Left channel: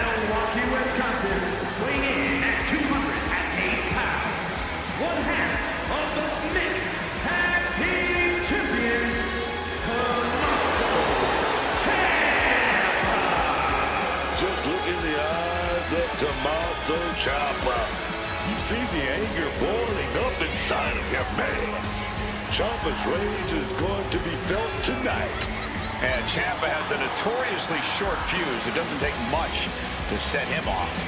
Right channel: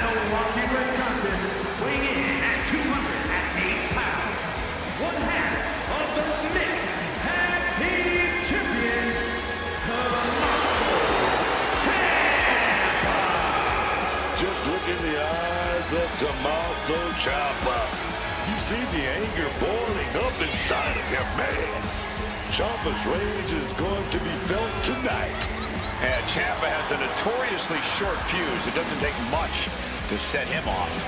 Milwaukee, Wisconsin, weighing in at 208 pounds, one half of the Mixed Tag Team Champions, Tommaso Ciampa. Just look in the eyes of Tommaso Ciampa. You see the anger boiling up inside of him, man. Ciampa's rage is going to be felt tonight. And Ciampa has a notoriously short fuse. It doesn't take much to set him off.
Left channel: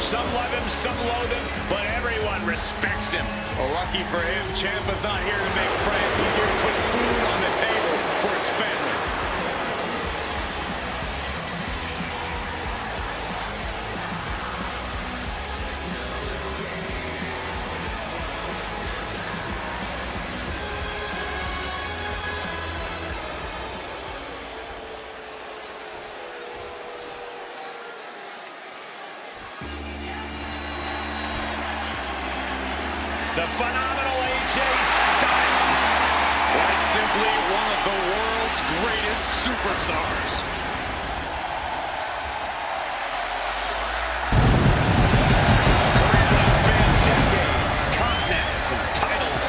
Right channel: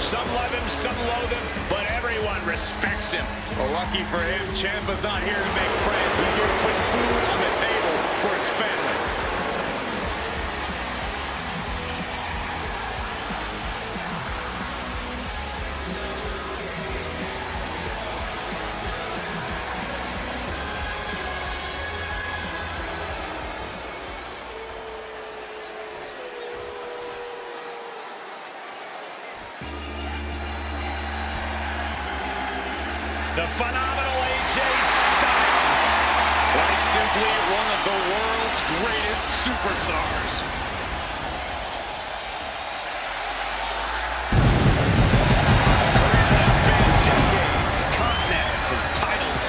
Some love him, some loathe him, but everyone respects him. Well, lucky for him, Ciampa's not here to make friends. He's here to put food on the table for his family. The phenomenal AJ Styles. Quite simply, one of the world's greatest superstars. Career that spanned decades, continents, and titles.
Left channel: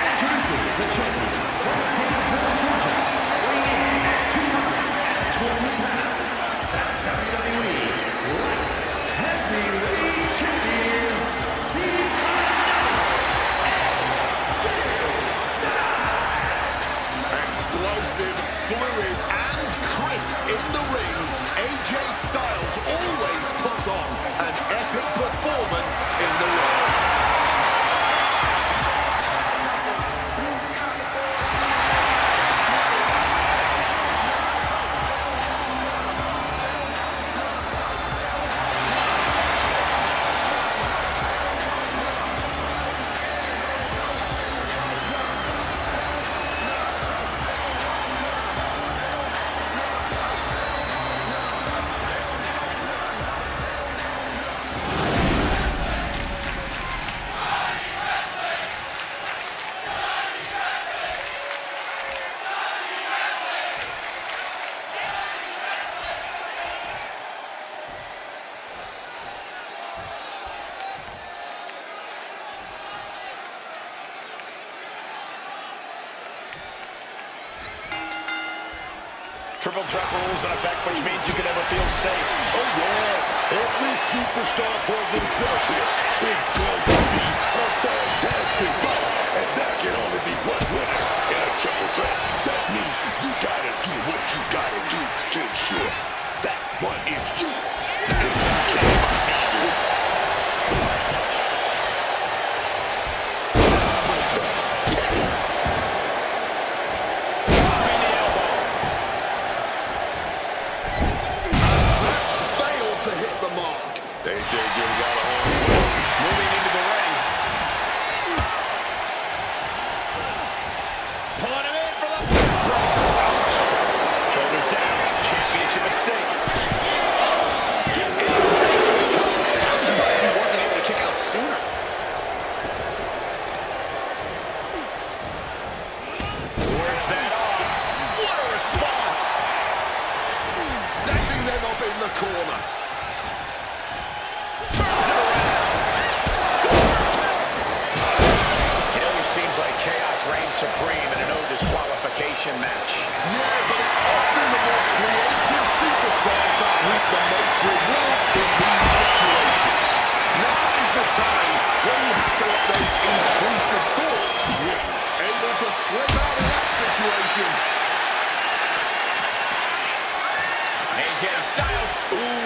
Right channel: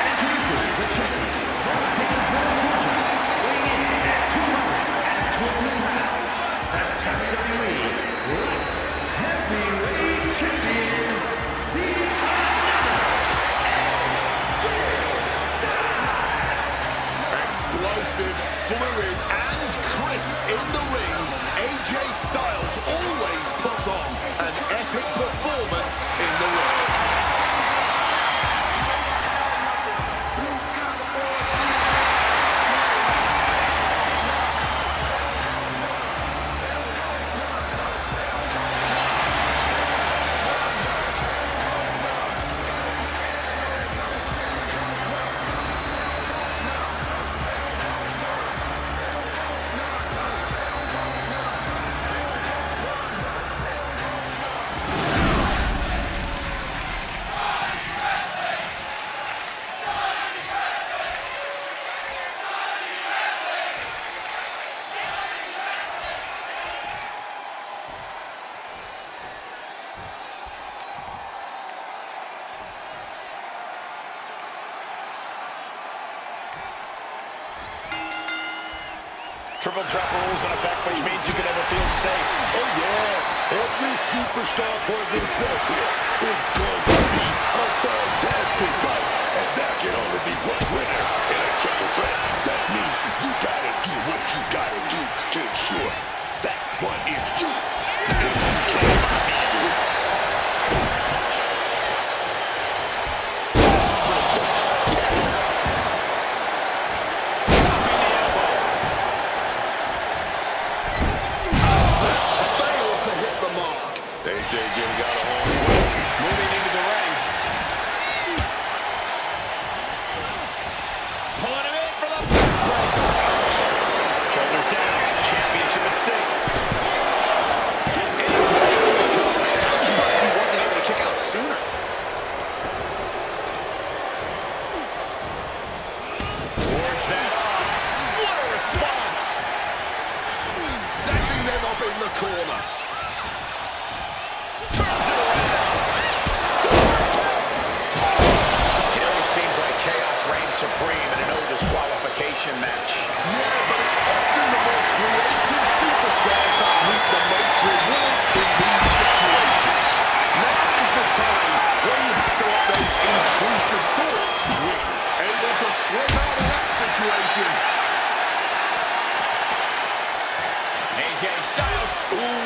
Introducing the champion from Gainesville, Georgia, weighing in at 220 pounds, the WWE Light Heavyweight Champion, the phenomenal AJ Styles. Explosive, fluid, and crisp in the ring, AJ Styles always puts on an epic performance in the ring. Triple threat rules in effect, which means you can never feel safe. Oh, yes. Every superstar for themselves here. It's going to be a fantastic fight. And there can only be one winner in a triple threat. That means you got to do what you got to do to ensure that one is you. If you catch my hand, AJ getting out of harm's way. Moving into the ring. Pulling him in for the backbreaker. Ouch. Shoulders down. Championship at stake. And he breaks the cover. I'm surprised he wasn't able to kick out sooner. Works that off. What a response. Setting them up in the corner. Turns it around. It always seems like chaos reigns supreme in a no disqualification match. Yeah, but it's often the more creative superstars that reap the most rewards in these situations. Now is the time when you have to let those intrusive thoughts win. Able to slip out of that situation. AJ Styles. Ooh.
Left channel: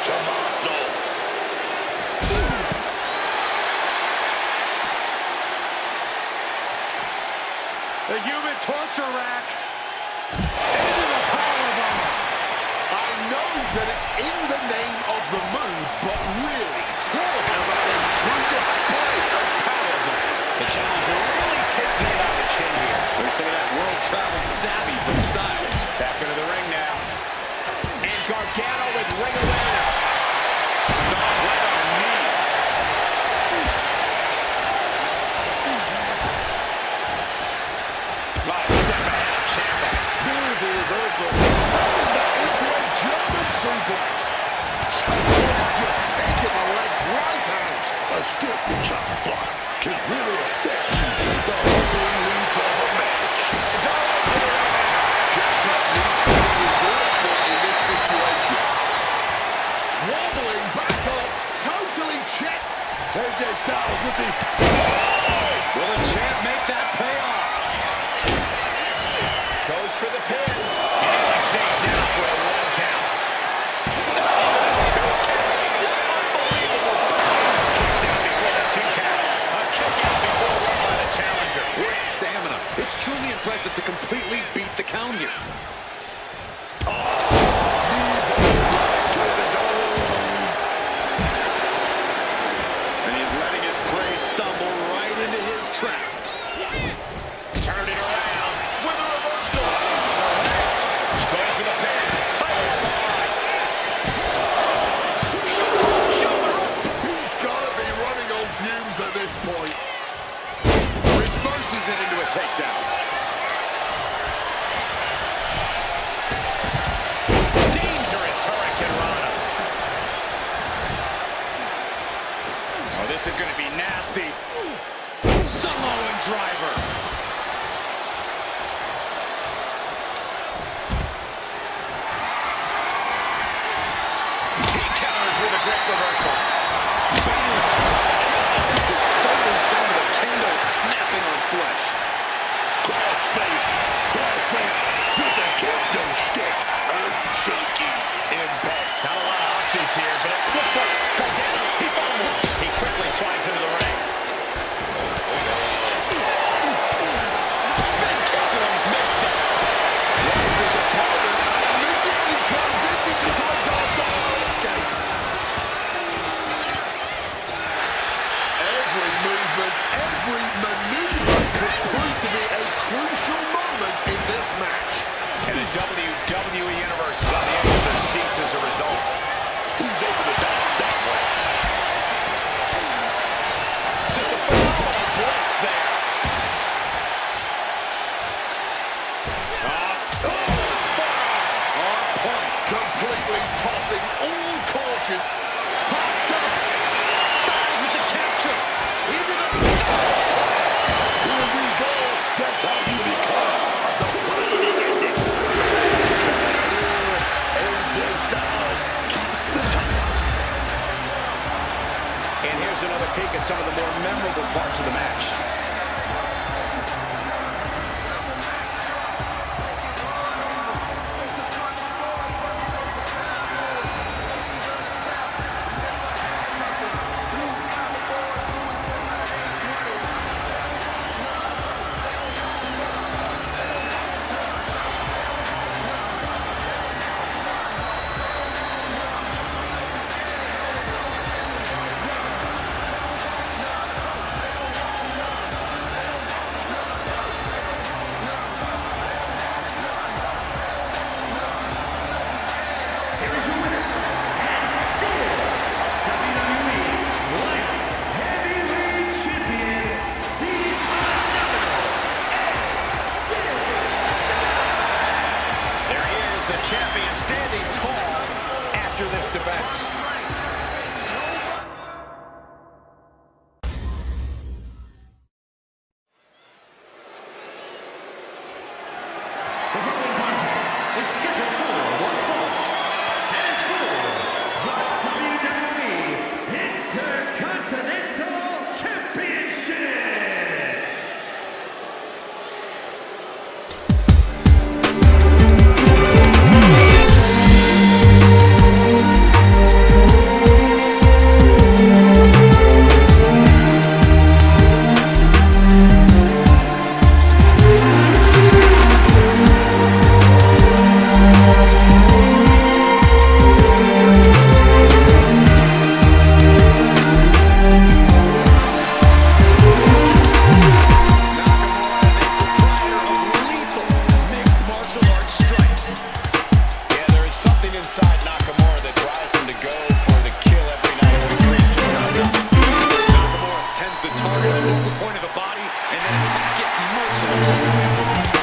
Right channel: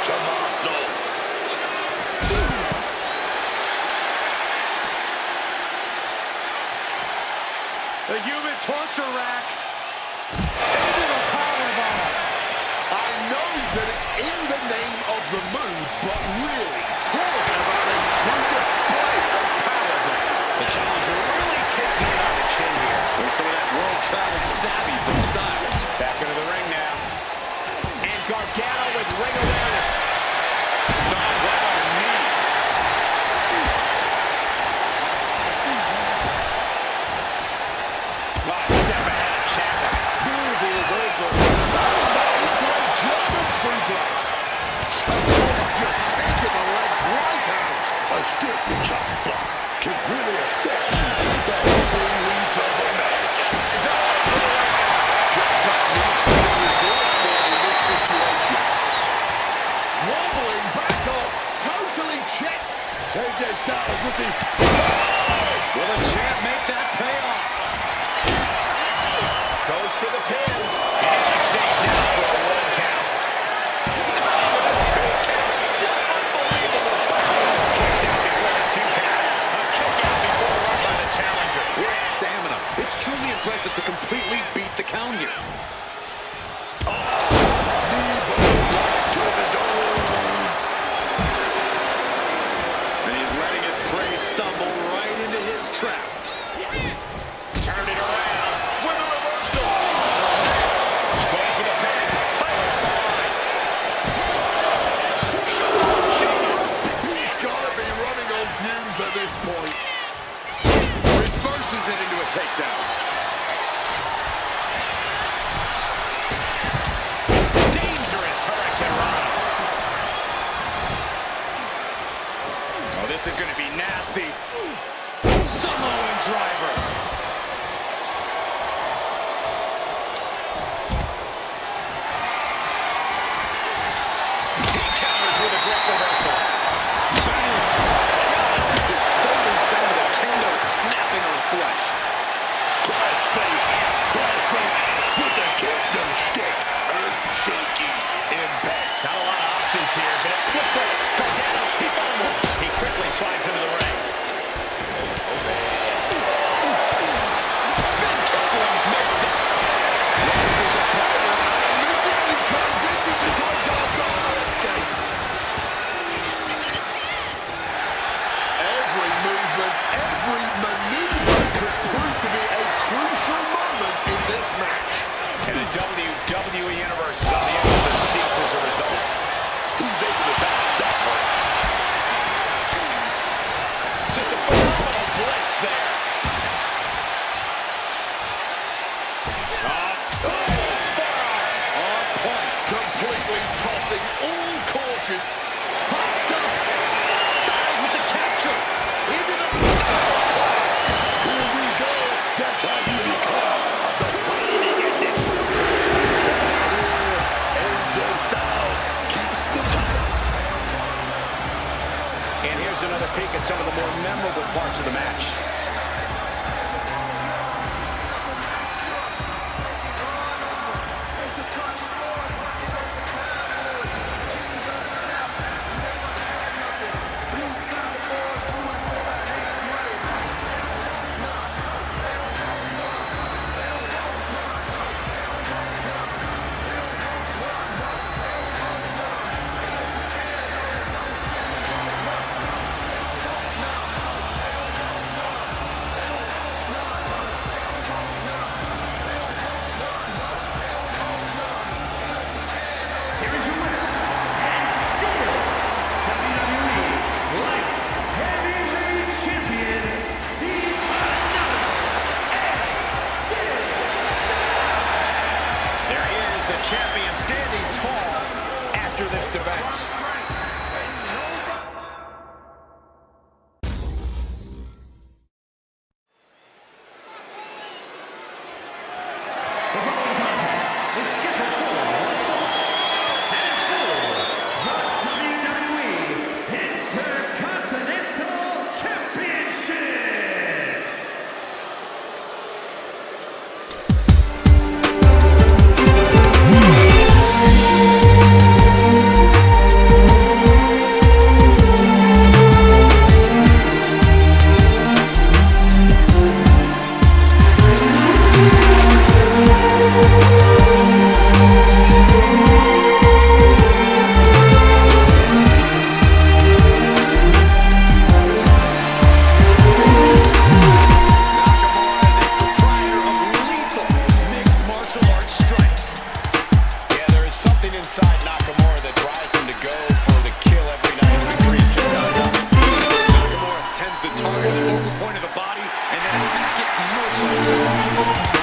Tommaso. The human torture rack. in the name of the move, but really talk about a true display of power there. The challenger really taking it on the chin here. There's some of that world-traveled savvy from Styles. Back into the ring now. And Gargano with ring awareness. Stomp right on the knee. Step ahead of Ciampa. Beautiful reversal. Turn that into a German suplex. Ciampa just taking the legs right out. A stiff chop block can really affect you the whole length of a match. It's all over right now. Ciampa needs to be resourceful in this situation. Wobbling back up, totally checked. AJ Styles with the... Will the champ make that payoff? Goes for the pin. And he stays down for a 1 count. A 2 count. Unbelievable power. Kicks out before the 2 count. A kick out before run by the challenger. What stamina. It's truly impressive to completely beat the count here. And he's letting his prey stumble right into his trap. Turn it around with a reversal. He's going for the pin. Title on the line. Shoulder up. He's got to be running on fumes at this point. Reverses it into a takedown. Dangerous Hurricane Rana. Oh, this is going to be nasty. Samoan driver. He counters with a great reversal. God, that disturbing sound of the kendo snapping on flesh. Crossface with the kendo stick. Earth-shaking impact. Not a lot of options here, but it looks like Gargano, he found one. He quickly slides into the ring. Spin kick to him mid-set. Runs his opponent and immediately transitions into a Gargano escape. Every movement, every maneuver could prove to be a crucial moment in this match. And the WWE Universe is on the edge of their seats as a result. Who's able to dodge that one? Just a phenomenal blitz there. Forearm on point. Completely tossing all caution. Popped up. Styles with the capture. Into the Styles clap. Here we go. That's how you become the reigning ending. AJ Styles keeps the title. And here's another peek at some of the more memorable parts of the match. Here is your winner, and still WWE Light Heavyweight Champion, the phenomenal AJ Styles. There he is, the champion, standing tall after this defense. The following contest is scheduled for one fall and is for the WWE Intercontinental Championship. something inside Nakamura that drives him to go for the kill every night. Victory is just not enough. Nakamura tends to target the focal point of the body and then attack it mercilessly.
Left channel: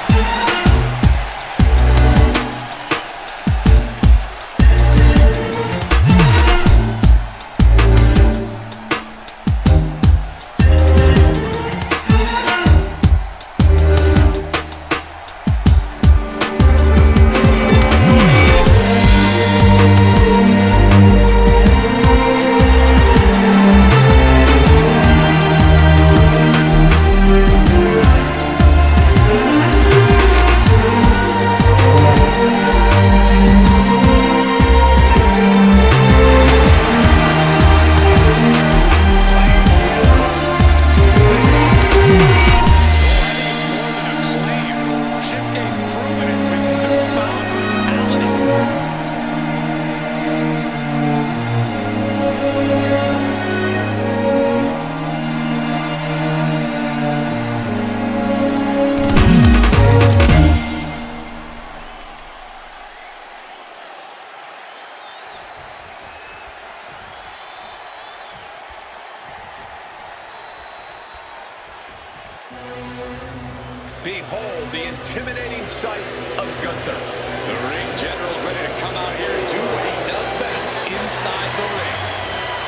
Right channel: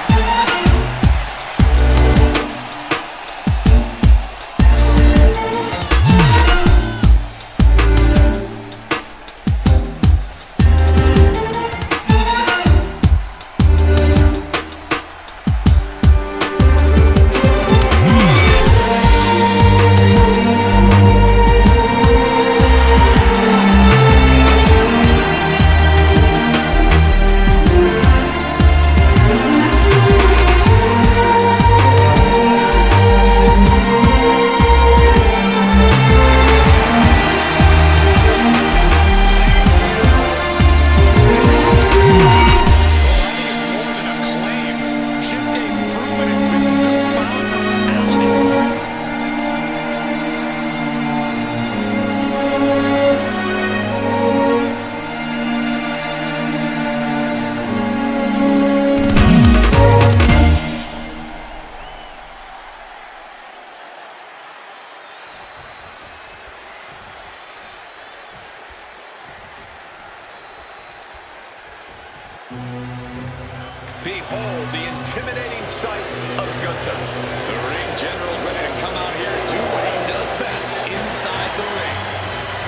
Behold the intimidating sight of Gunther. The ring general ready to come out here and do what he does best inside the ring.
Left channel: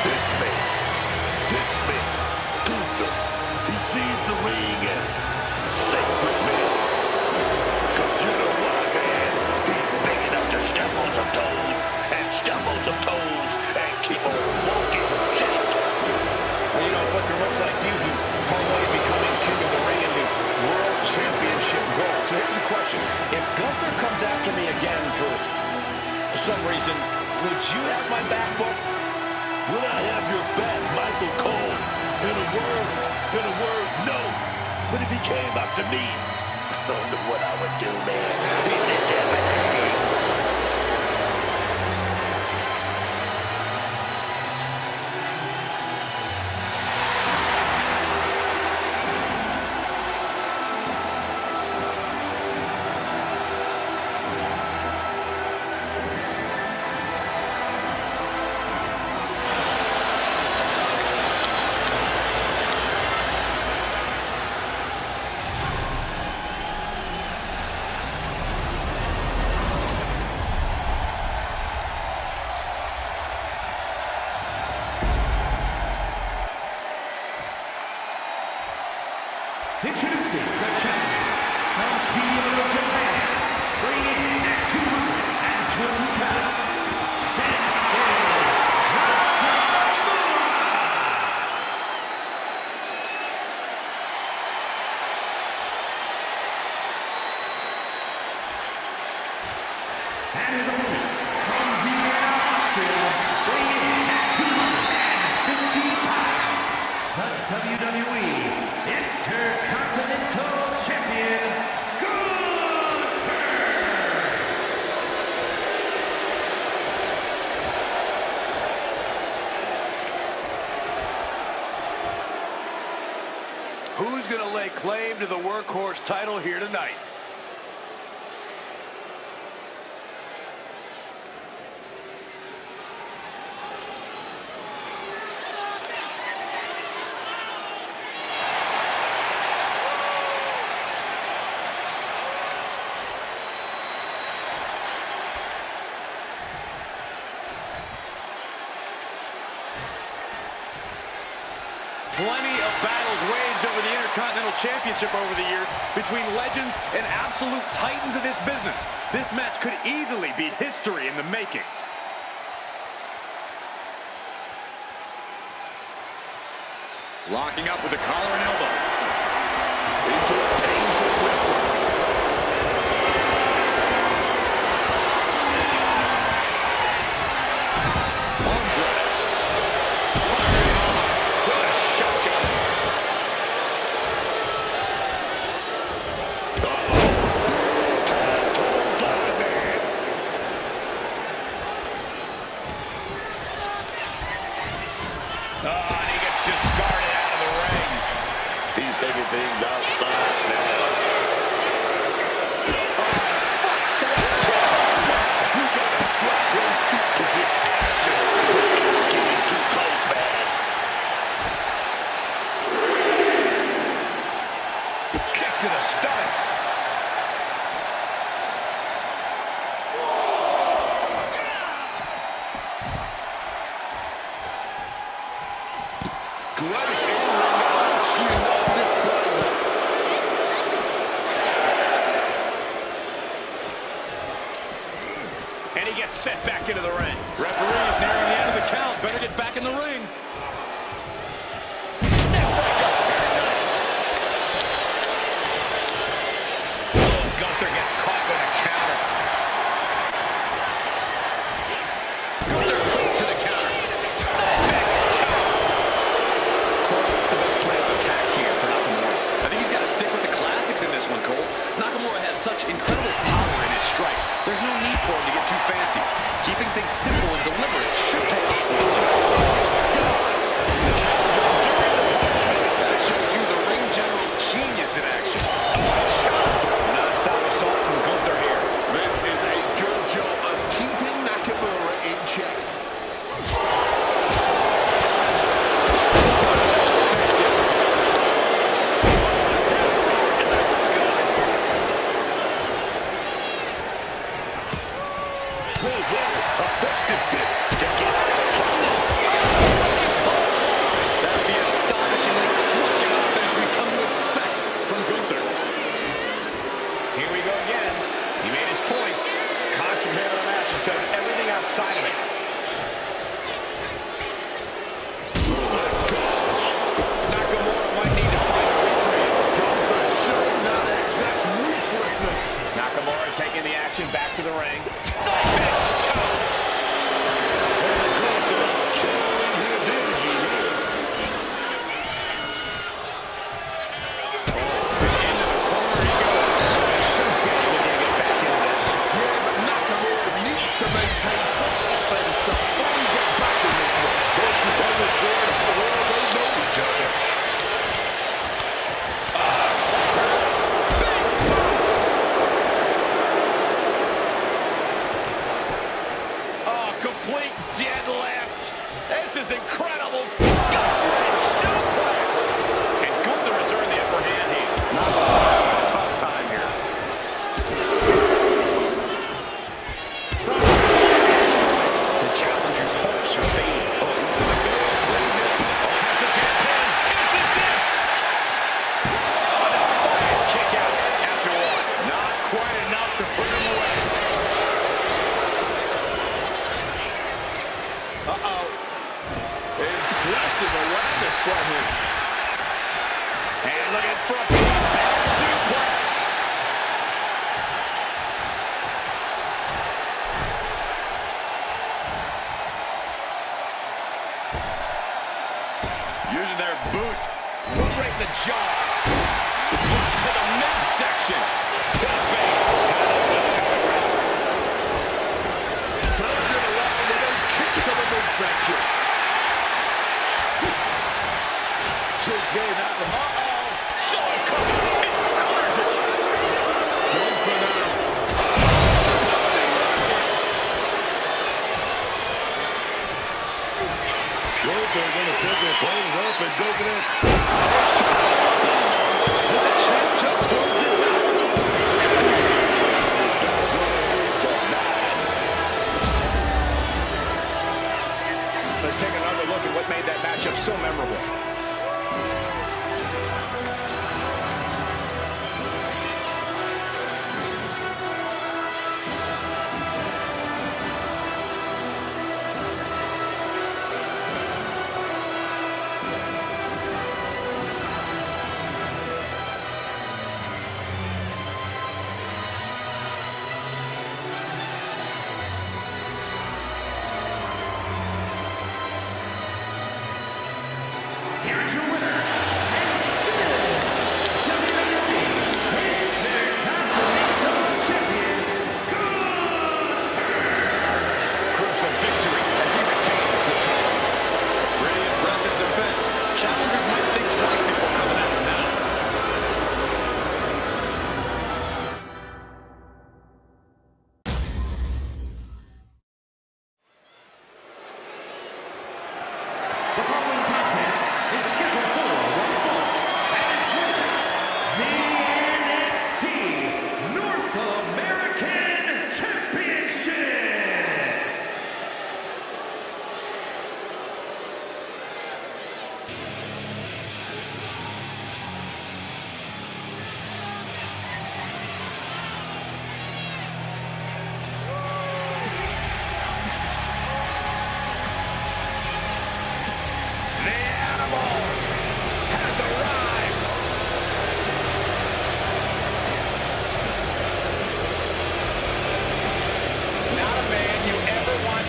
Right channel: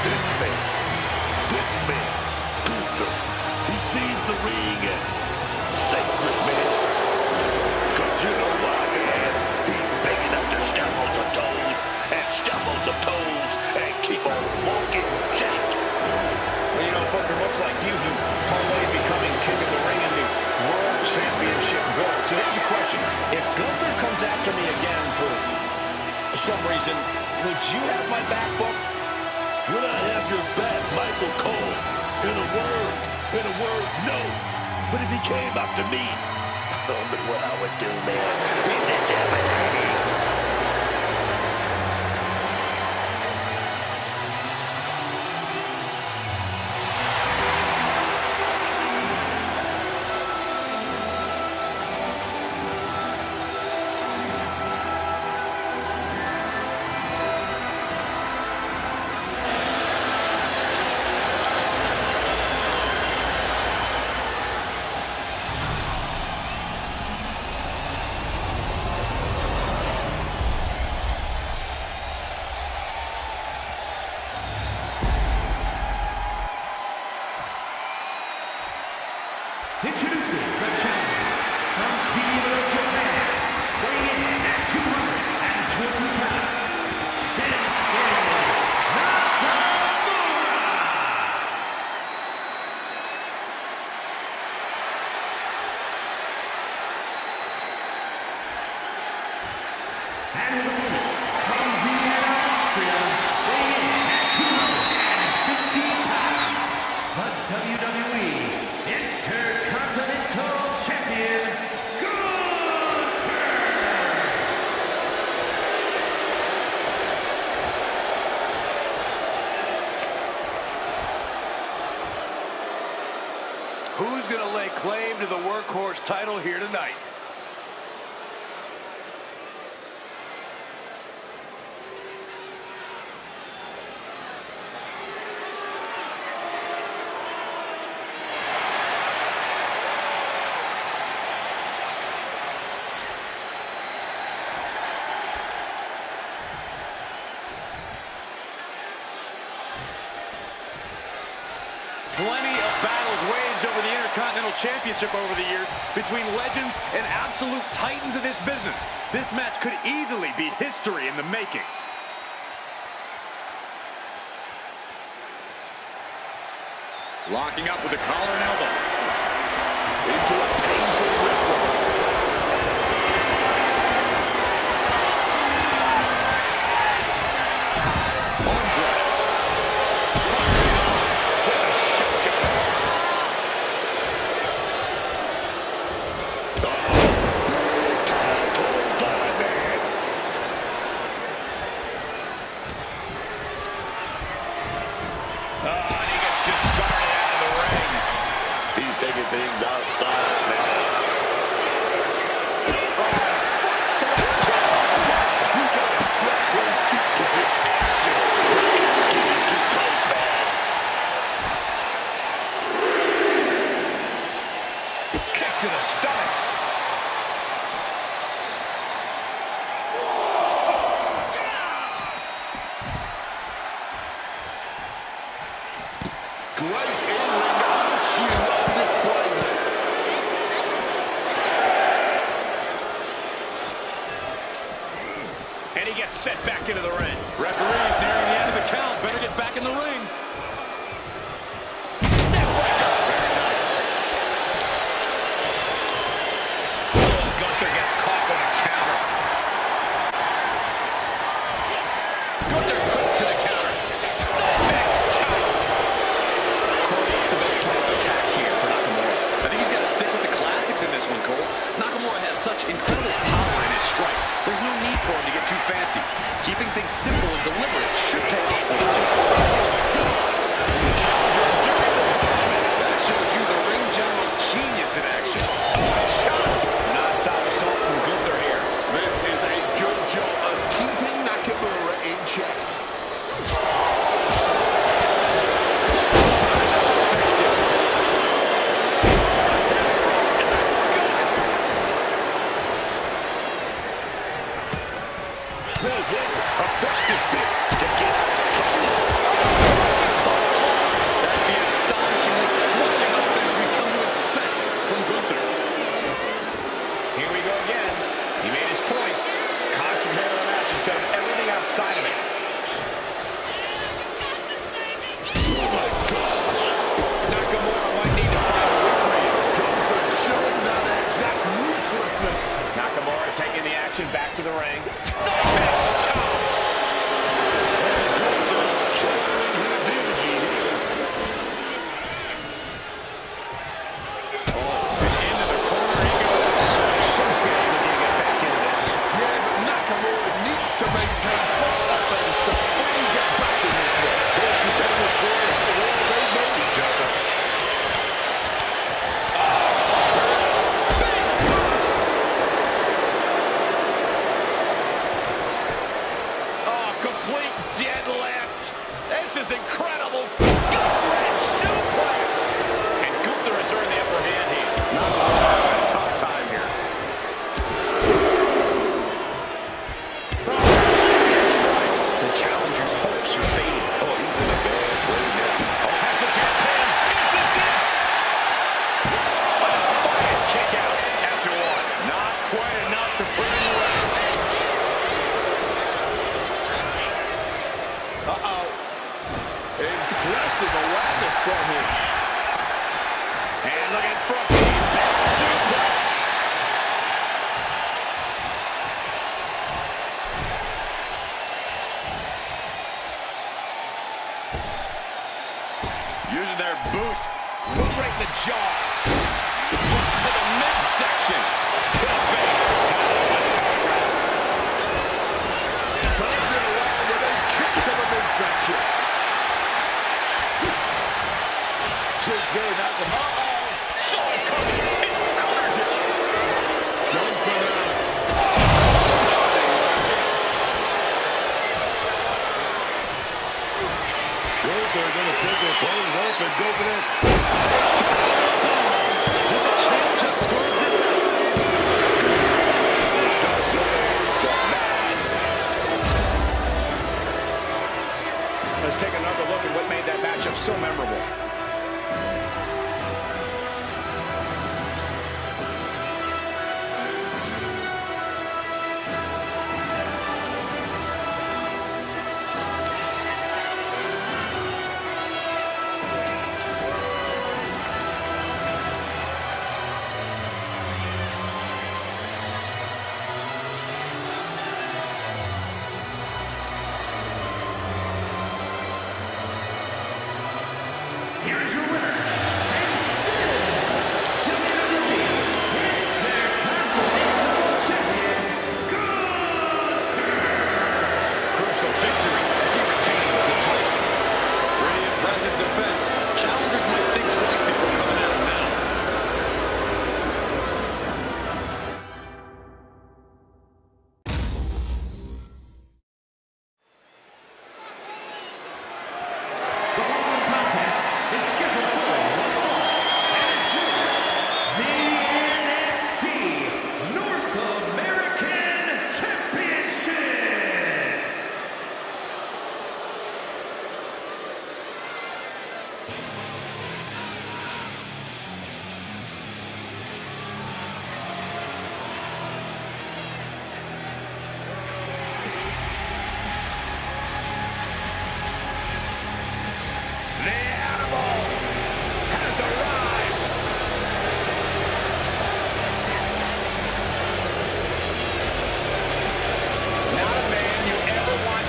This man, Gunther, he sees the ring as sacred, man. Cause you know why, man? He's big enough to step on some toes and keep on walking, Jack. Well, you know, Booker, much like you, he parlayed becoming king of the ring into world championship gold. So here's a question. If Gunther comes after me again for some reason, would you have my back, Book? Would I have your back, Michael Cole? In a word, no. But if he came after me, I don't know what I would do, man. He's intimidating. Introducing the challenger from Kyoto, Japan, weighing in at 220 pounds, Shinsuke Nakamura! And his opponent from Vienna, Austria, weighing in at 250 pounds, the WWE Intercontinental Champion, Gunther! Who's going to lay claim to the workhorse title here tonight? Plenty of battles waged over the Intercontinental Championship over the years between legends and absolute titans of this business. This match could easily be history in the making. Locking up with the collar and elbow. Into a painful wrist lock. And he gets discarded out of the ring. He's taking things outside now. Great in-ring IQ on display there. And he gets set back into the ring. Referee's nearing the end of the count. Better get back in the ring. Neckbreaker. Very nice. Oh, Gunther gets caught with a counter. Gunther quick to the counter. Back chop. Corey, what's the best plan of attack here for Nakamura? I think he's got to stick with the classics in this one, Cole. Nakamura has such incredible power in his strikes. There's no need for him to get too fancy. Keeping things simple and deliberate should pay off for him, too. Oh, God! The challenger enduring the punishment. That shows you the ring general's genius in action. Oh, chop. Non-stop assault from Gunther here. This is a good job of keeping Nakamura in check. Effective fit to get out of trouble. That's the astonishingly crushing offense we've come to expect from Gunther. Here we go again. He made his point. Concentrate on the match instead of everything outside of it. Oh my gosh. Nakamura might need to find a reprieve. Gunther showing that exact ruthlessness. Nakamura taking the action back to the ring. Back chop. And Gunther channeling his energy here. Into the corner he goes. Shinsuke looking to get back into this. Yeah, but Nakamura needs to maintain some offense to fully get back in this one. Both competitors showing how well they know each other. Oh, complete deadlift. This is incredible. Gut-wrench suplex. And Gunther has earned the upper hand here. Nakamura having a tough time here. Strikes. The challenger's hopes are fading. Oh, he's in a bad way now. Oh, has the champion. Is this it? A defiant kick out after one. Not quite enough to put him away. Uh-oh. Impressive awareness from him. And looking for a big back suplex. Using their boot. Foot right in the jaw. Foot to the midsection. To the face. Handled with telegraph. Turned it around with a kick to the midsection. Shinsuke Nakamura. Uh-oh. Saw it coming. It counters it. Done for now. Bloody rockets. Gunther gonna set the opponent up and go for that. Did the champ just close this out? It's not gonna end tonight. Let's take another look at what made that matchup so memorable. Here is your winner,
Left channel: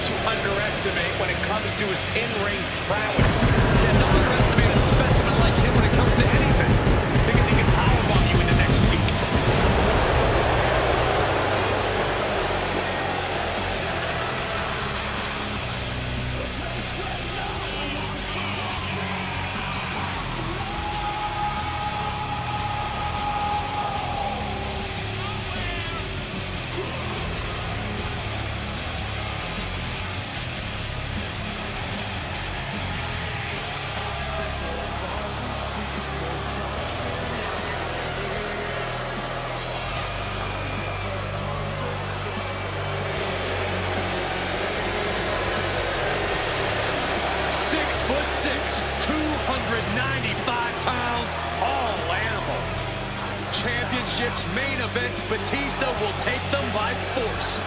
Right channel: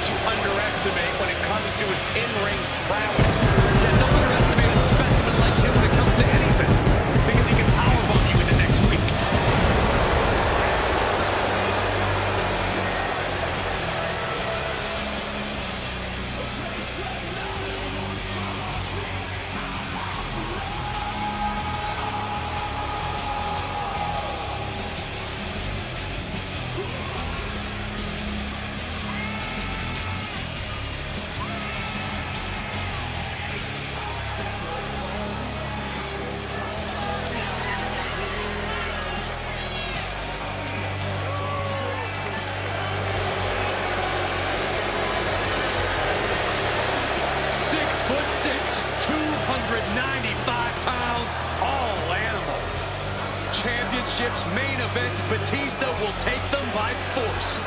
to underestimate when it comes to his in-ring prowess. Yeah, don't underestimate a specimen like him when it comes to anything, because he can powerbomb you into next week. Six, 295 pounds, all animal. Championships, main events, Batista will take them by force.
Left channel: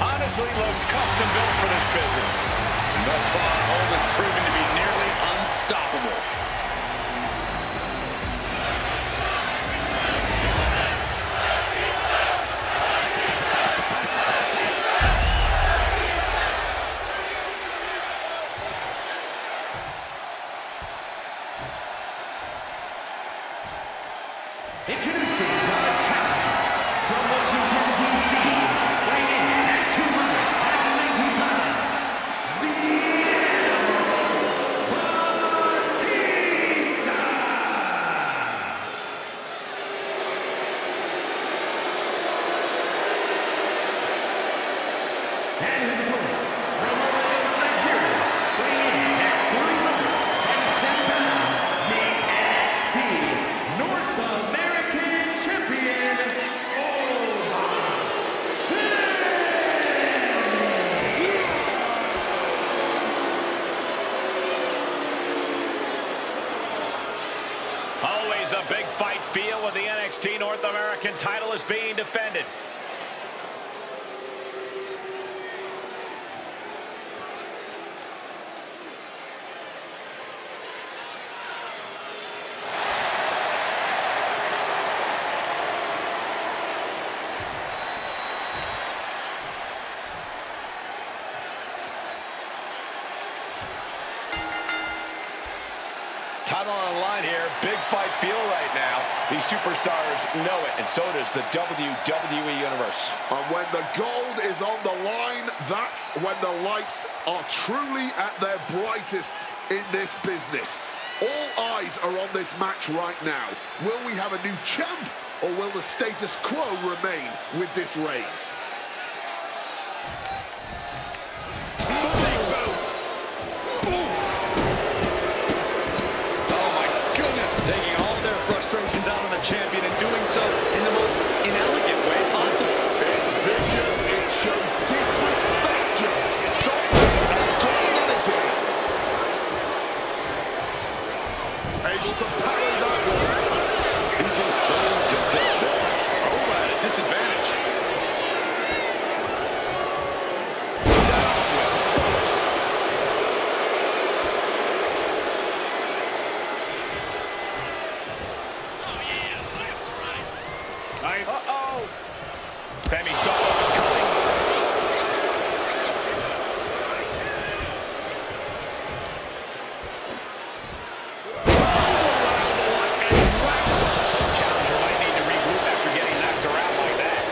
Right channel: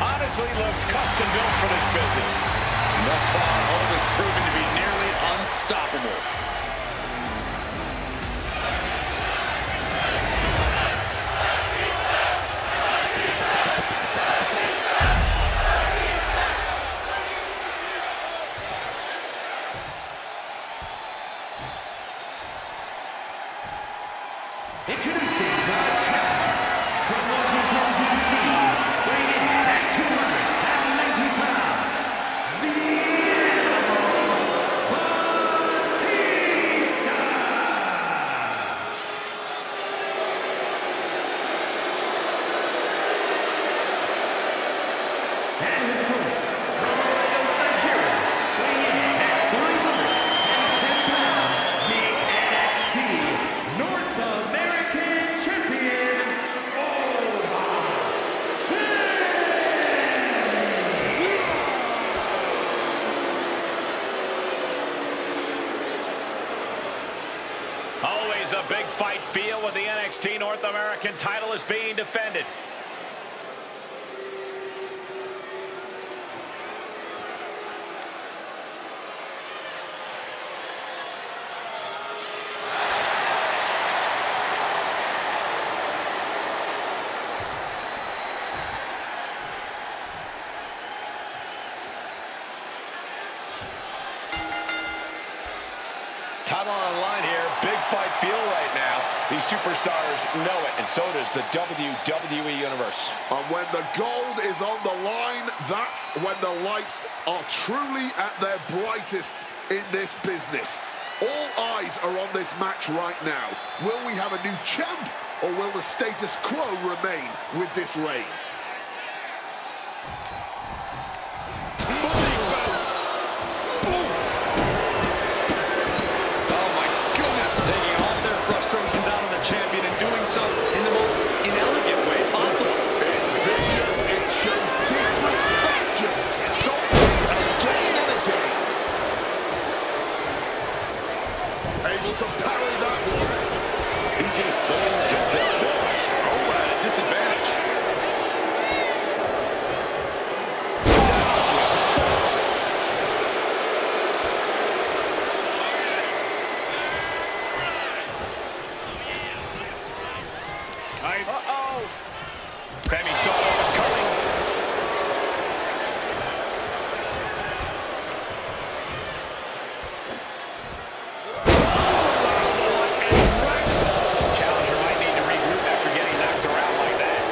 Honestly looks custom built for this business. And thus far, Hogue has proven to be nearly unstoppable. Introducing the challenger from Washington, D.C., weighing in at 290 pounds, the Animal Batista! And his opponent from Lagos, Nigeria, weighing in at 310 pounds, the NXT North American Champion, Omos. Always a big fight feel when the NXT North American title is being defended. Title on the line here. Big fight feel right now. These superstars know it, and so does the WWE Universe. And when the gold is on the line, that's when the lights are truly at their brightest in this business. All eyes are on this match right now. Will we have a new champ, or will the status quo remain with this reign? Able to parry that one. He just saved himself there. Oh, at a disadvantage. Down with force. Uh-oh. Femi saw what was coming. Challenger might need to regroup after getting knocked around like that.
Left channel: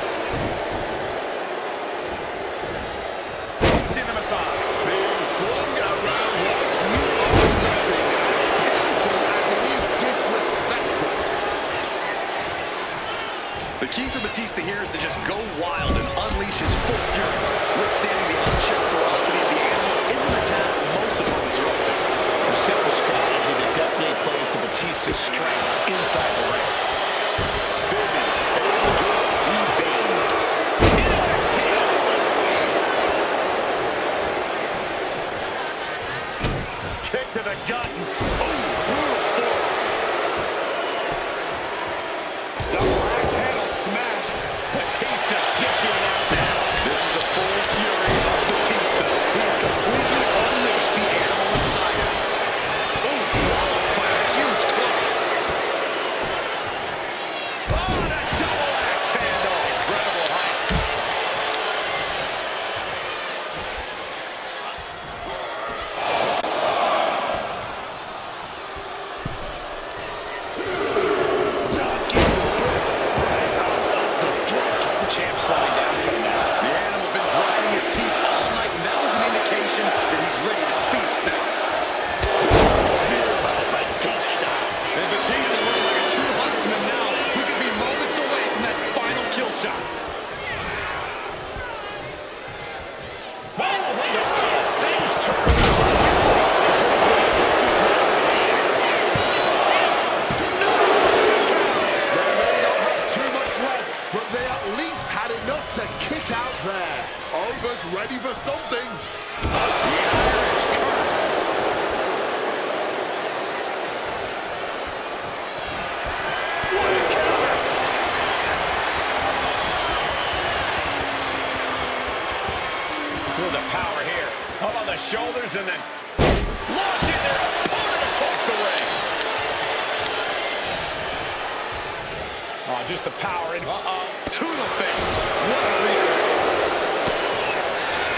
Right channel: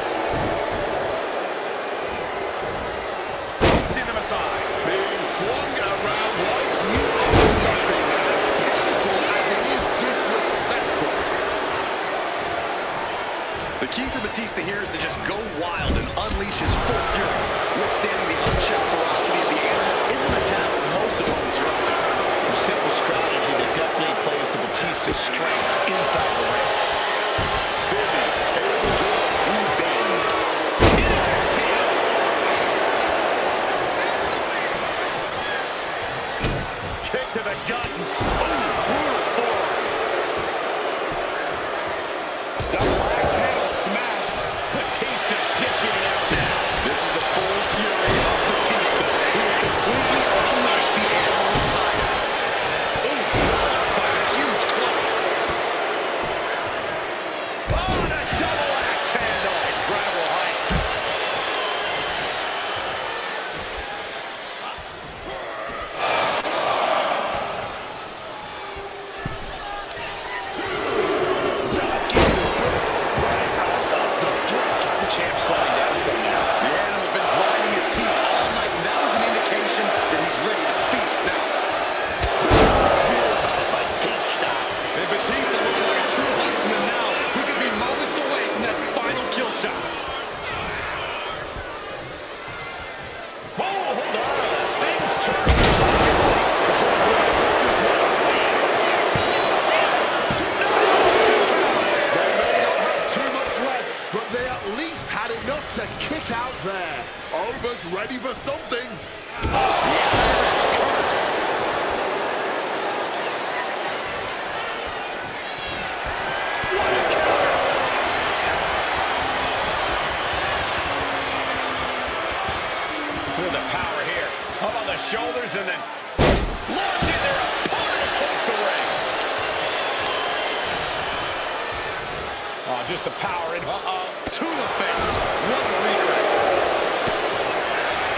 Tossing them aside. Being flung around like you are nothing. As painful as it is disrespectful. The key for Batista here is to just go wild and unleash his full fury. Withstanding the unchecked ferocity of the animal isn't a task most opponents are up to. A simple strategy that definitely plays to Batista's strengths inside the ring. Femi able to evade. Into his tail. Kick to the gut. Oh, brutal forearm. Double axe handle smash. Batista dishing it out now. This is the full fury of Batista. He has completely unleashed the animal inside him. Oh, walloped by a huge club. Oh, and a double axe handle. Incredible height. The champ's slowing down some now. The animal's been grinding his teeth all night, and that was an indication that he's ready to feast now. Spear by Batista. And Batista looking like a true huntsman now. We could be moments away from that final kill shot. Whoa, hold on. Things turn around quickly. No, 2 count. They may not have too much left, but they at least had enough to kick out there. Ober's ready for something. The Irish curse. What a counter. Feel the power here. Up on the shoulders and then launching their opponent across the ring. Oh, just the power in. Uh-oh. To the face. What a redirect.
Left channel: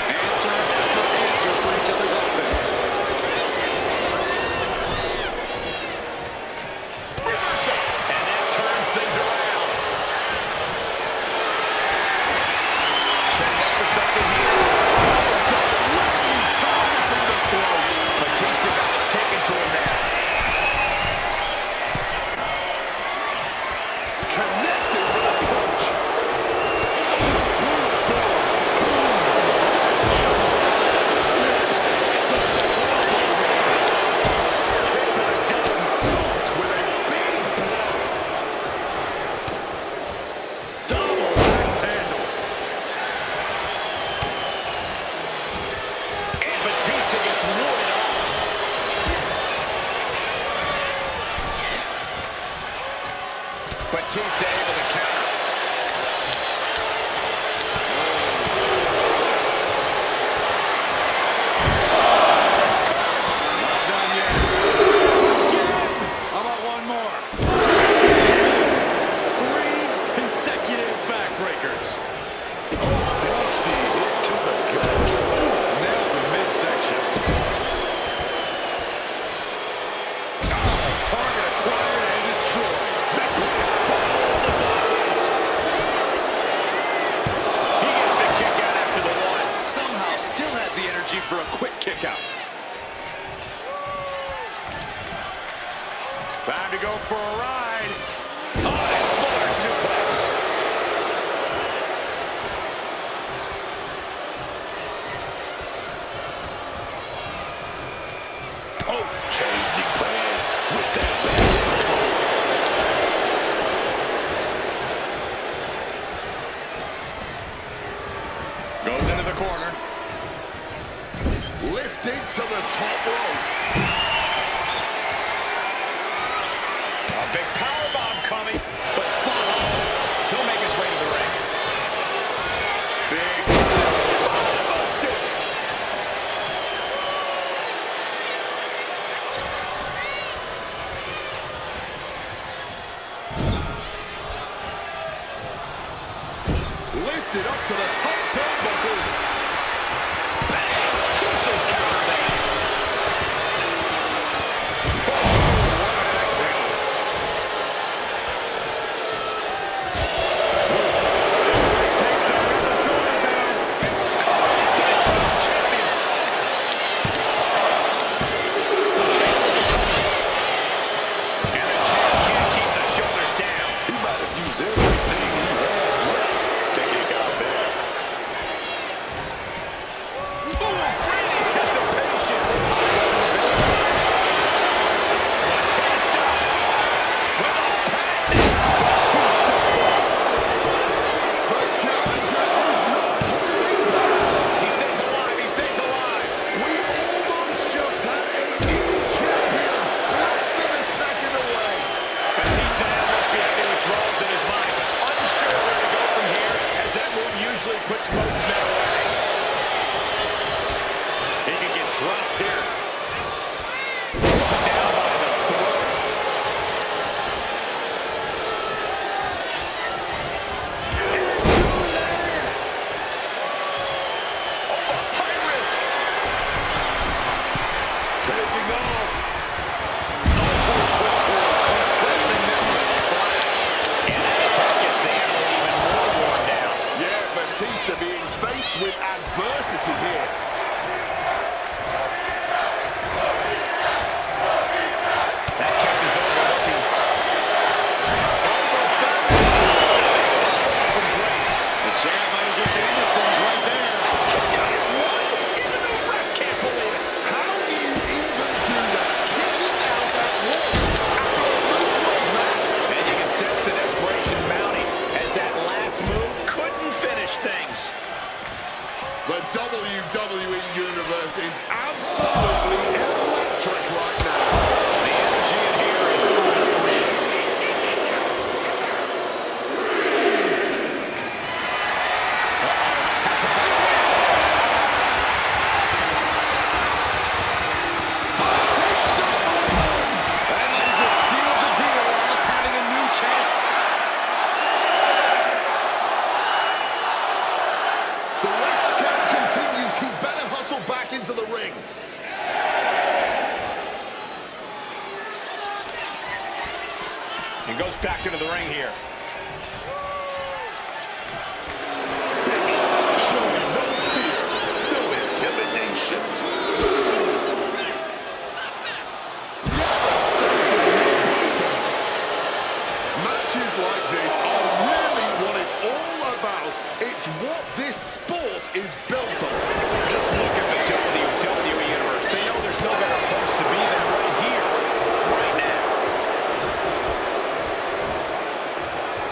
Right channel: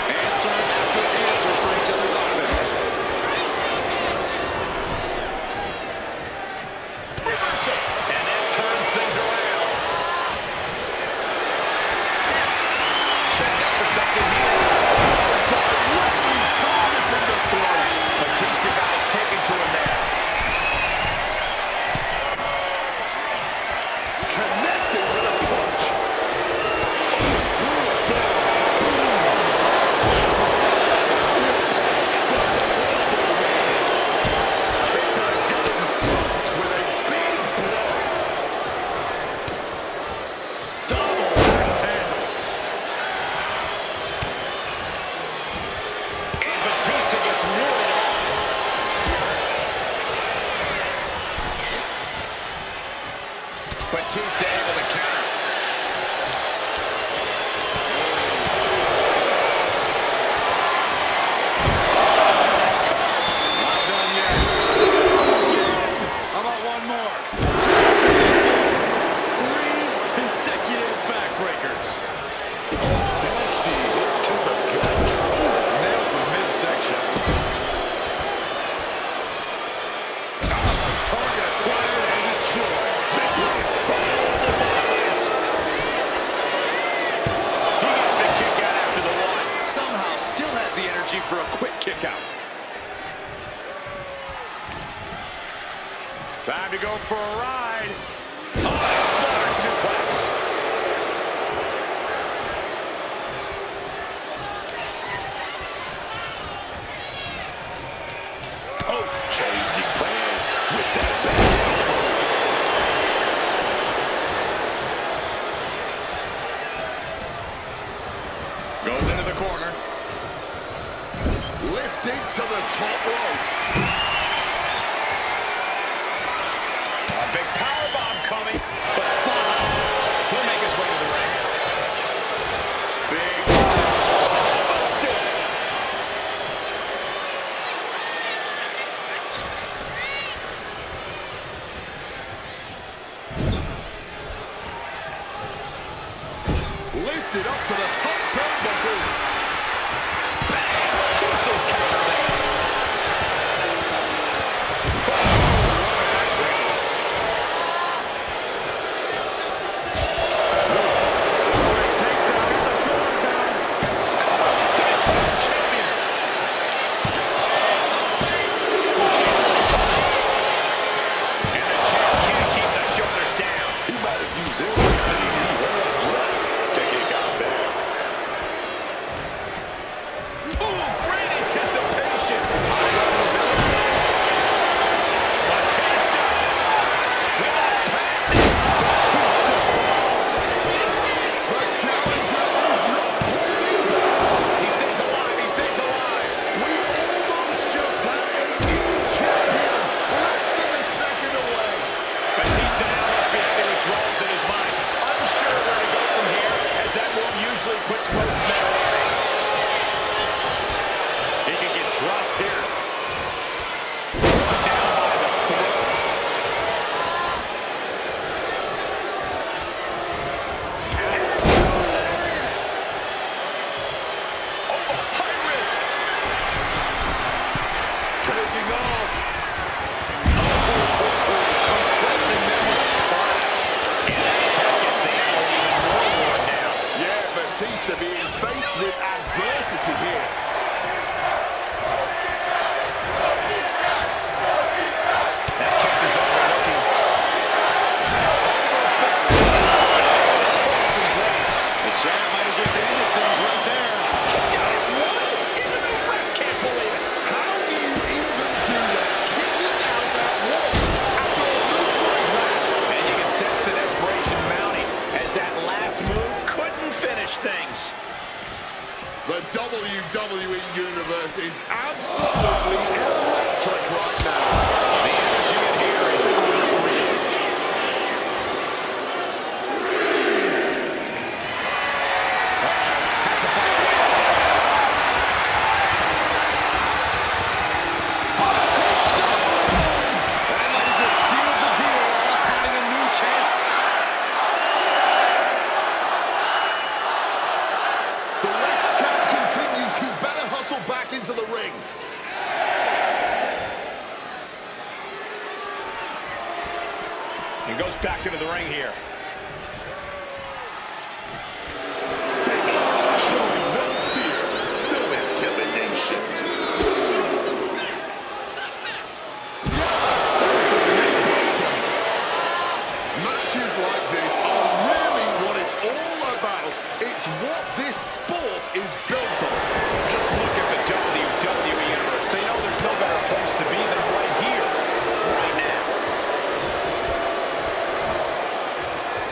Answer after answer for each other's offense. Reversal. And that turns things around. Setting up for something here. Directly targeting the throat. Batista got it taken to him there. Connected with a punch. Thumped with a big blow. Double axe handle. And Batista gets warded off. Batista able to counter. Irish curse. Not done yet. Again. How about one more? 3 consecutive backbreakers. Nasty hit to the gut. Oof, nails the midsection. Oh, target acquired and destroyed. He gets the kick out after the 1. Somehow still has the energy for a quick kick out. Time to go for a ride. Oh, exploder suplex. Oh, changing plans with that back elbow. Goes into the corner. Lifted to the top rope. lifted up to the top turnbuckle. Bang! Crucial counter there. Oh, what an attack. Double leg takedown. Got the shoulders down. Champion. And the champ can't keep the shoulders down. He might have used everything he had left to kick out there. Ooh, great anticipation. High level ability. Batista with a patented Batista bomb. The challenger is not holding back. He stays alive. He stays alive. We almost just had a new champion less than a second away. Batista now must be having withdrawals in his mind. Unsure where to go from here, as that move usually puts most men away. He can get dropped here. Brought down by the throat. Over, high risk. Taking off. Compressing them with a splash. And that attack gets the animal even more worn down. Yeah, Batista being faced with adversity here. That catches overlooking. From grace. The champ might have just ended things right there. Kicked out at one? Even the ref can't believe it. How do you even do that? Kicking out at one after a move like that? And you can sense the desperation mounting as that last move couldn't finish things. The WWE Universe is absolutely electric right now. The energy in here is unreal. Has to find a way out of this. Batista won! That might have just sealed the deal on us having a new champ. The ref's count continues. He better hustle back into the ring. And goes back into the ring here. Showing no fear, no intimidation. Devastating neckbreaker. Matches like this are really what it's all about. It's what this sport is built on. Just look at the WWE Universe. They know there's no better place to be than right here, right now.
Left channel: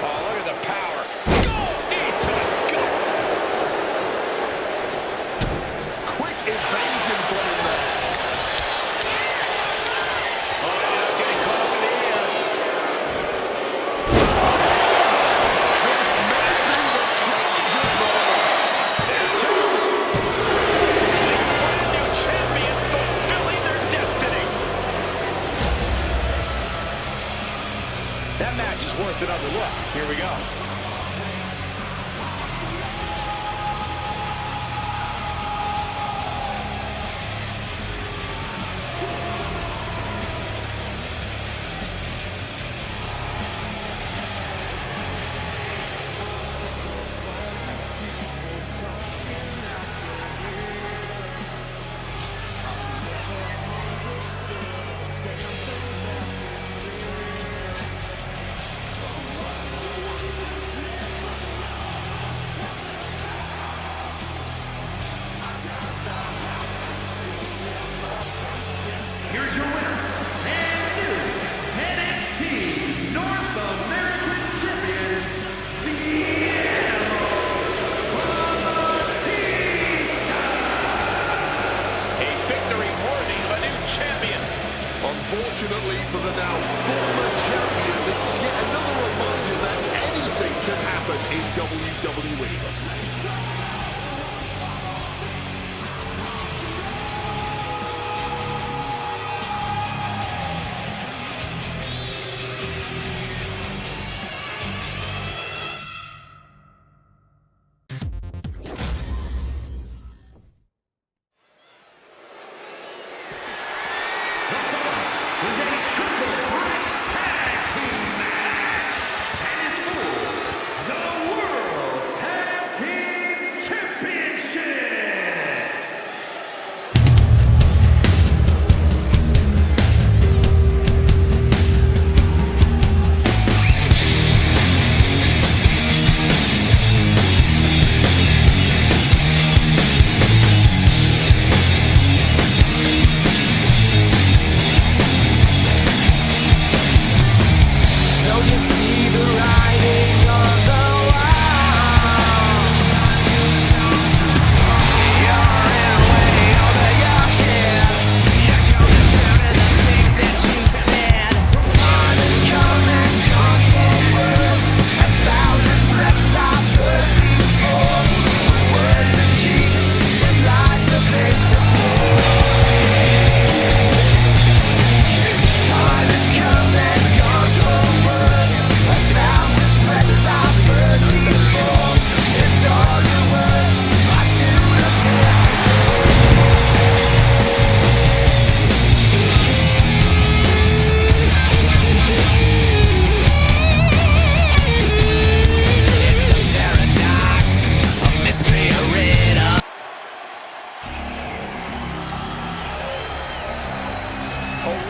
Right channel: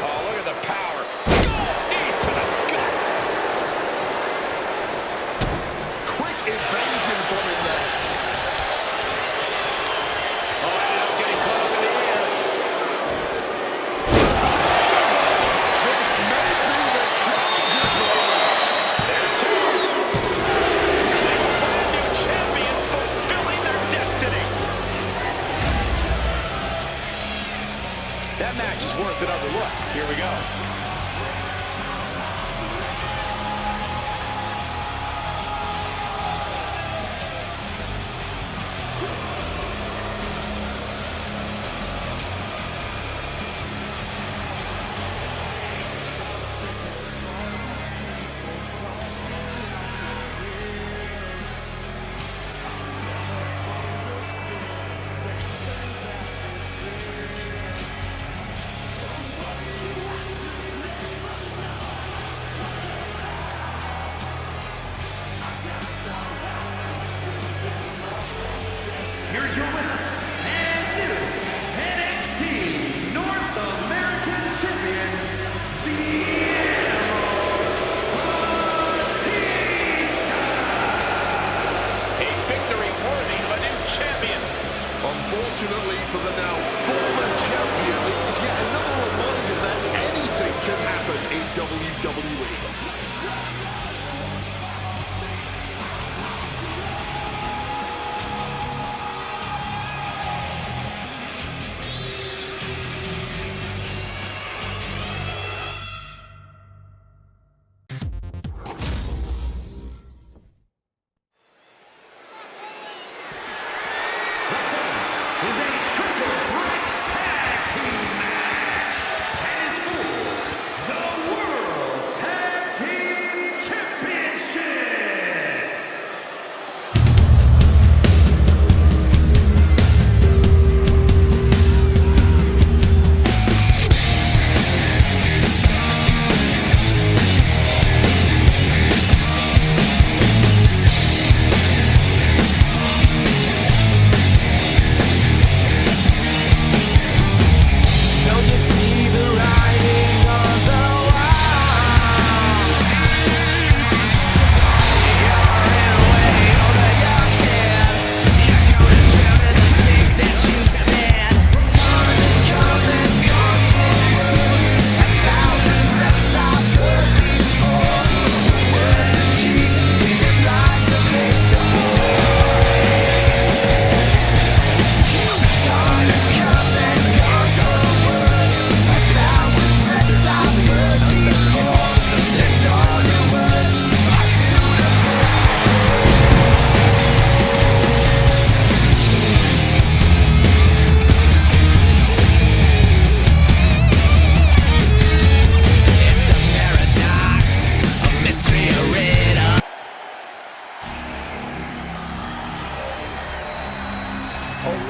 Oh, look at the power. Knees to the gut. Quick evasion from him there. Oh, ended up getting caught up in the air. This may be the challenger's moment. There's two. A brand new champion fulfilling their destiny. That match is worth another look. Here we go. Here's your winner and new NXT North American Champion, the Animal Batista. A victory worthy of a new champion. Unfortunately for the now former champion, this is yet another reminder that anything can happen in WWE.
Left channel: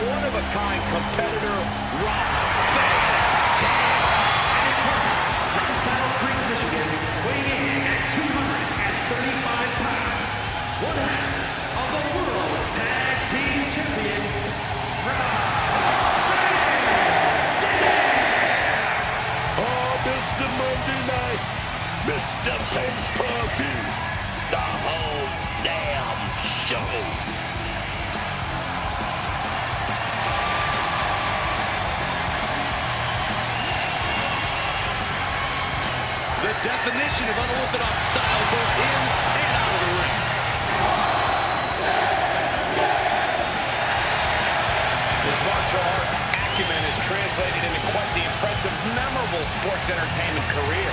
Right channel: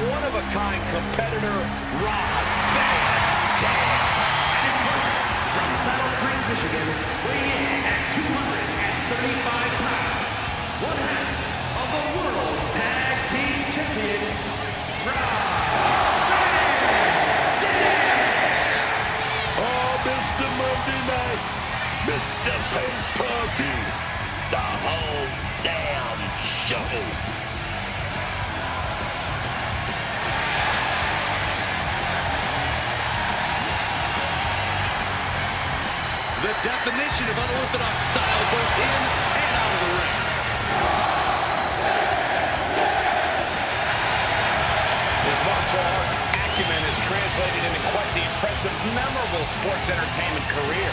one-of-a-kind competitor, Rob Van Dam. And his partner from Battle Creek, Michigan, weighing in at 235 pounds, one half of the World Tag Team Champions, Rob Van Dam. Oh, Mr. Monday Night, Mr. Pay-Per-View, the whole damn show. The definition of unorthodox style, both in and out of the ring. His martial arts acumen is translated into quite the impressive, memorable sports entertainment career.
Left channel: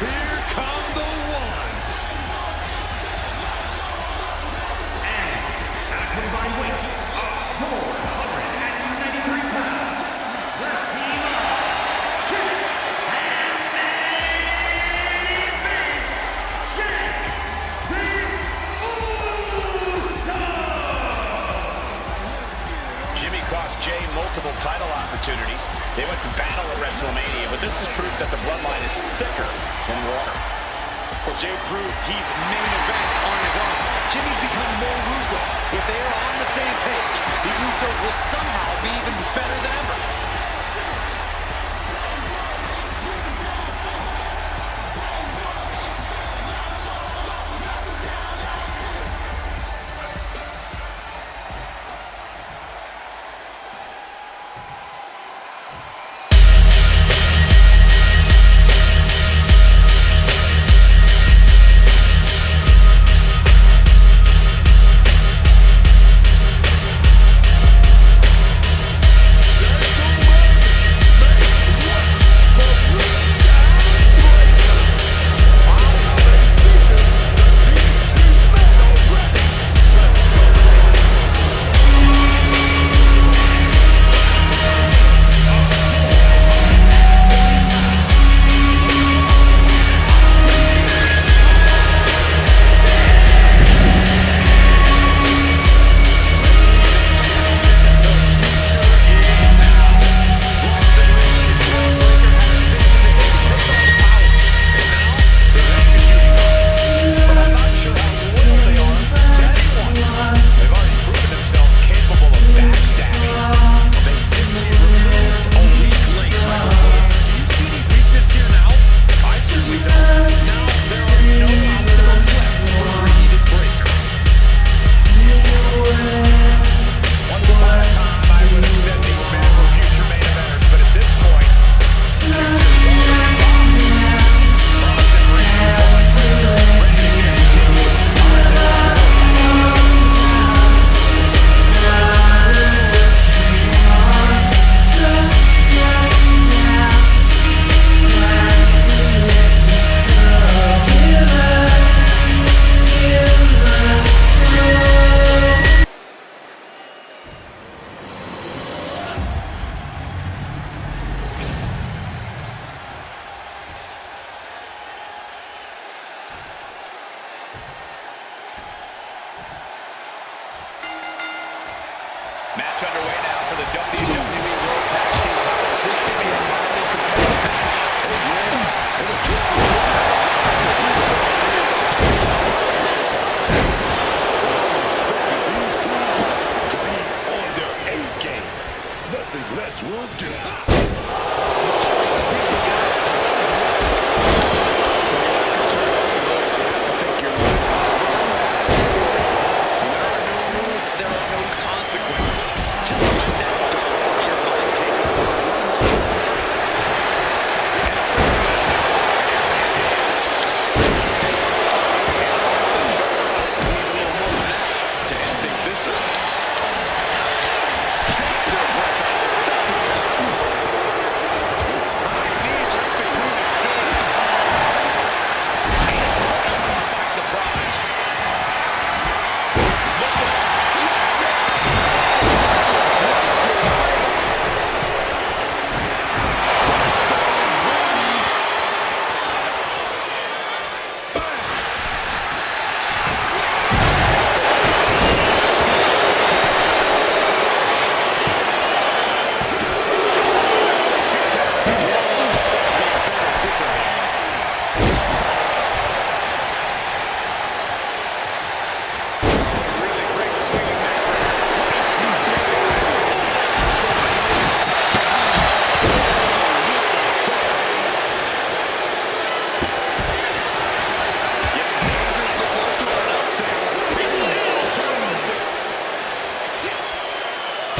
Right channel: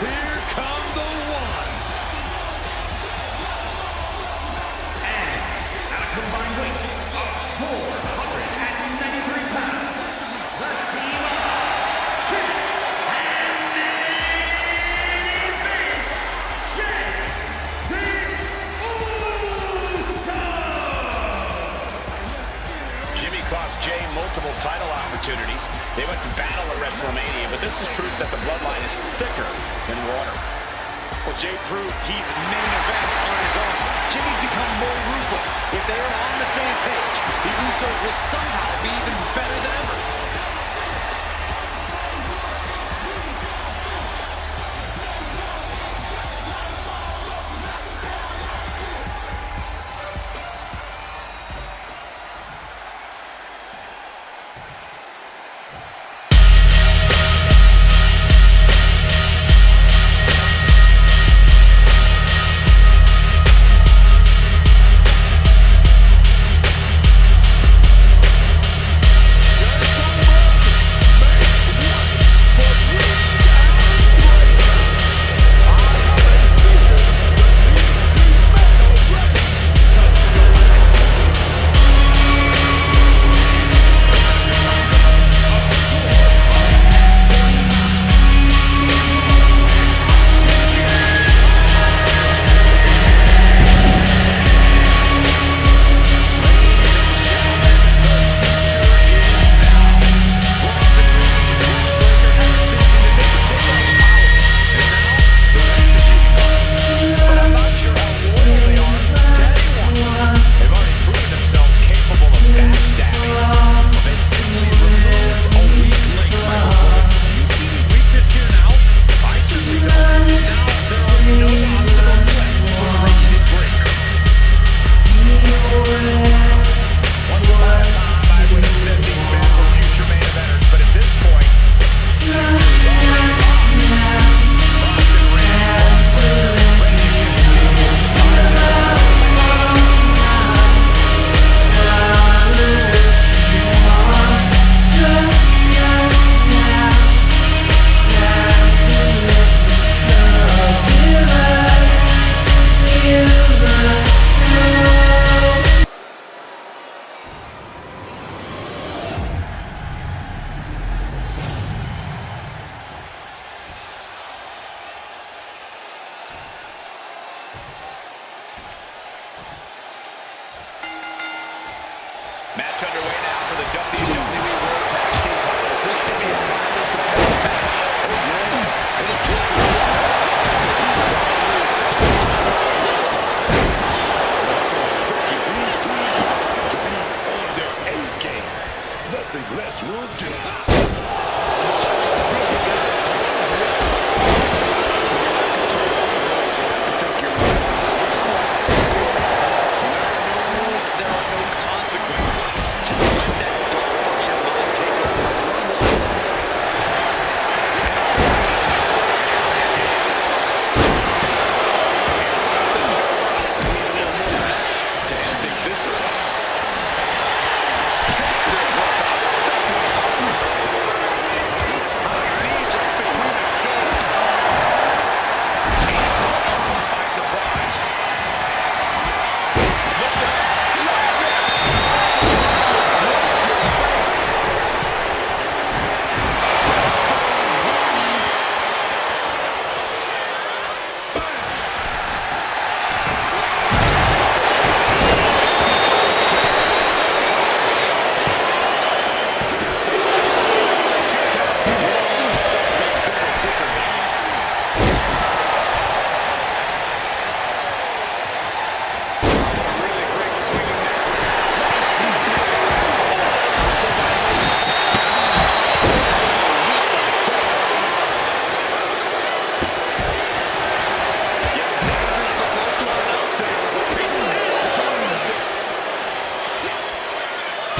Here come the ones. And at a combined weight of 493 pounds, the team of Jake and Manny Vince, Jake the Usos. Jimmy cost Jay multiple title opportunities. They went to battle at WrestleMania, but this is proof that the bloodline is thicker than water. Well, Jay proved he's main event on his own. Jimmy's become more ruthless. If they are on the same page, the Usos will somehow be even better than ever. Match underway now for the WWE World Tag Team titles. This should be a highly competitive match. Expecting these teams to be on their A game. Nothing less will do. Smiling deeply out of harm's way. You're not concerned about the rules. You have to think your mind out. When there are no rules, there are no consequences. Just let that dark part of your mind take over. Run wild. And a quick attempt. Here comes the shoulder up. He needs a little more than that to end things this early.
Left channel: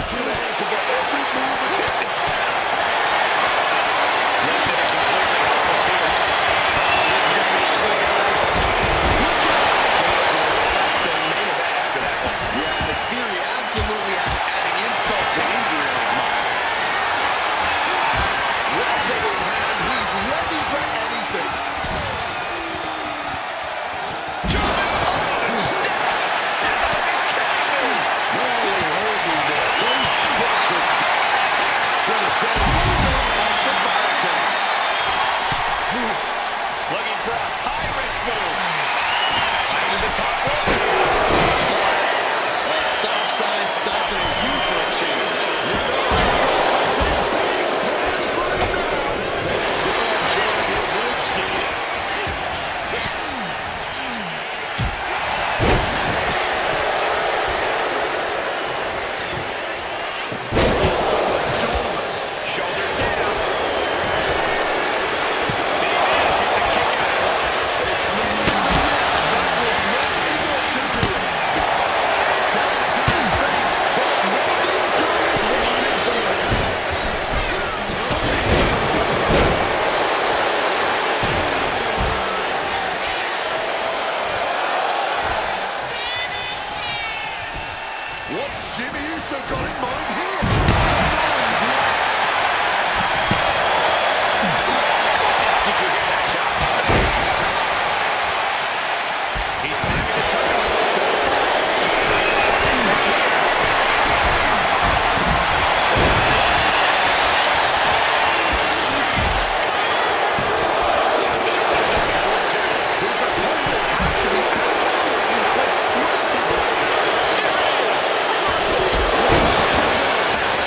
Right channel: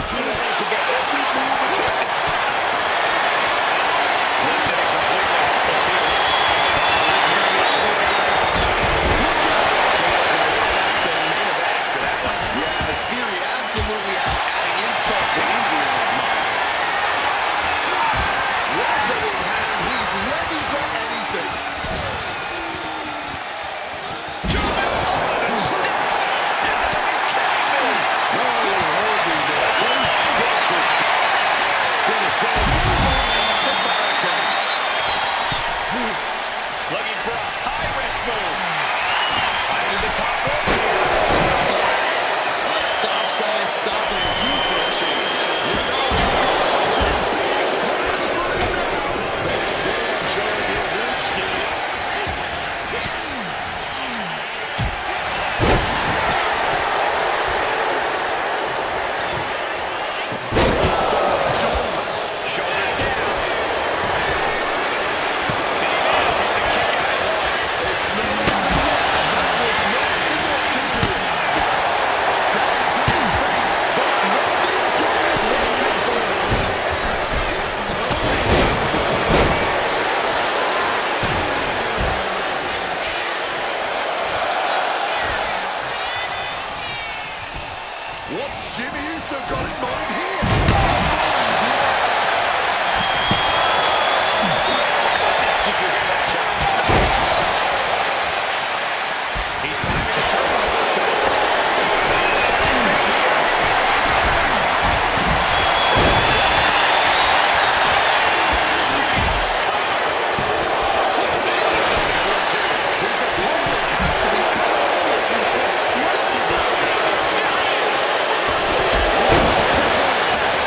see the hands for every move attempted. Lifted and completely helpless here. Oh, this is going to be ugly, guys. Look out! Less than main event after that one. Yeah, his theory absolutely has adding insult to injury on his mind. Weapon in hand, he's ready for anything. German up the steps! You gotta be kidding me! Holding there. Those steps are gonna say move on off the barricade. Looking for a high-risk move. Finding the top rope here. Splat. A stop sign stopping you for a change. You know he's got something big planned for him now. Durham showing his instinct. Shoulders down. Big manages to kick out at one. It's not over yet. That was not enough to do it. Getting to his feet, but nothing good is waiting for him. What's Jimmy Uso got in mind here? Samoan drop. Did you hear that shot? He's climbing the turnbuckles to the top. There's something big here. Shoulders up before two. His opponent has to be absolutely frustrated right now. There it is. One spinning attack.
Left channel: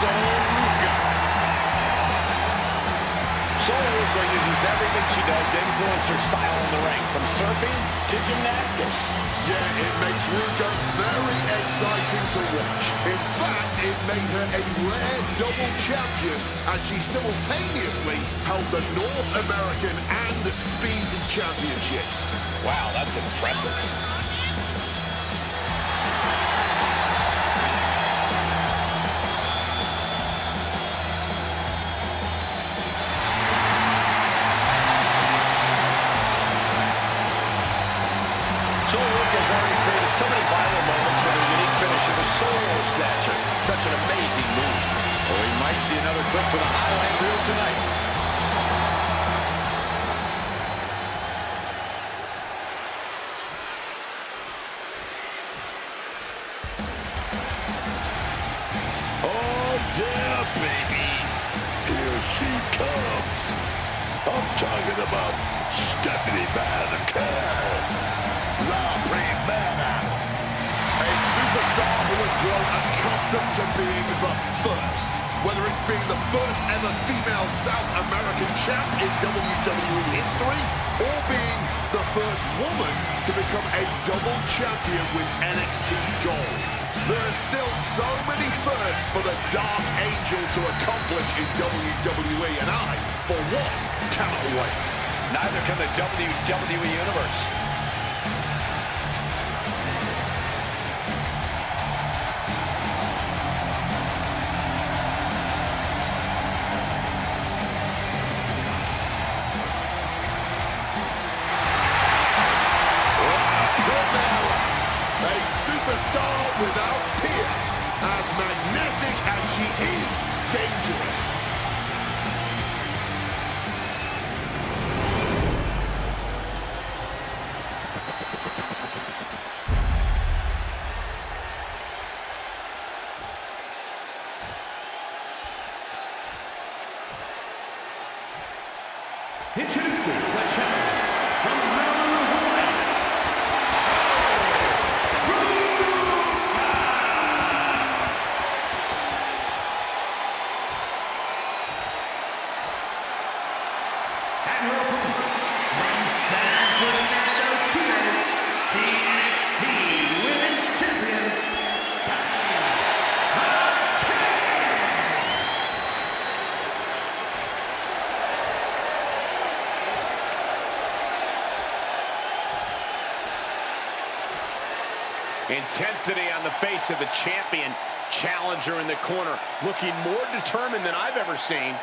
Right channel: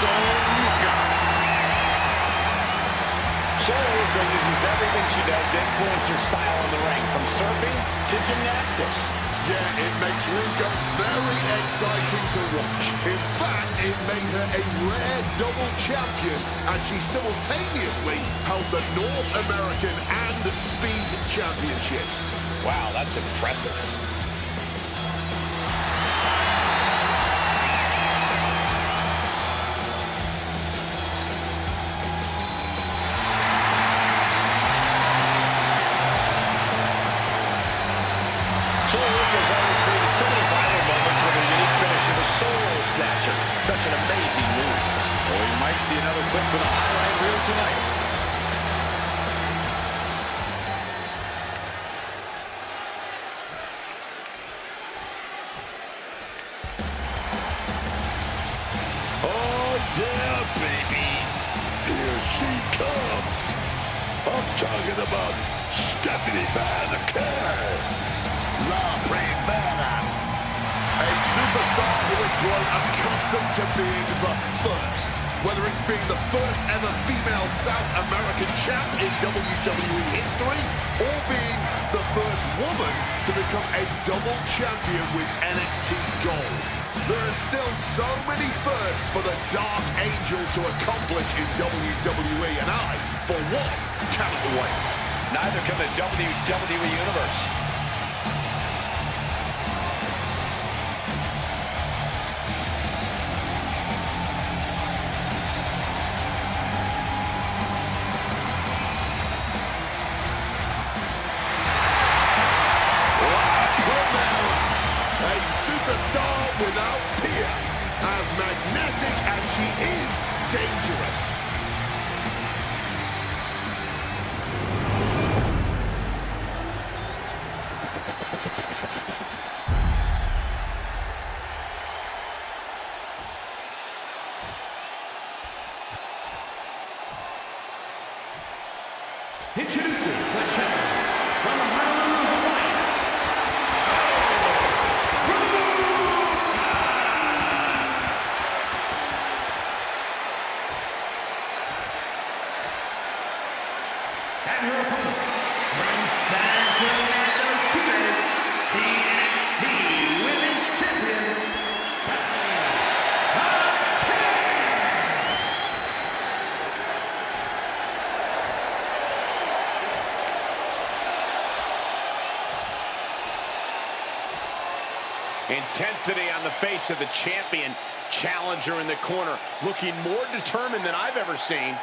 Sol Ruca. Sol Ruca uses everything she does to influence her style in the ring, from surfing to gymnastics. Yeah, it makes Ruka very exciting to watch. In fact, it made her a rare double champion as she simultaneously held the North American and Speed Championships. Wow, that's impressive. Sol Ruca has already created so many viral moments with her unique finish of the Solo Snatcher. Such an amazing move. Oh, we might see another clip for the highlight reel tonight. Oh, yeah, baby. Here she comes. I'm talking about Stephanie McMahon. La Primera. A superstar who has grown accustomed to being the first. Whether it's being the first ever female South American champ in WWE history, or being the first woman to become a double champion with NXT Gold. There are still so many firsts for the Dark Angel to accomplish in WWE, and I, for one, cannot wait. Neither can the WWE Universe. A superstar without peer. As magnetic as she is dangerous. Introducing the challenger from Honolulu, Hawaii, and her opponent from San Fernando, Chile, the NXT Women's Champion, Stephanie McMahon. Intensity on the face of the champion. Challenger in the corner, looking more determined than I've ever seen.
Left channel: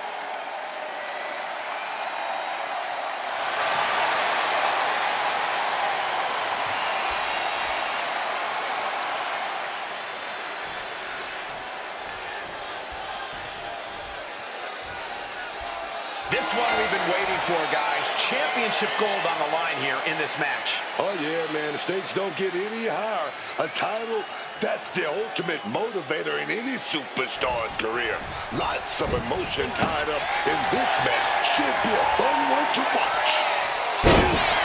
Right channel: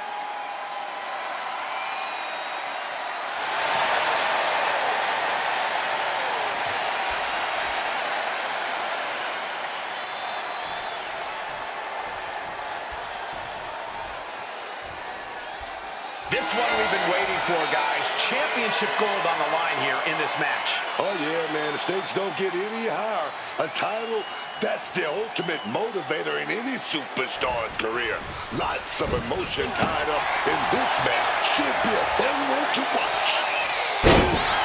This one we've been waiting for, guys. Championship gold on the line here in this match. Oh, yeah, man. The stakes don't get any higher. A title, that's the ultimate motivator in any superstar's career. Lots of emotion tied up in this match. Should be a fun one to watch.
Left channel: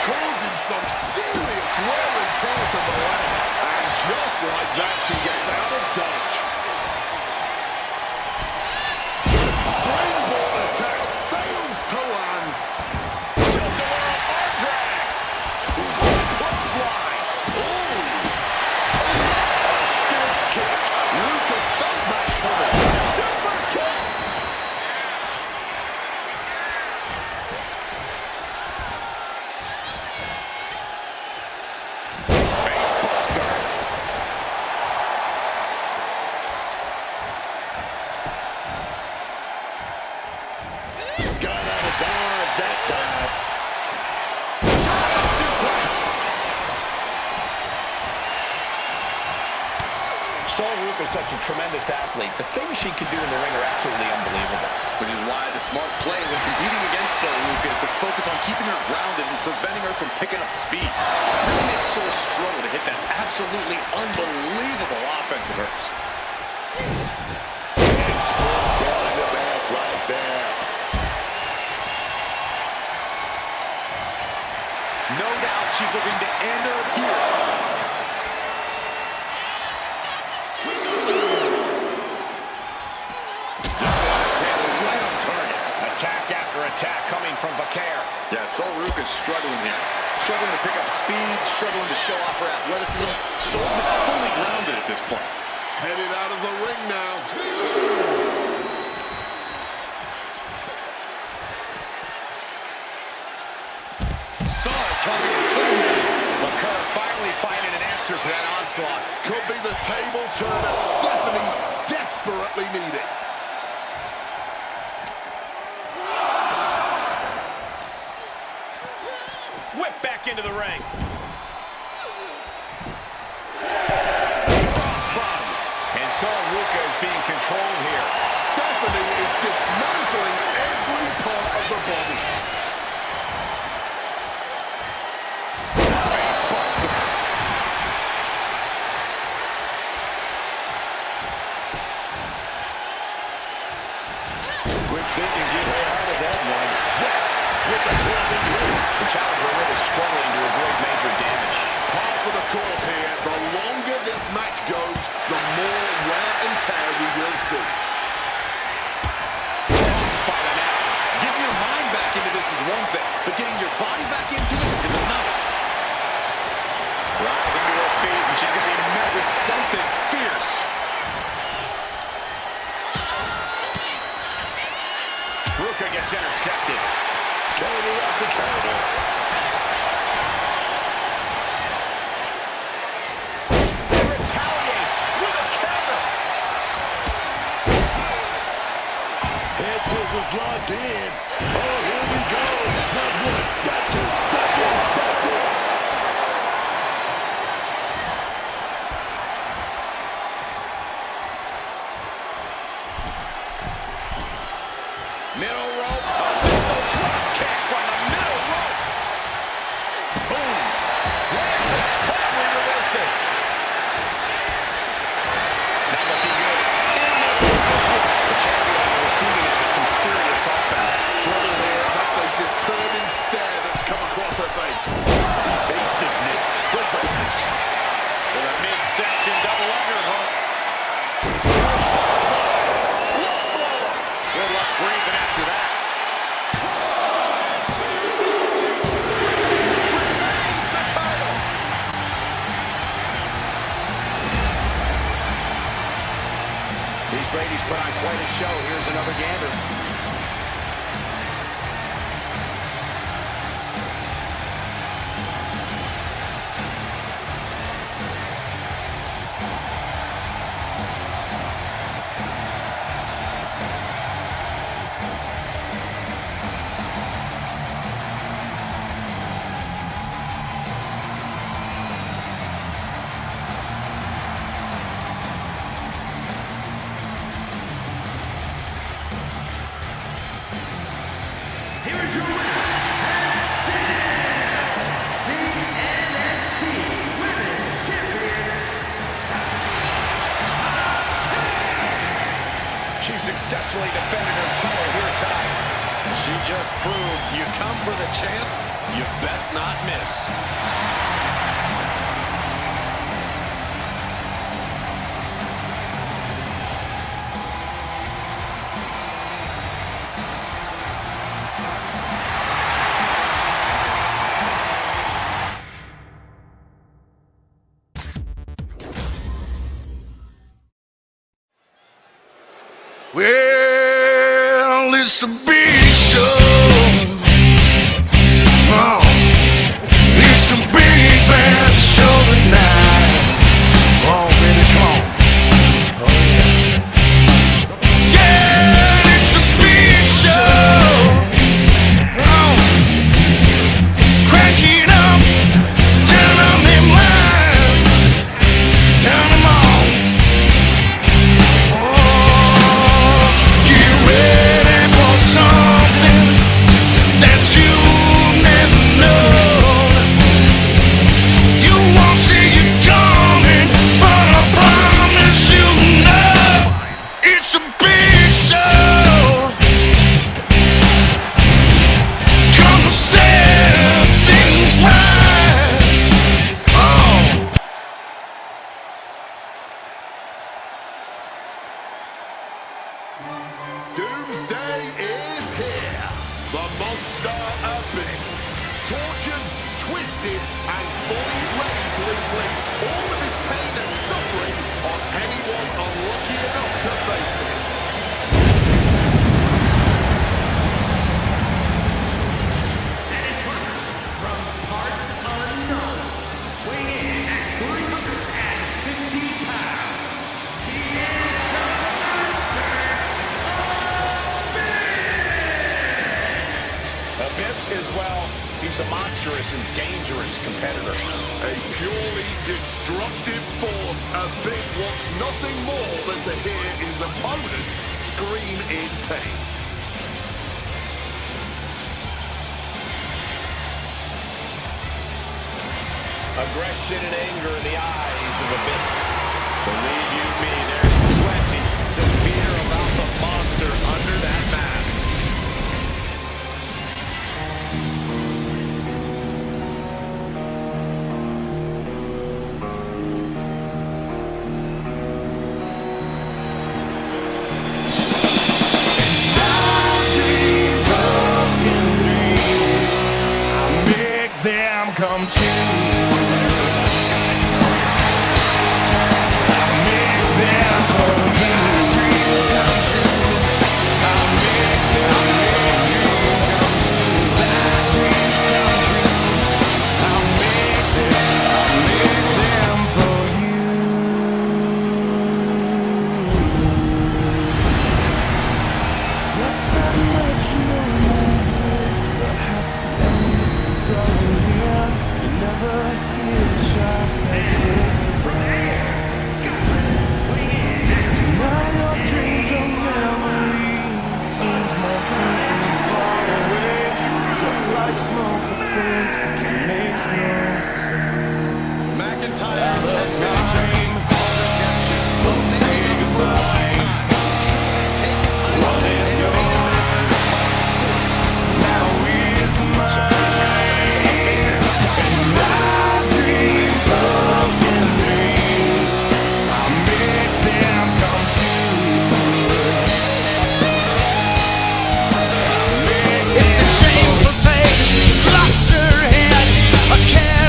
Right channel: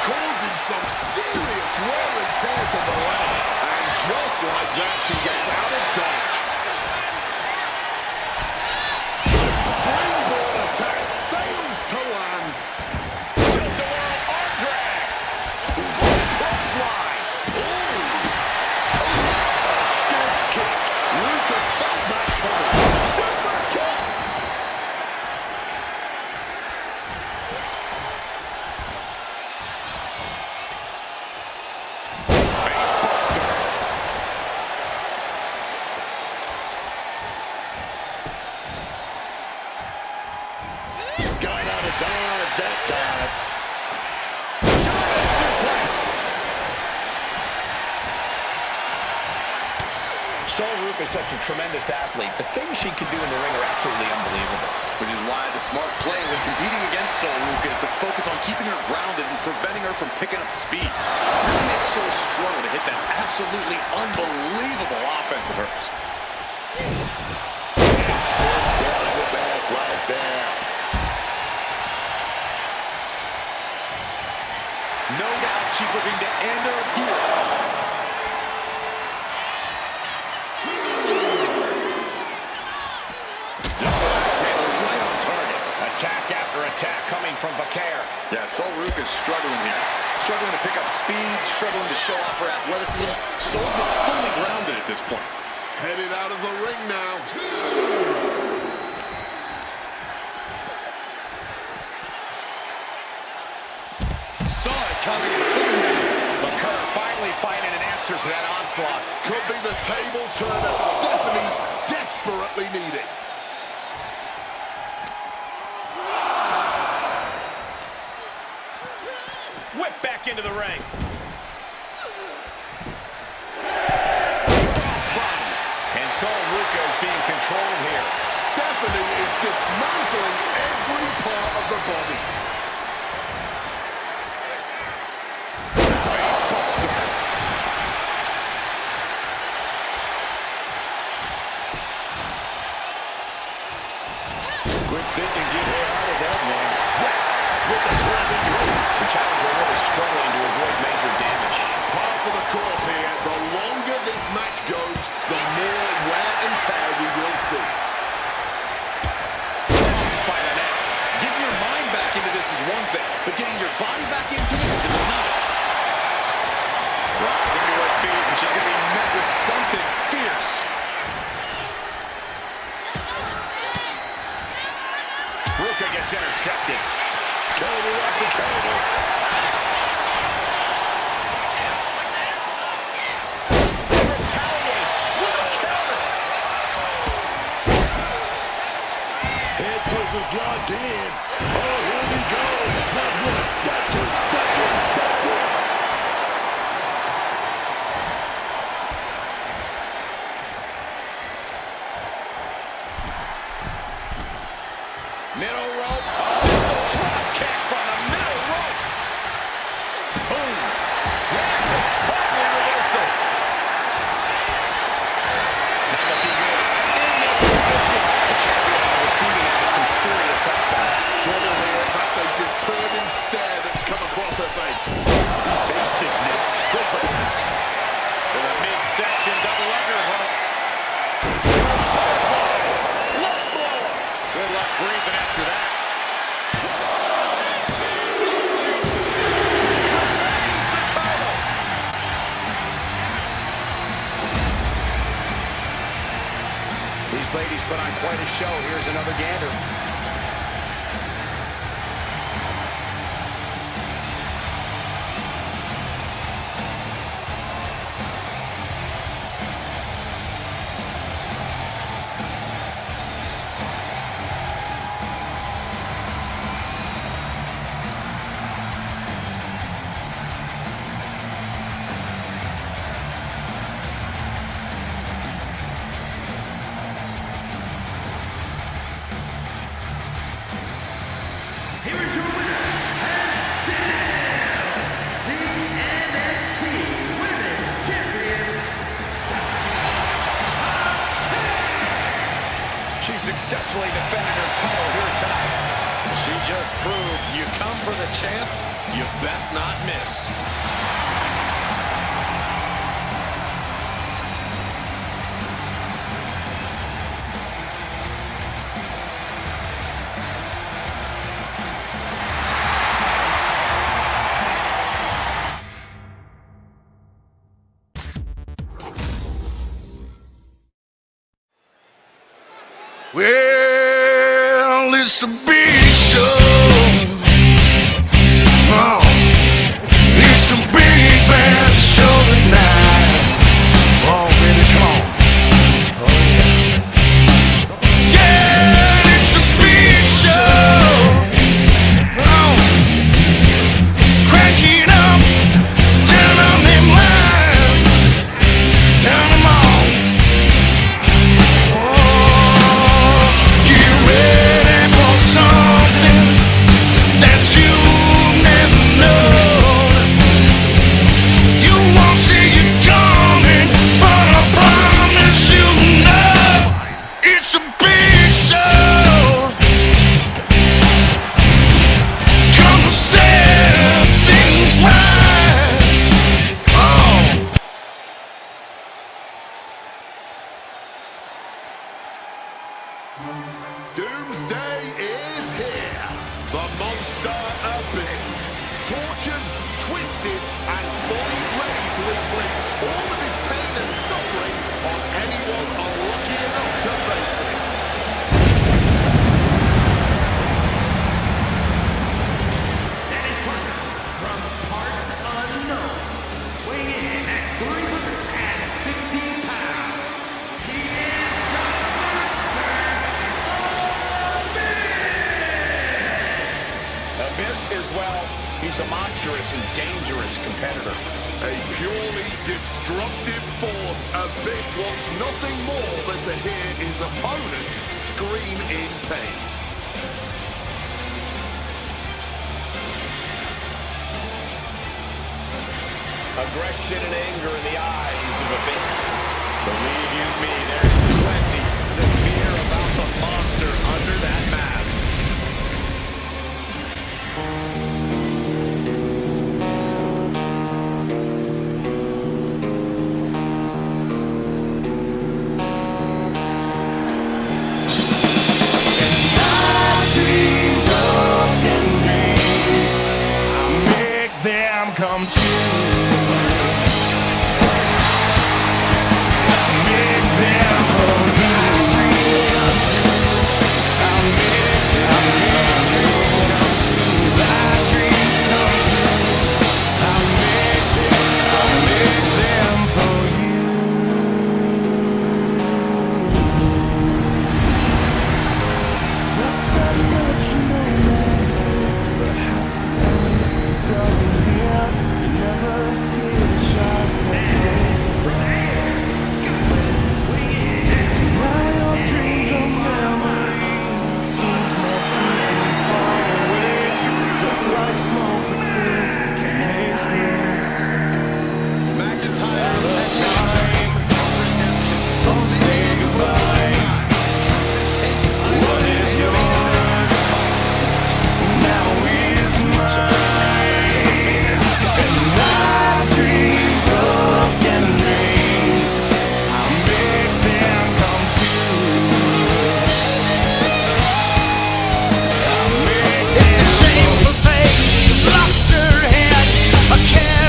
Causing some serious wear and tear to the leg. And just like that, she gets out of dodge. The springboard attack fails to land. Tilt-a-whirl arm drag. Clothesline. A stiff kick. Ruka felt that coming. Super kick. Face buster. Got out of dodge that time. Giant suplex. Sol Ruca is such a tremendous athlete. The things she can do in the ring are absolutely unbelievable. Which is why the smart play when competing against Sol Ruca is to focus on keeping her grounded and preventing her from picking up speed. Really makes Sol struggle to hit that absolutely unbelievable offense of hers. Big split down in the back right there. No doubt she's looking to end her here. attack coming from Bakar. Yeah, Sol Ruca is struggling here. Struggling to pick up speed, struggling to show off her athleticism. Sol's been fully grounded at this point. Headed out of the ring now. Saw it coming and took him down. Bakar finally finding an answer to that onslaught. Could be the table turner Stephanie desperately needed. Whip back into the ring. Crossbody. And Sol Ruca is being controlled here. Stephanie is dismantling every part of the body. Face buster. Quick thinking, get her out of that one. Whacked with a clubbing hook. The challenger really struggling to avoid major damage. Par for the course here. The longer this match goes, the more wear and tear we will see. Tossed by the neck. Getting your mind back into this is one thing, but getting your body back into it is another. Rising to her feet, and she's going to be met with something fierce. Ruca gets intercepted. Counter after counter. And retaliates with a counter. Head scissors locked in. Oh, here we go. Not one, not two, not one, not one. Middle rope. A missile drop kick from the middle rope. Boom. Lands a timely reversal. Not looking good in this position. The champion on the receiving end of some serious offense. Trouble here. That's a determined stare that's come across her face. Evasiveness. Good break. With a midsection double underhook. Butterfly. Love blower. Good luck breathing after that. Retains the title. These ladies put on quite a show. Here's another gander. Here is your winner, and still the NXT Women's Champion, She successfully defended her title here tonight. She just proved you come for the champ, you best not miss. Well, it's a big show. Oh, it's a big bad show tonight. Oh, baby, come on. Oh, yeah. Yeah, it's a big show. Oh, crank it up. Turn on them lights. Turn them on. Get ready for some tortured, twisted, and fully ready to inflict all of his pain and suffering on anyone unlucky enough to face it. And his partner from parts unknown, weighing in at 350 pounds. He is the Master Abyss is, well, he's a monstrous and dangerous competitor. A purely destructive force, Abyss wants nothing more than to hear his opponent scream in pain. Aggression and anger in the eyes of Abyss. Believe you me, there's plenty to fear about the monster under that mask. Them come true. I make them for you. I make dreams come true. I make them for you. What's that much no matter? Perhaps the end is drawing near. You never hear the shot that takes you back. Now your dreams are memories. Seems more true from far away. Just like smoke that fades and makes no sound. McIntyre has been a journey of redemption. So say goodbye. What is yours now is mine. And I dream broken dreams. I make them come true. I make it's a shameful thing. You lost your head. I can't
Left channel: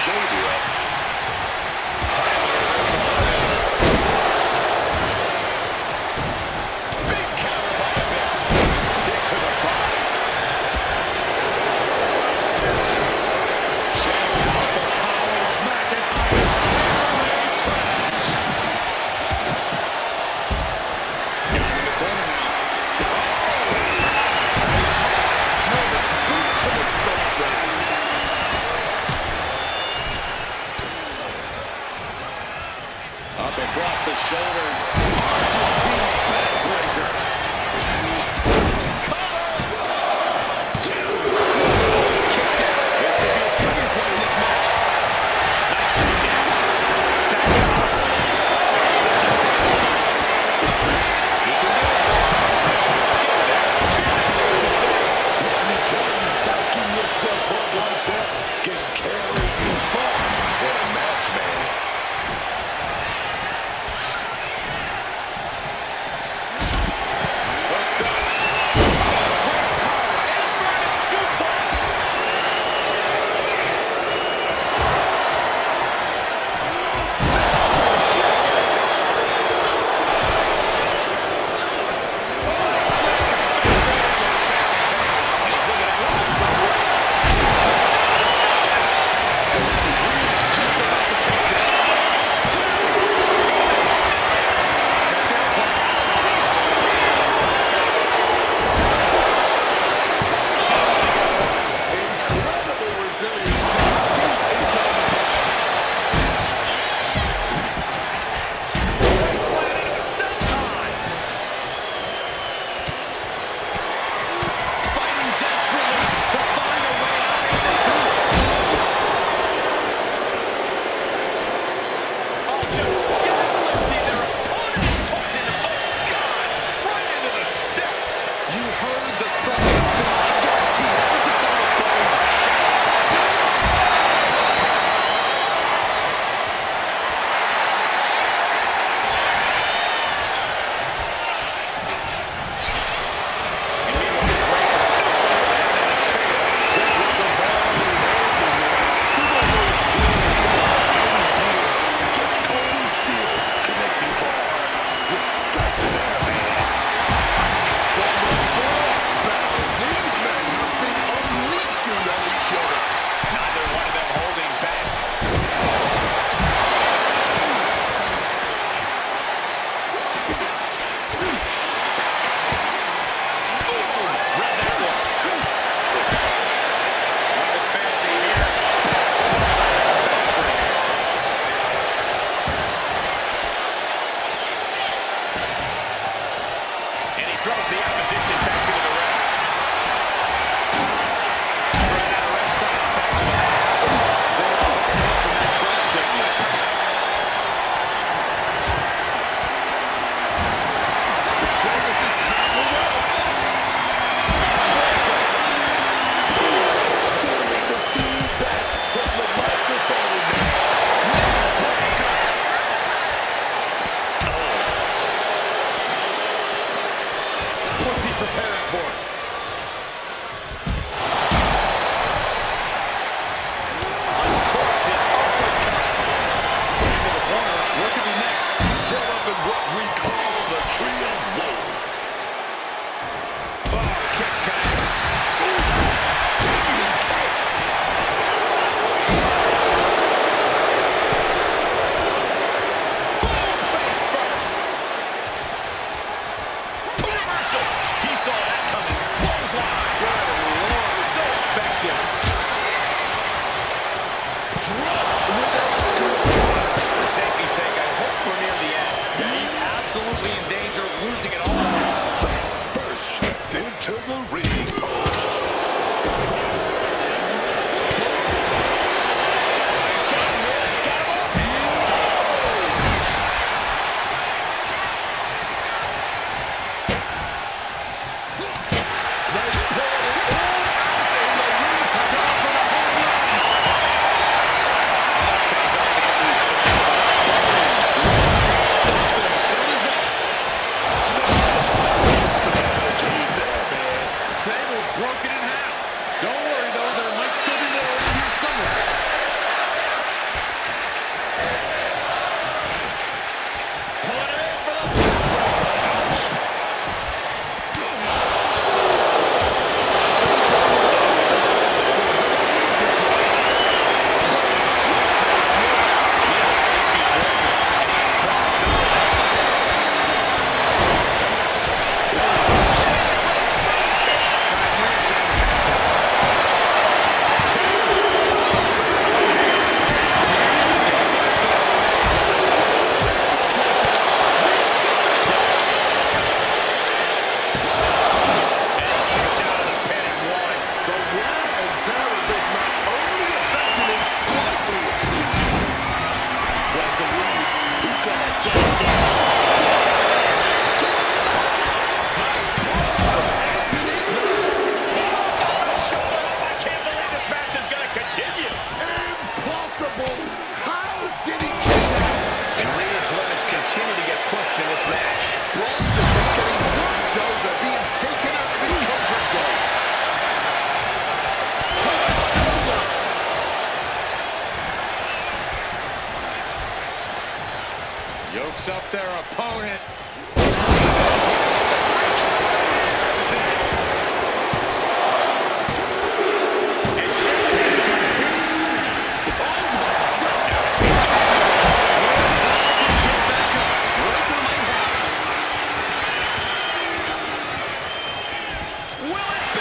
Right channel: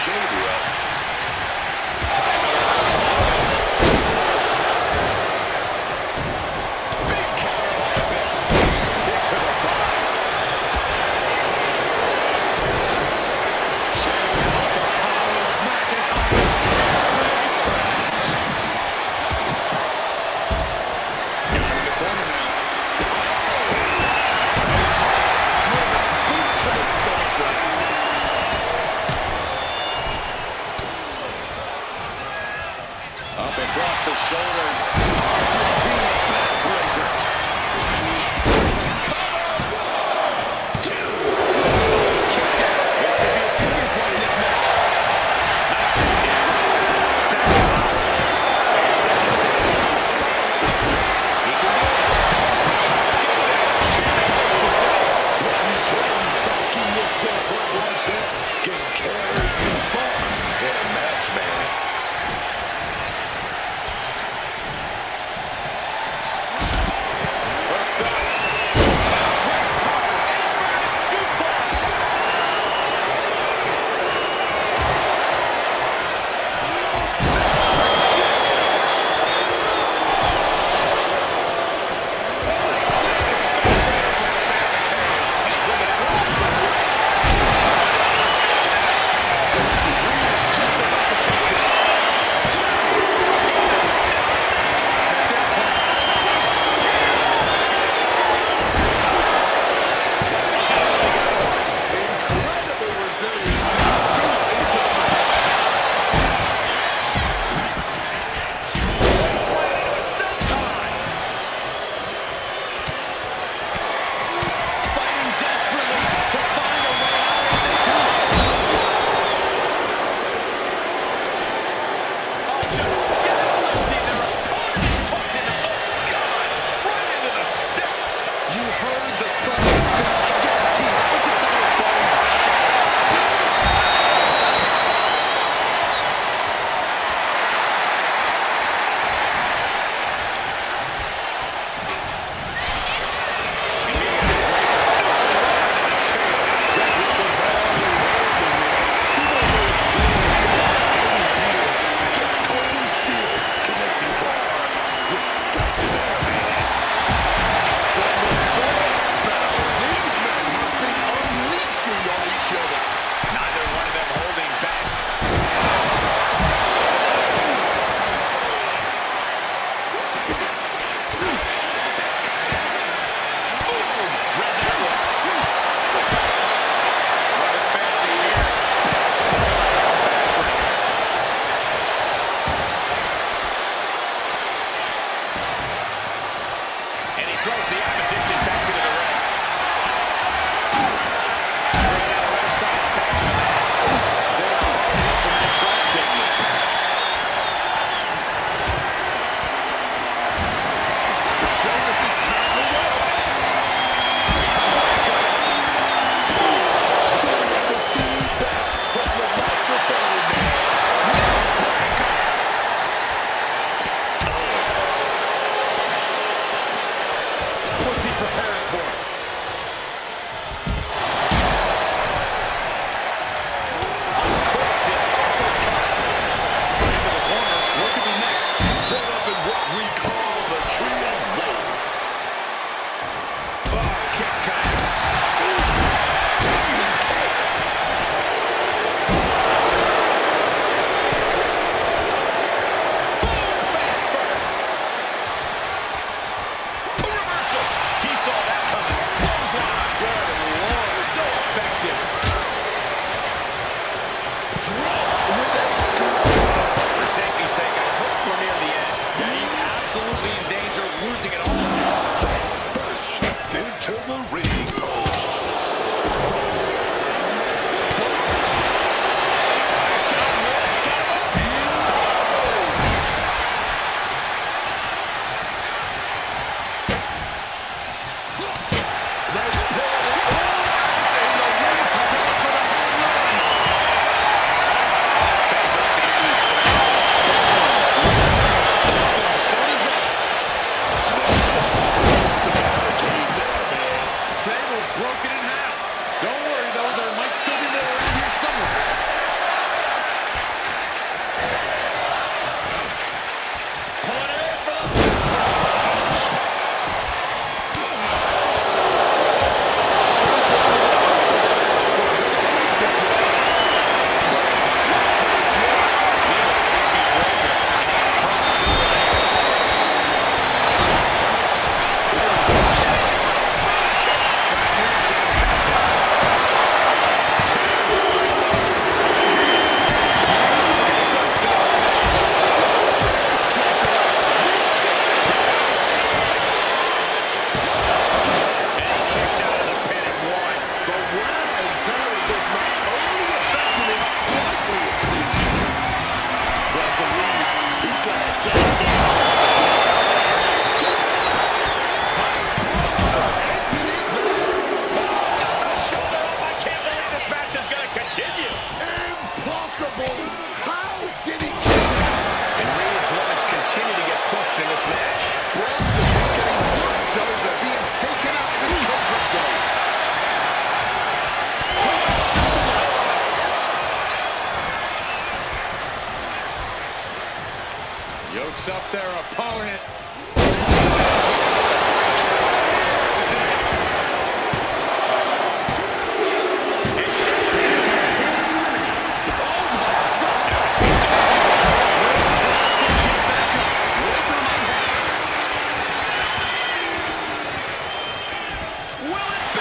shoulder up. Time of the reversal is. Big counter by Abyss. Kick to the body. Check out the power of McIntyre. Air crash. Got him in the corner now. Driven boot to the stomach. Up across the shoulders. Argentina backbreaker. Cover. 2. Kicked out. This could be a tipping point in this match. Nice takedown. Stack him up. There's the cover. He can do it. Gets there. There's the set. Let me tell you, psyching yourself up like that can carry you far in a match, man. Hooked up. Great power. Inverted suplex. Incredible resilience this deep into the match. Slide into a senton. Fighting desperately to find a way out, and they do. Oh, just deadlifting their opponent and tossing them. Oh, God. Right into the steps. You heard the thud of the steps. I guarantee that was the sound of bones shattering. And meanwhile, Breaker right onto the chair. That was a battle raging, man. You know those jewels go out any year. Just cold steel can make you hard with flesh there, man. From the first battle, these men have been unleashing on each other. Neither one of them holding back. Boom! Read that one. Running fancy here. Backbreaker. And he throws the opposition back into the ring. Right out of ringside, back to the mat. Taking a hard hit from that trash picnic. Sheamus is tangled up. Feeling the feedback from the microphone, man. What's he preparing for? Uncorks it, uppercut. Right into the corner. What could be next? Set up in what we call the tree of woe. Oh, kick connects. Stinging kick. Boom, face first. A reversal. He saw that coming. Clothesline. Good Lord, so effective. Dropped with a scoop slam. For safety's sake, I hope we're near the end. Yeah, he's absolutely slightly, it seems. Well, to lead, he's gonna set it down. Has Bronson ended it there? Oh, got the shoulder up. I can't believe this match is going to continue. Impossible! How did he kick out? And Reed's limits continue to get pushed in this match. Bronson is getting worked over, being taken out of his comfort zone. To the shoulder. Yokes up their opponent. Oh my God! Will it be?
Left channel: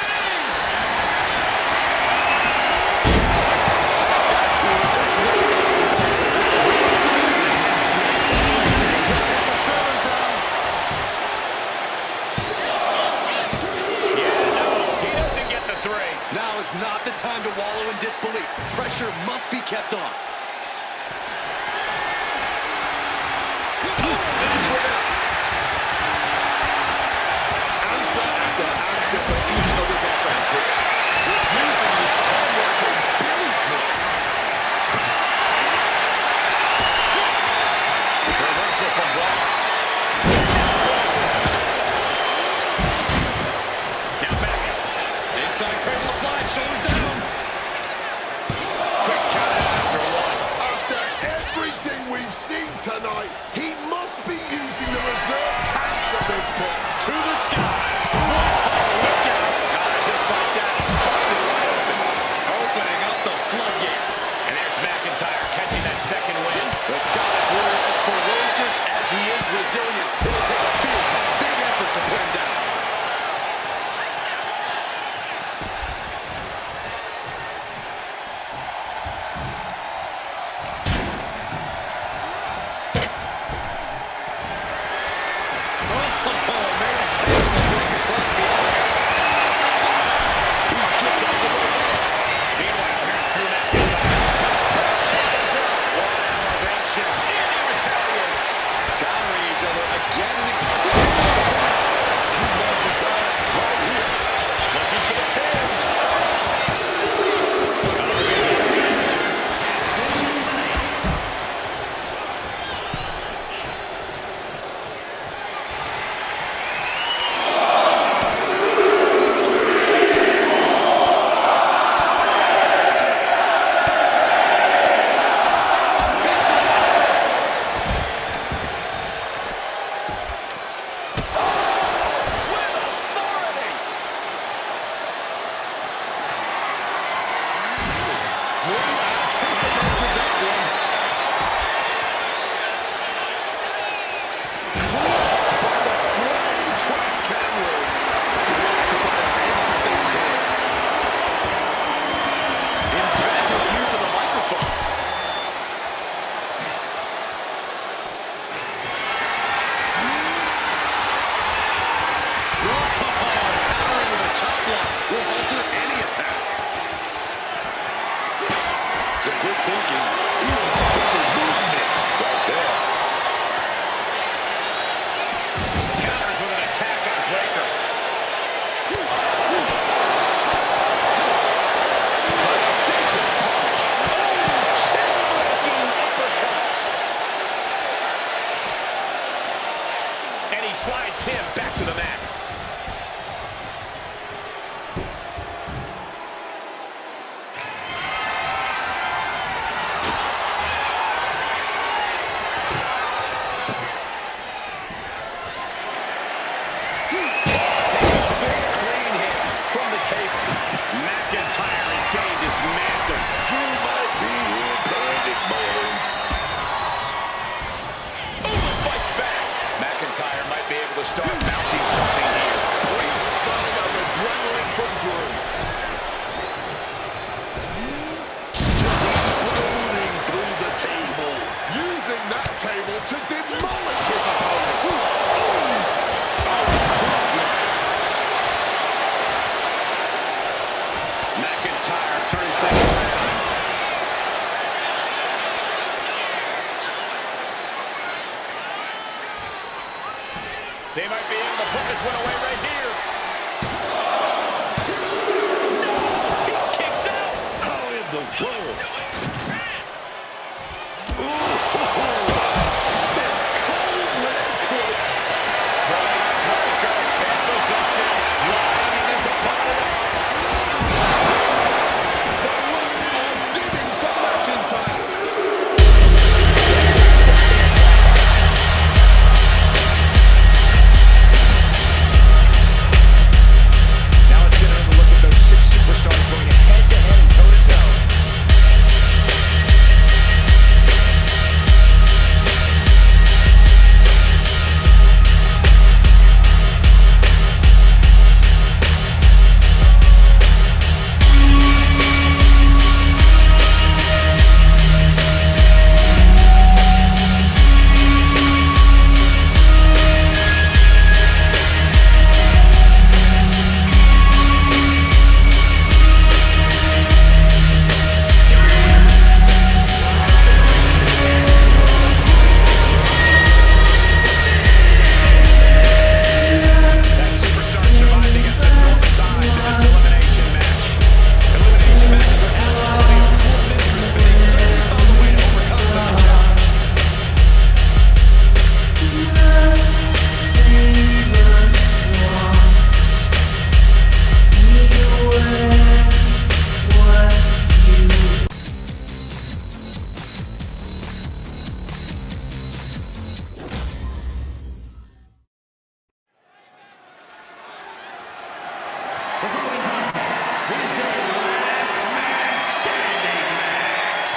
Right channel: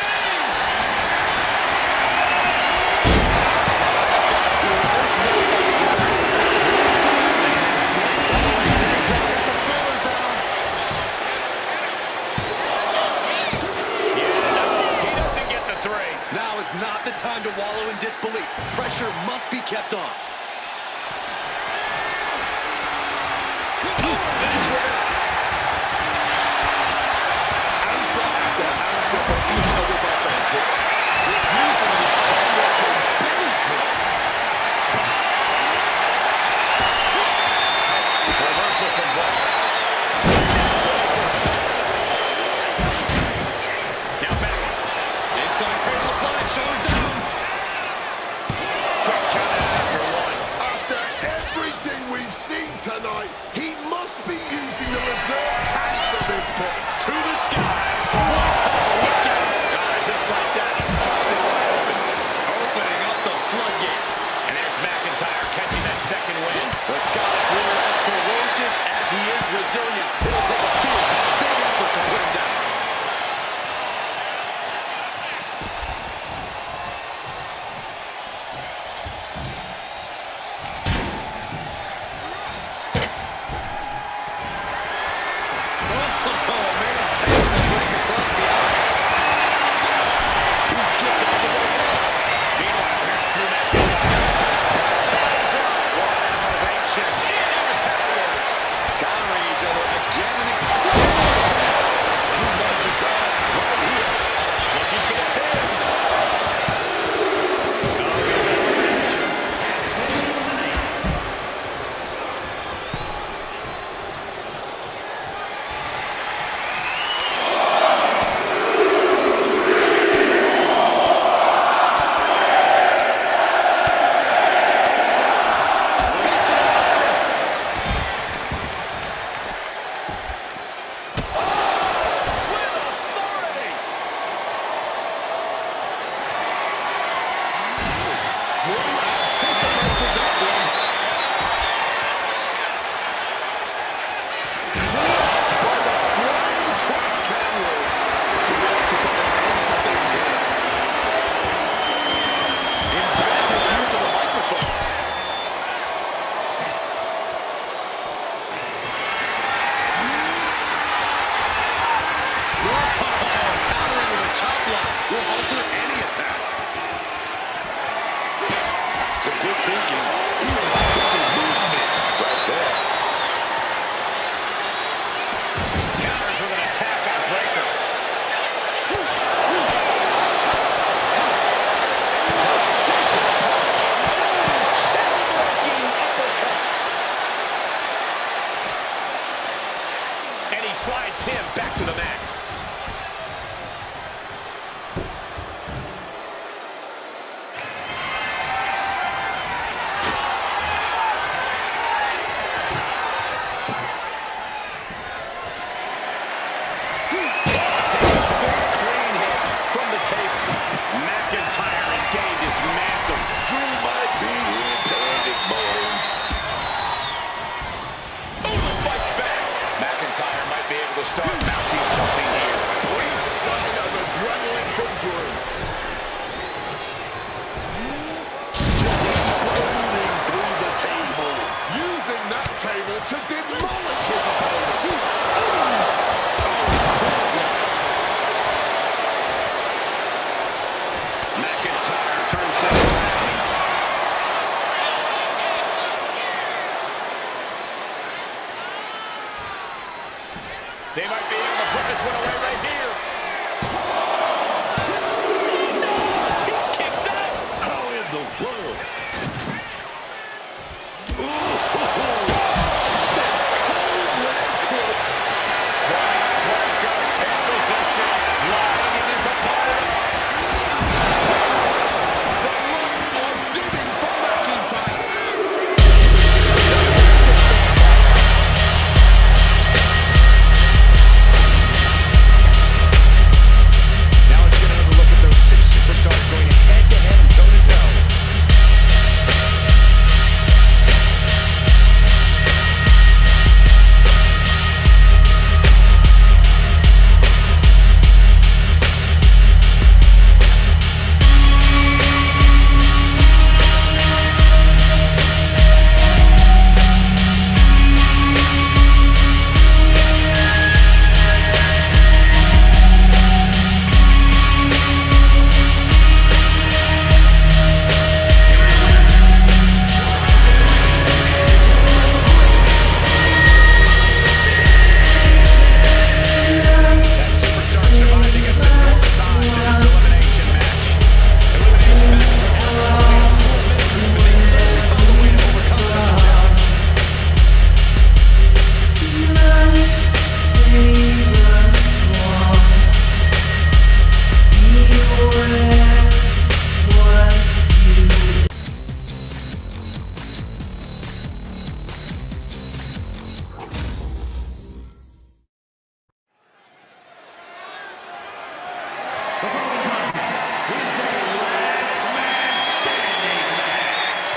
Yeah, no, he doesn't get the three. Now is not the time to wallow in disbelief. Pressure must be kept on. That's reversed. Answer after answer for each other's offense here. Using the arm like a billy club. Reversal from Braun. Now back. Inside cradle applied, shoulders down. Quick count out after one. After everything we've seen tonight, he must be using the reserve tanks at this point. To the sky. Whoa, look out. Just like that, he busted wide open. Opening up the floodgates. And there's McIntyre catching that second win. The Scottish warrior, as ferocious as he is resilient, it'll take a big, big effort to put him down. Oh, man, break across the eyes. He's slipped out the way. Meanwhile, here's Drew McIntyre. Body drop. What elevation. And he retaliates. Countering each other again and again. Drew McIntyre right here. Looking for the pin. Oh, here's the elimination. With authority. Drew anticipated that one. Caught by the flying trash can lid. He wants to put an end to things here. Inventive use of the microphone. Countering with a chop block will alter any attack. Some good thinking. Even better movement right there. Counters with an attack on Breakker. Precision punch. Oh, chin-breaking uppercut. And he slides him back to the mat. Takes a big clean hit from the table. McIntyre is getting dismantled. Drew might be in panic mode. Owens fights back. McIntyre might be able to start mounting something here. Brief sign of adrenaline from Drew. Just exploding through the table. Using that table to demolish his opponent. McIntyre turns things around. They might be able to put this one away right here. No! He kicks out! How in the world? Step cold with a crook. Backbreaker in position, lining his opponent up. The lights are dimming for McIntyre. Now let's get another look at those 6 superstars going head-to-head and toe-to-toe. That superstar survived against enormous odds in this elimination match. Elimination matches are absolutely uncool mistress, but they certainly found a way to overcome such a challenge. The following contest is a last man standing match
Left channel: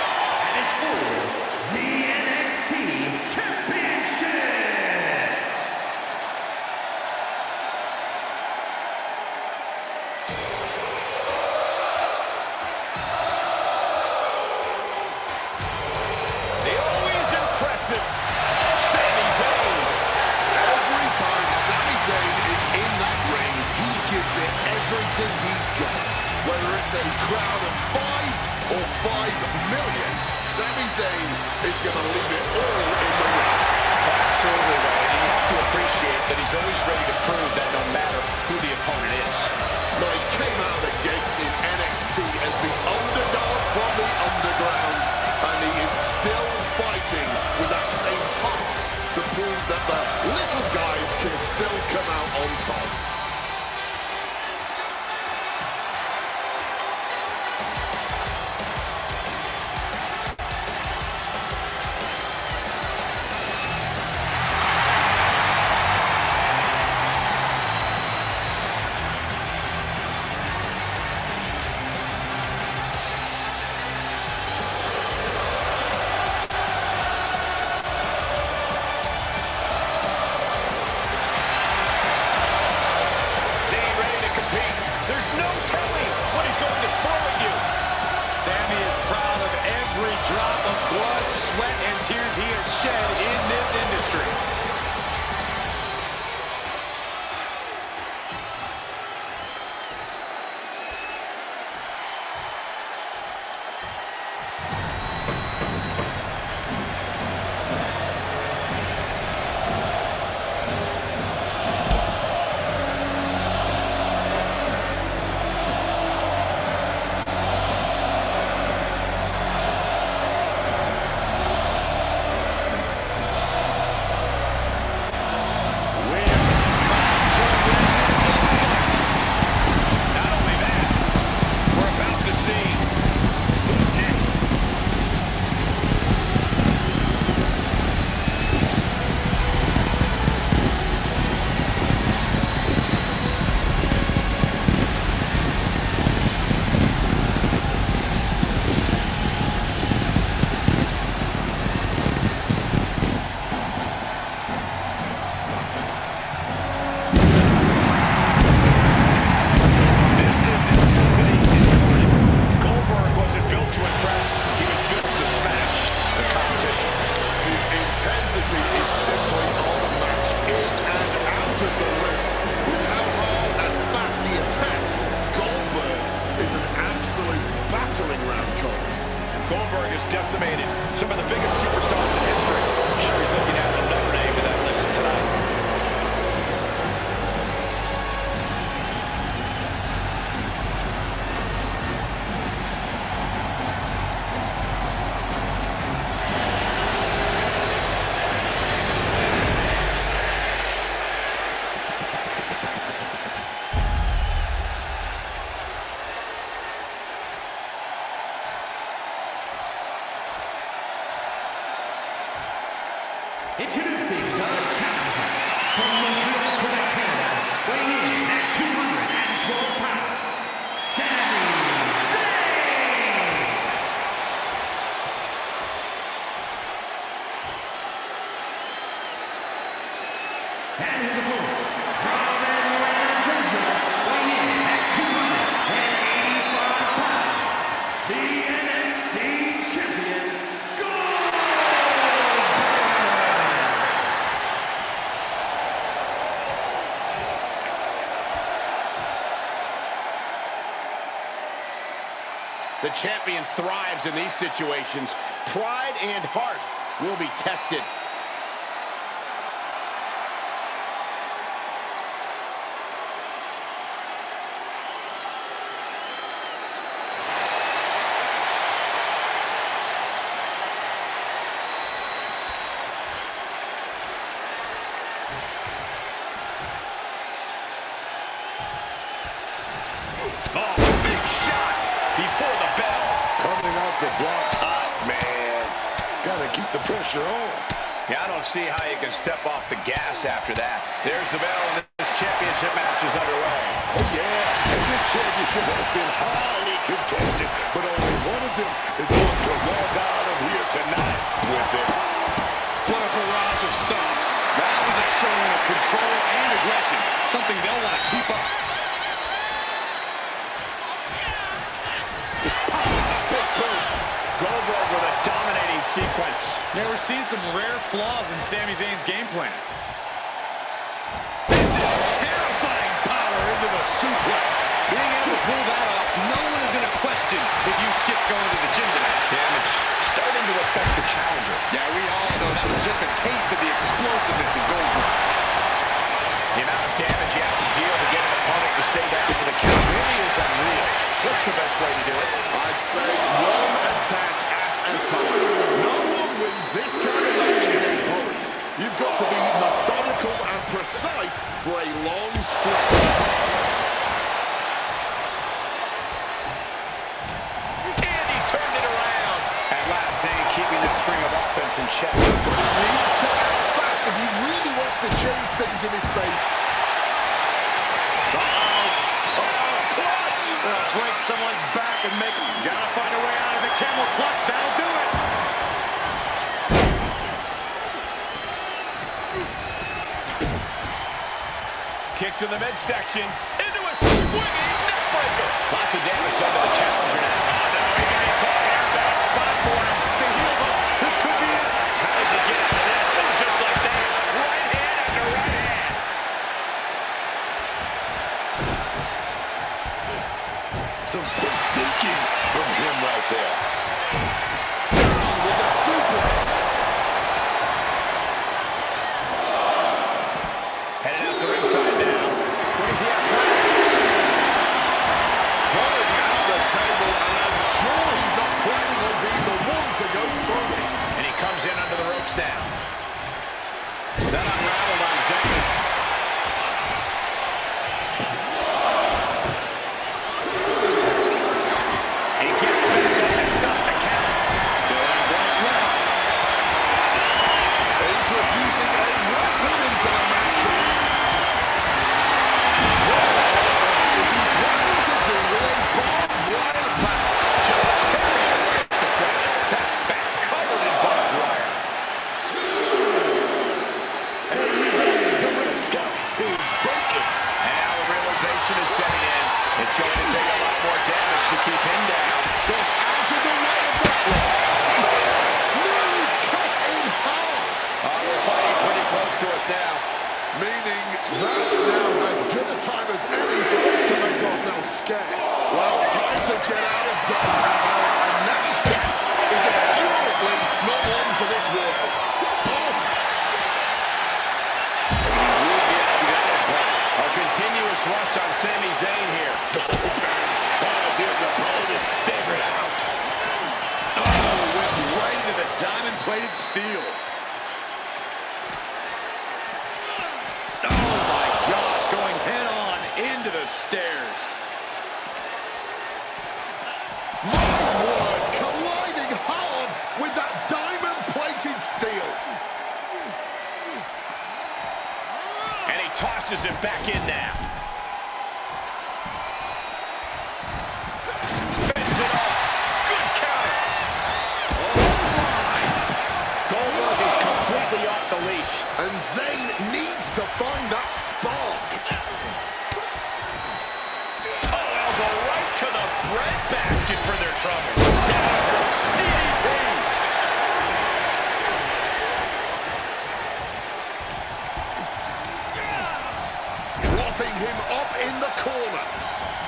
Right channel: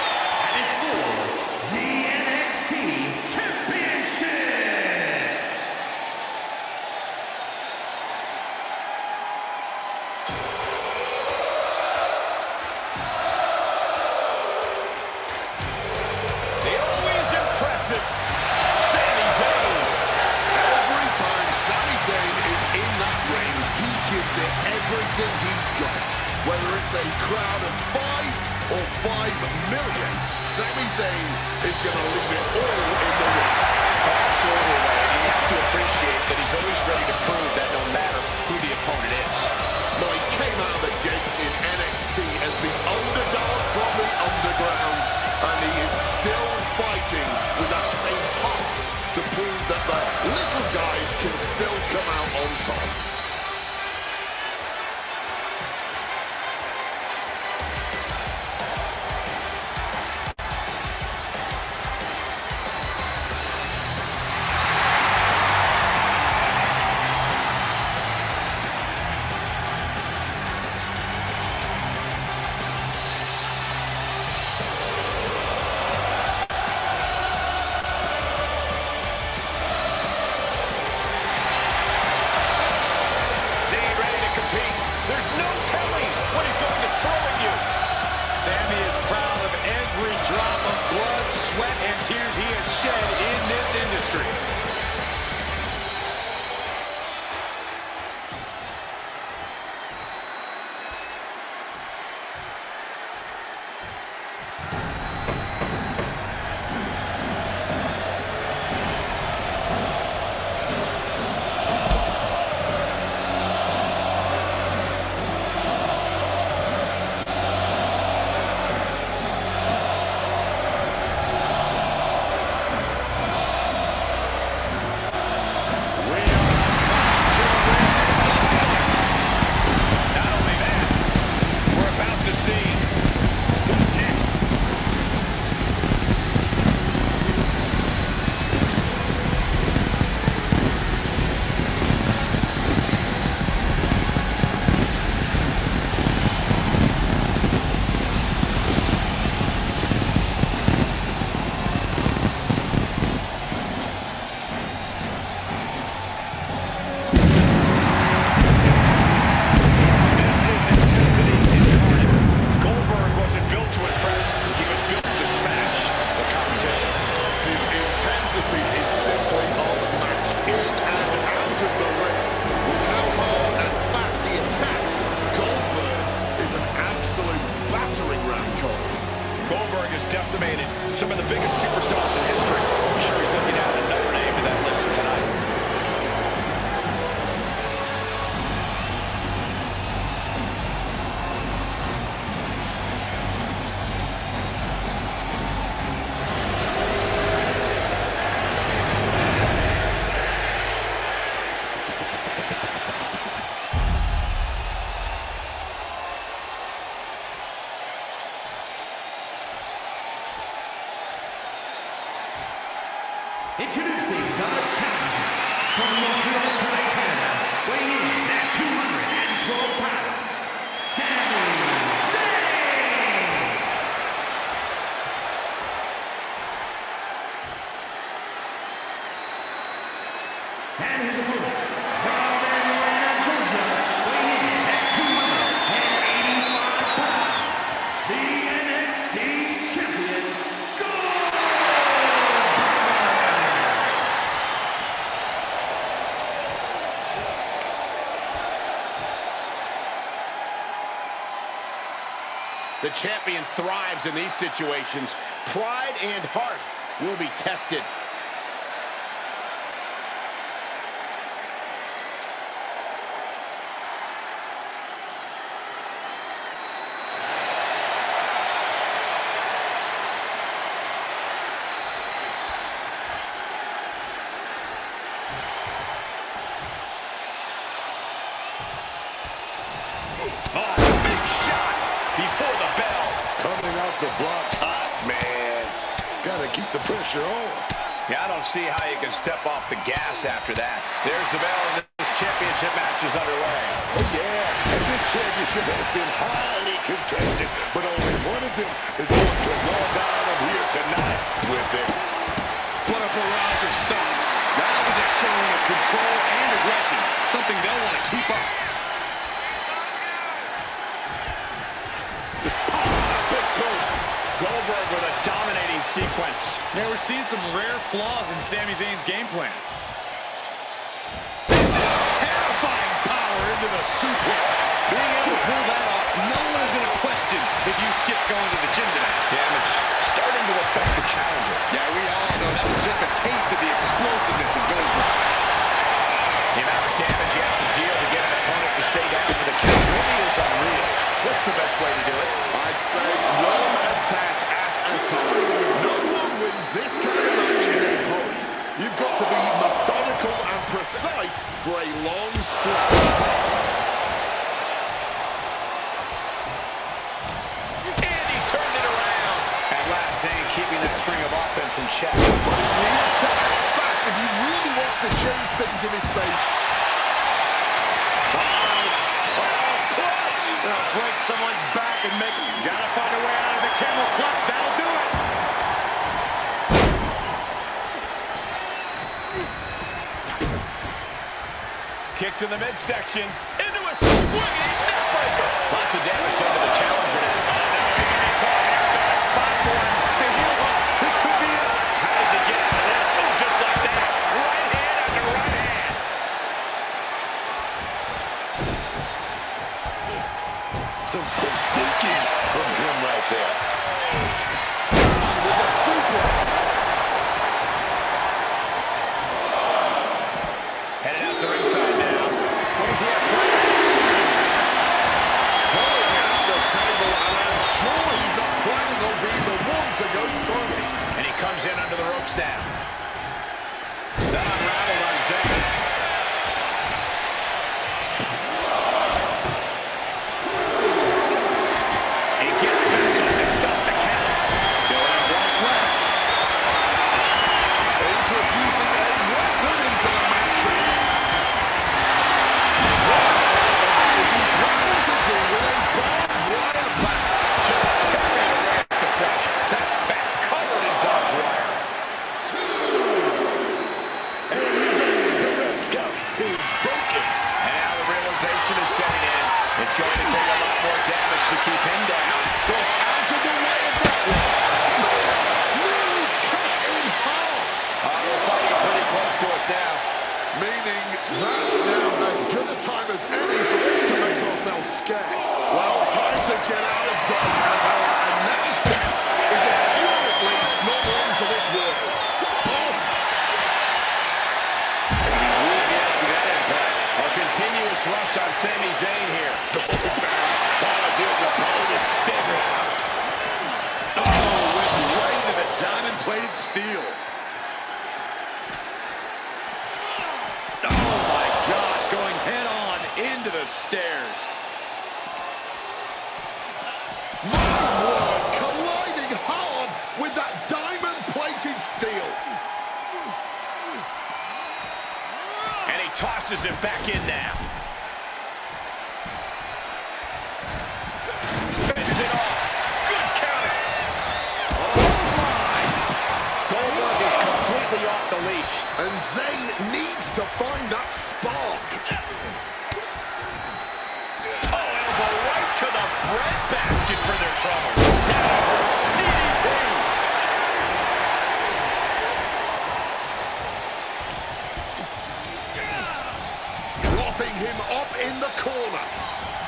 and is for the NXT Championship. The always impressive Sami Zayn. Every time Sami Zayn is in that ring, he gives it everything he's got. Whether it's a crowd of 5 or 5 million, Sami Zayn is going to leave it all in the ring. Absolutely, Wade. You have to appreciate that he's always ready to prove that no matter who the opponent is. Now, he came out of the gates in NXT as the underdog from the underground, and he is still fighting with that same heart to prove that the little guys can still come out on top. Zayn ready to compete. There's no telling what he's going to throw at you. Sami is proud of every drop of blood, sweat, and tears he has shed in this industry. absolute battering ram, Cole. Goldberg is decimated. Some of the biggest superstars in history. I'm sure he's looking at another name to that list tonight. Introducing the challenger from Montreal, Quebec, Canada, weighing in at 212 pounds, Sami Zayn! And his opponent, from Atlanta, Georgia, weighing in at 285 pounds, the NXT champion, Goldberg! The champion thrives in these situations. Pride and heart will be tested. Oh, big shot before the bell. Coming out the blocks hot, man. Gotta keep the pressure on. Yeah, I don't see how you can step off the gas after that. There's the bell, and this championship match is underway. Oh, yeah. And this championship has been highly contested, but only one of them is going to walk out of here tonight with it. What a barrage of stomps. That was a showing of control and aggression, something they'll want to keep up. Big boot. Goldberg with a dominating sequence. Yeah, we're seeing some rare flaws in Sami Zayn's game plan. This is terrifying power into the suplex. Being able to pull that off, no one is going to question if you skip going to the gym today. Damage starting to affect the challenger. Yeah, we all know that was just a taste of the explosiveness of Goldberg. The amount of damage you have to deal to get an opponent to stay down for the count really is unreal. What's the best way to do it? I'd say one attack at a time. No one wins this kind of match in a hurry. You've got to be methodical and precise for a long stretch. And he turned it around. At last, Zayn keeping that string of offense in check. But he needs to act fast if he really wants to change things in his favor. Break someone's back and make them. Gotta find a way out of the camel clutch. That'll do it. Kick to the midsection. Into a swinging neckbreaker. Lots of damage done to the challenger now. Oh, no, he can be caught here. Bad spot for him. The heel hook. This could be it. How does he get out of this? Oh, just like that. Right hand after right hand. Some quick thinking from him right there. Down with the suplex. Headed out to ringside now. What does he have planned? Pulling out the table, and I'm sure he's not planning on being the one to go through it. And he comes in under the ropes now. That unraveled on Zayn. He gets back up to stop the count. Still has life left. Introducing a weapon into the match here. What on earth is he planning to do with a barbed wire bat? Just tearing away at the flesh. That's back covered in barbed wire. And he's up. The red scout is broken. And now the realization is setting in. It's going to take a lot more damage to keep him down. Got out of the way of that one. Spear nearly cut in half. They're fighting pretty close to us now. Meaning that's now as good a time as any for us to make ourselves scarce. Well, time to get out of dodge as our announced guest is assuredly not one for this world. Oh, A continuous rush on Sami Zayn here. Has his opponent figured out. Oh, went right into the diamond-plated steel. Oh, my gosh, going head-on into the stairs. my word, colliding hard with that diamond-plated steel. forces him back in now. Fends it off. Good counter. Clothesline. Goldberg is completely off the leash. And Zayn needs to find that spark. Oh, elbow right to the breadbasket for their trouble. DDT. Propping him up in the corner.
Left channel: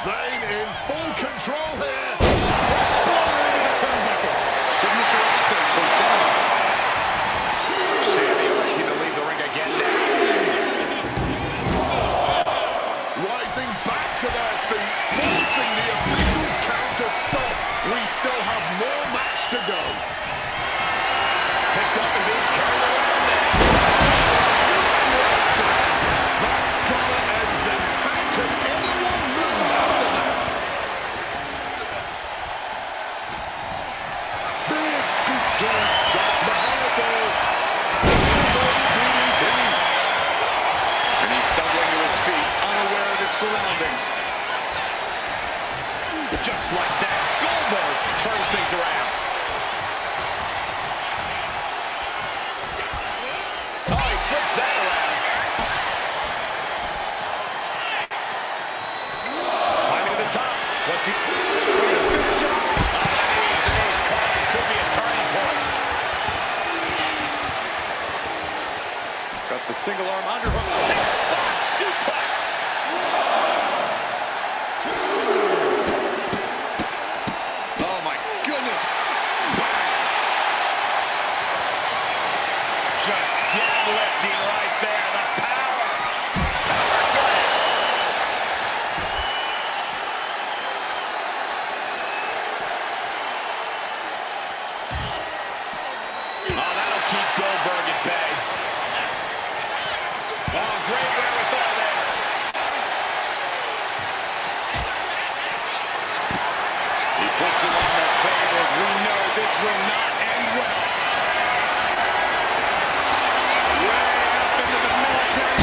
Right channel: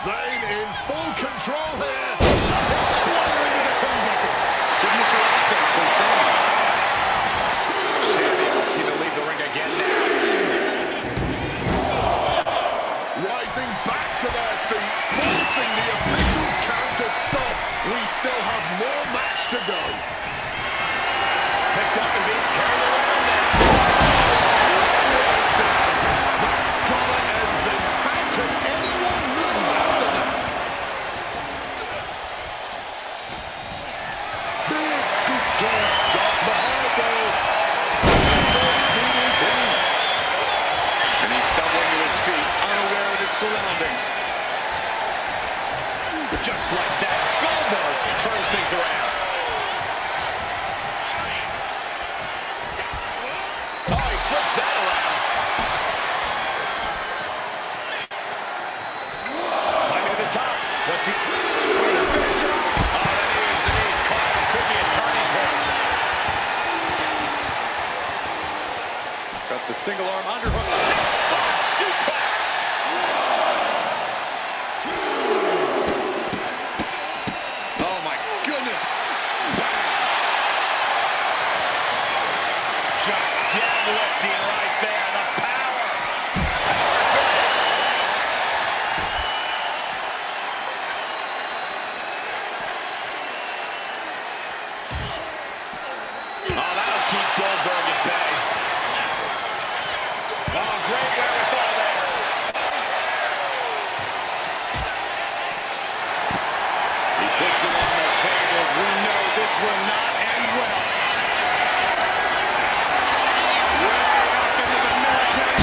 Zayn in full control here. Exploder into the turnbuckles. Signature offense from Sami. Sami electing to leave the ring again now. Rising back to their feet, forcing the officials' count to stop. We still have more match to go. Picked up and being carried around now. Slam right down. That's gotta end things. How can anyone move after that? Big scoop there. Drops behind though. DDT. And he's stumbling to his feet, unaware of his surroundings. Just like that, Goldberg turns things around. Oh, he flips that around. Climbing to the top. What's he finish it off? Oh, the knees caught. This could be a turning point. Got the single arm underhook. Box suplex. Oh my goodness. Just deadlifting right there. The power. Power slam. Oh, that'll keep Goldberg at bay. Oh, great wherewithal there. He puts him on the table. We know this will not end well. Way up into the military.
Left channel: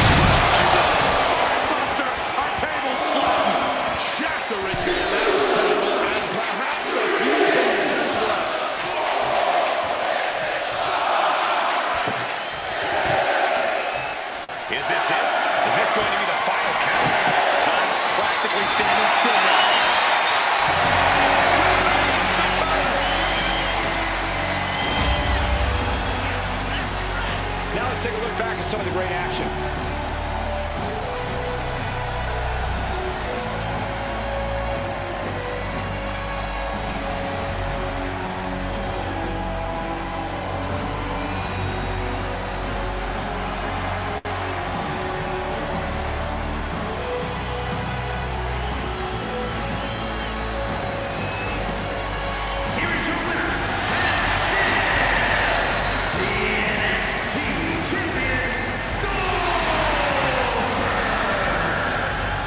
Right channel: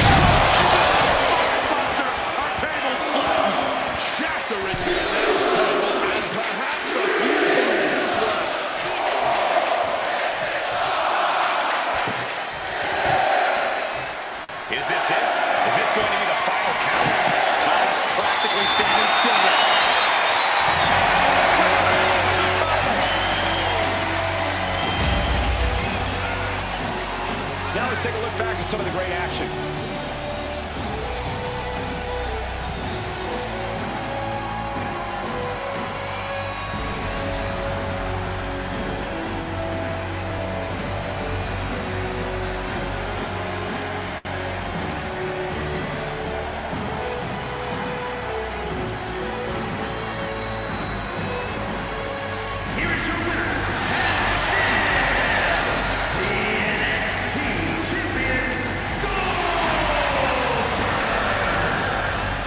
Spinebuster. Our table's flattened. Shattering the announce table and perhaps a few bones as well. Is this it? Is this going to be the final count? Time's practically standing still now. Retains the title. Now let's take a look back at some of the great action. Here is your winner, the NXT champion, Goldberg.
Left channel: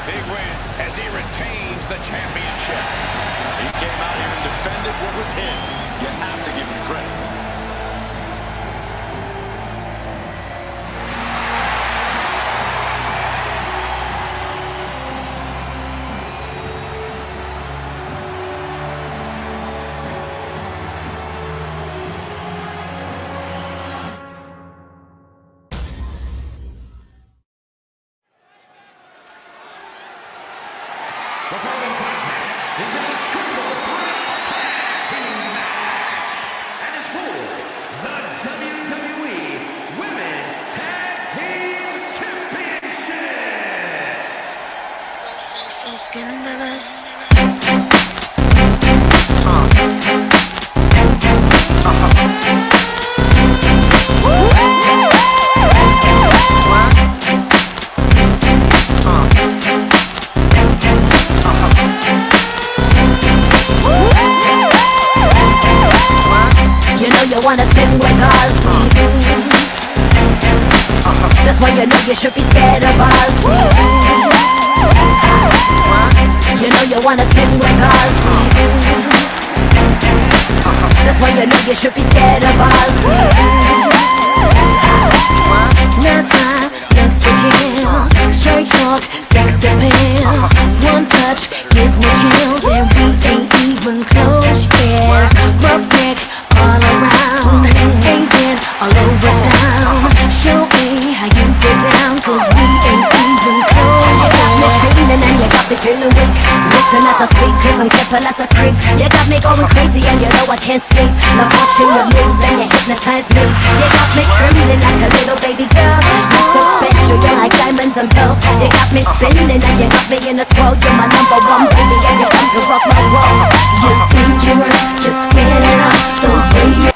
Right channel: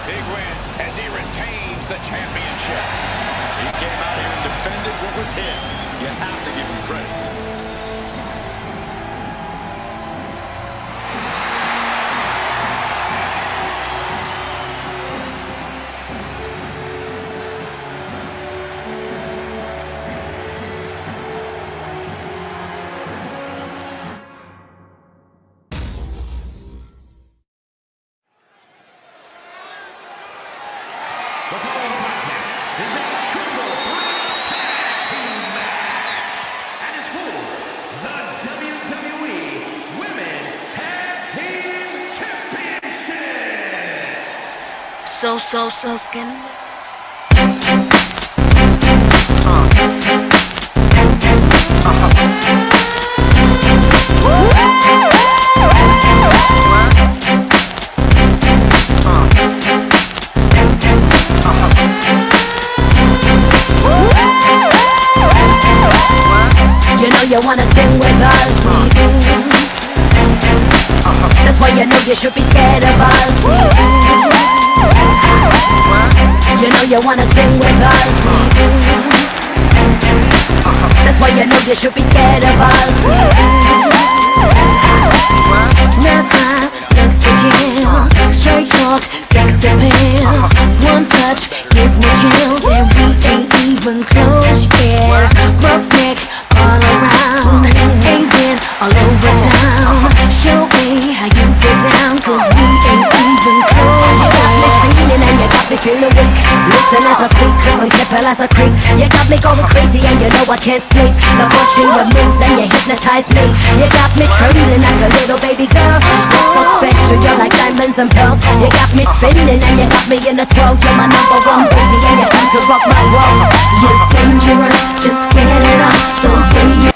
Big win as he retains the championship. He came out here and defended what was his. You have to give him credit. The following contest is a triple threat tag team match and is for the WWE Women's Tag Team Championship. So scandalous. You know you wanna sing with us, that's why you know you should be scared of us. You know you wanna sing with us, that's why you know you should be scared of us. That's right, looks to kill, straight sex appeal. One touch gives me chills, and we ain't even close yet. Rough neck all around, ain't been all over town. Show me how you get down, cause we ain't even close yet. And you got me feeling weak. Listen as I speak, cause I'm careful as a creep. You got me going crazy and you know I can't sleep. I'm watching your moves and you hypnotize me. You got me trembling like a little baby girl. You're so special, you're like diamonds and pearls. You got me spinning and you got me in a twirl. You're my number one baby and you come to rock my world. You're dangerous, just get it up. The way you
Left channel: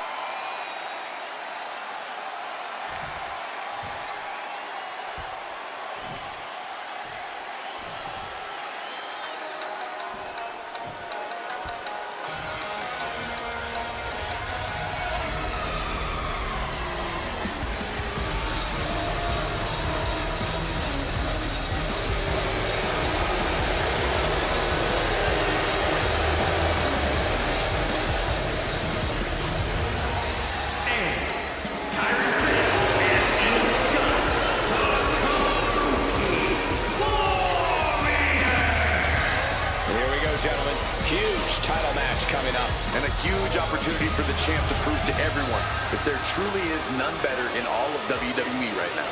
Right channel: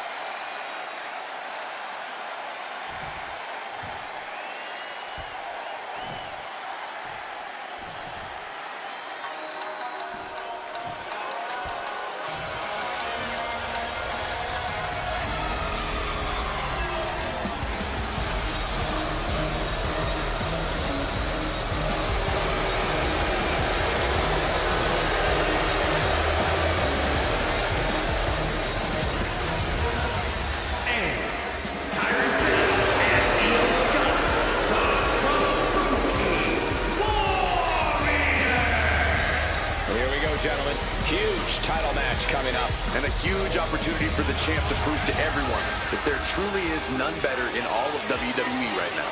Kyrie Sane and Io Scott, the Kabuki Warriors. Here we go, gentlemen. Huge title match coming up. And a huge opportunity for the champ to prove to everyone if there truly is none better in all of WWE right now.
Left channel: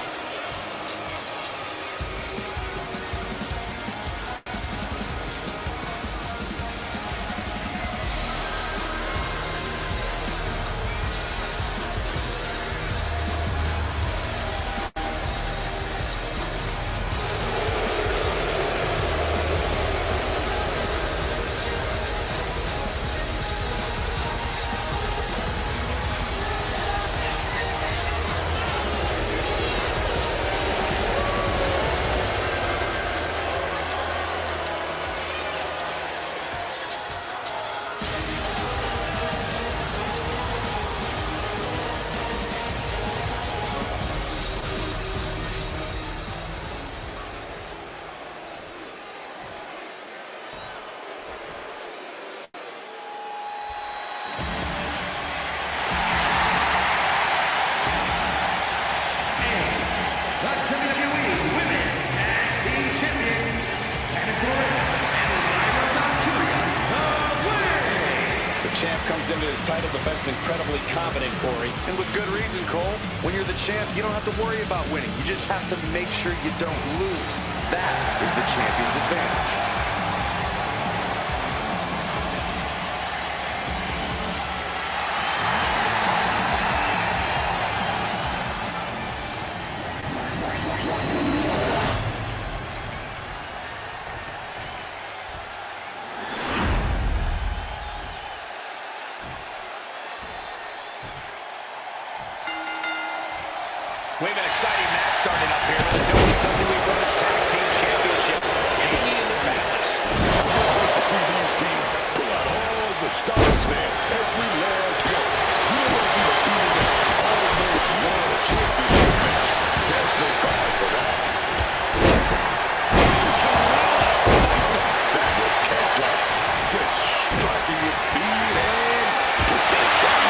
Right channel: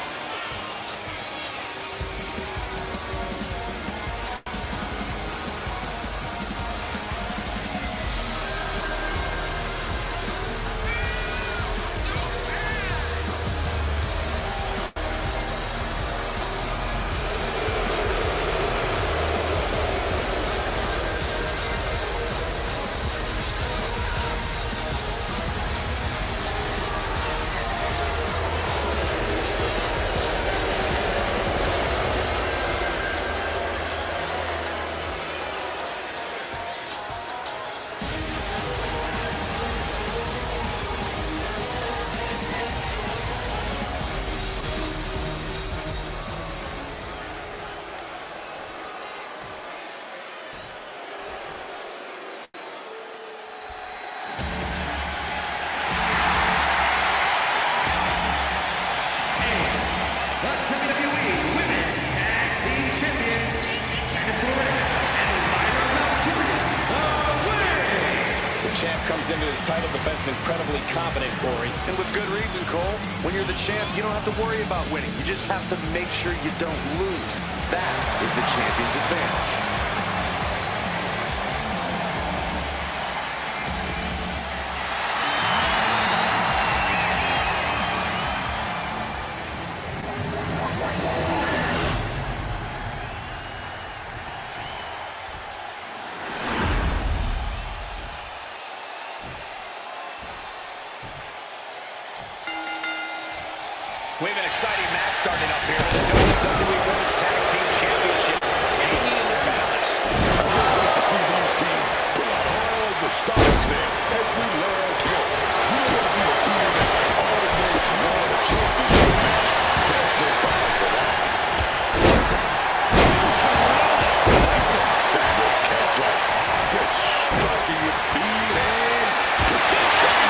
The WWE Women's Tag Team Champions, Candice LeRae and Lyra Valkyria, the way. The champ comes into his title defense incredibly confident, Corey. And with good reason, Cole. When you're the champ, you don't have to worry about winning. You just have to make sure you don't lose. That is the champion's advantage. We have an exciting match starting up here with the WWE Women's Tag Team Championships hanging in the balance. I can't wait to see these teams pull out all the stops, man. Every last one. You don't want to be a team that almost won a championship match. There's no prize for that. That was cat-like. Just striking with speed and precision.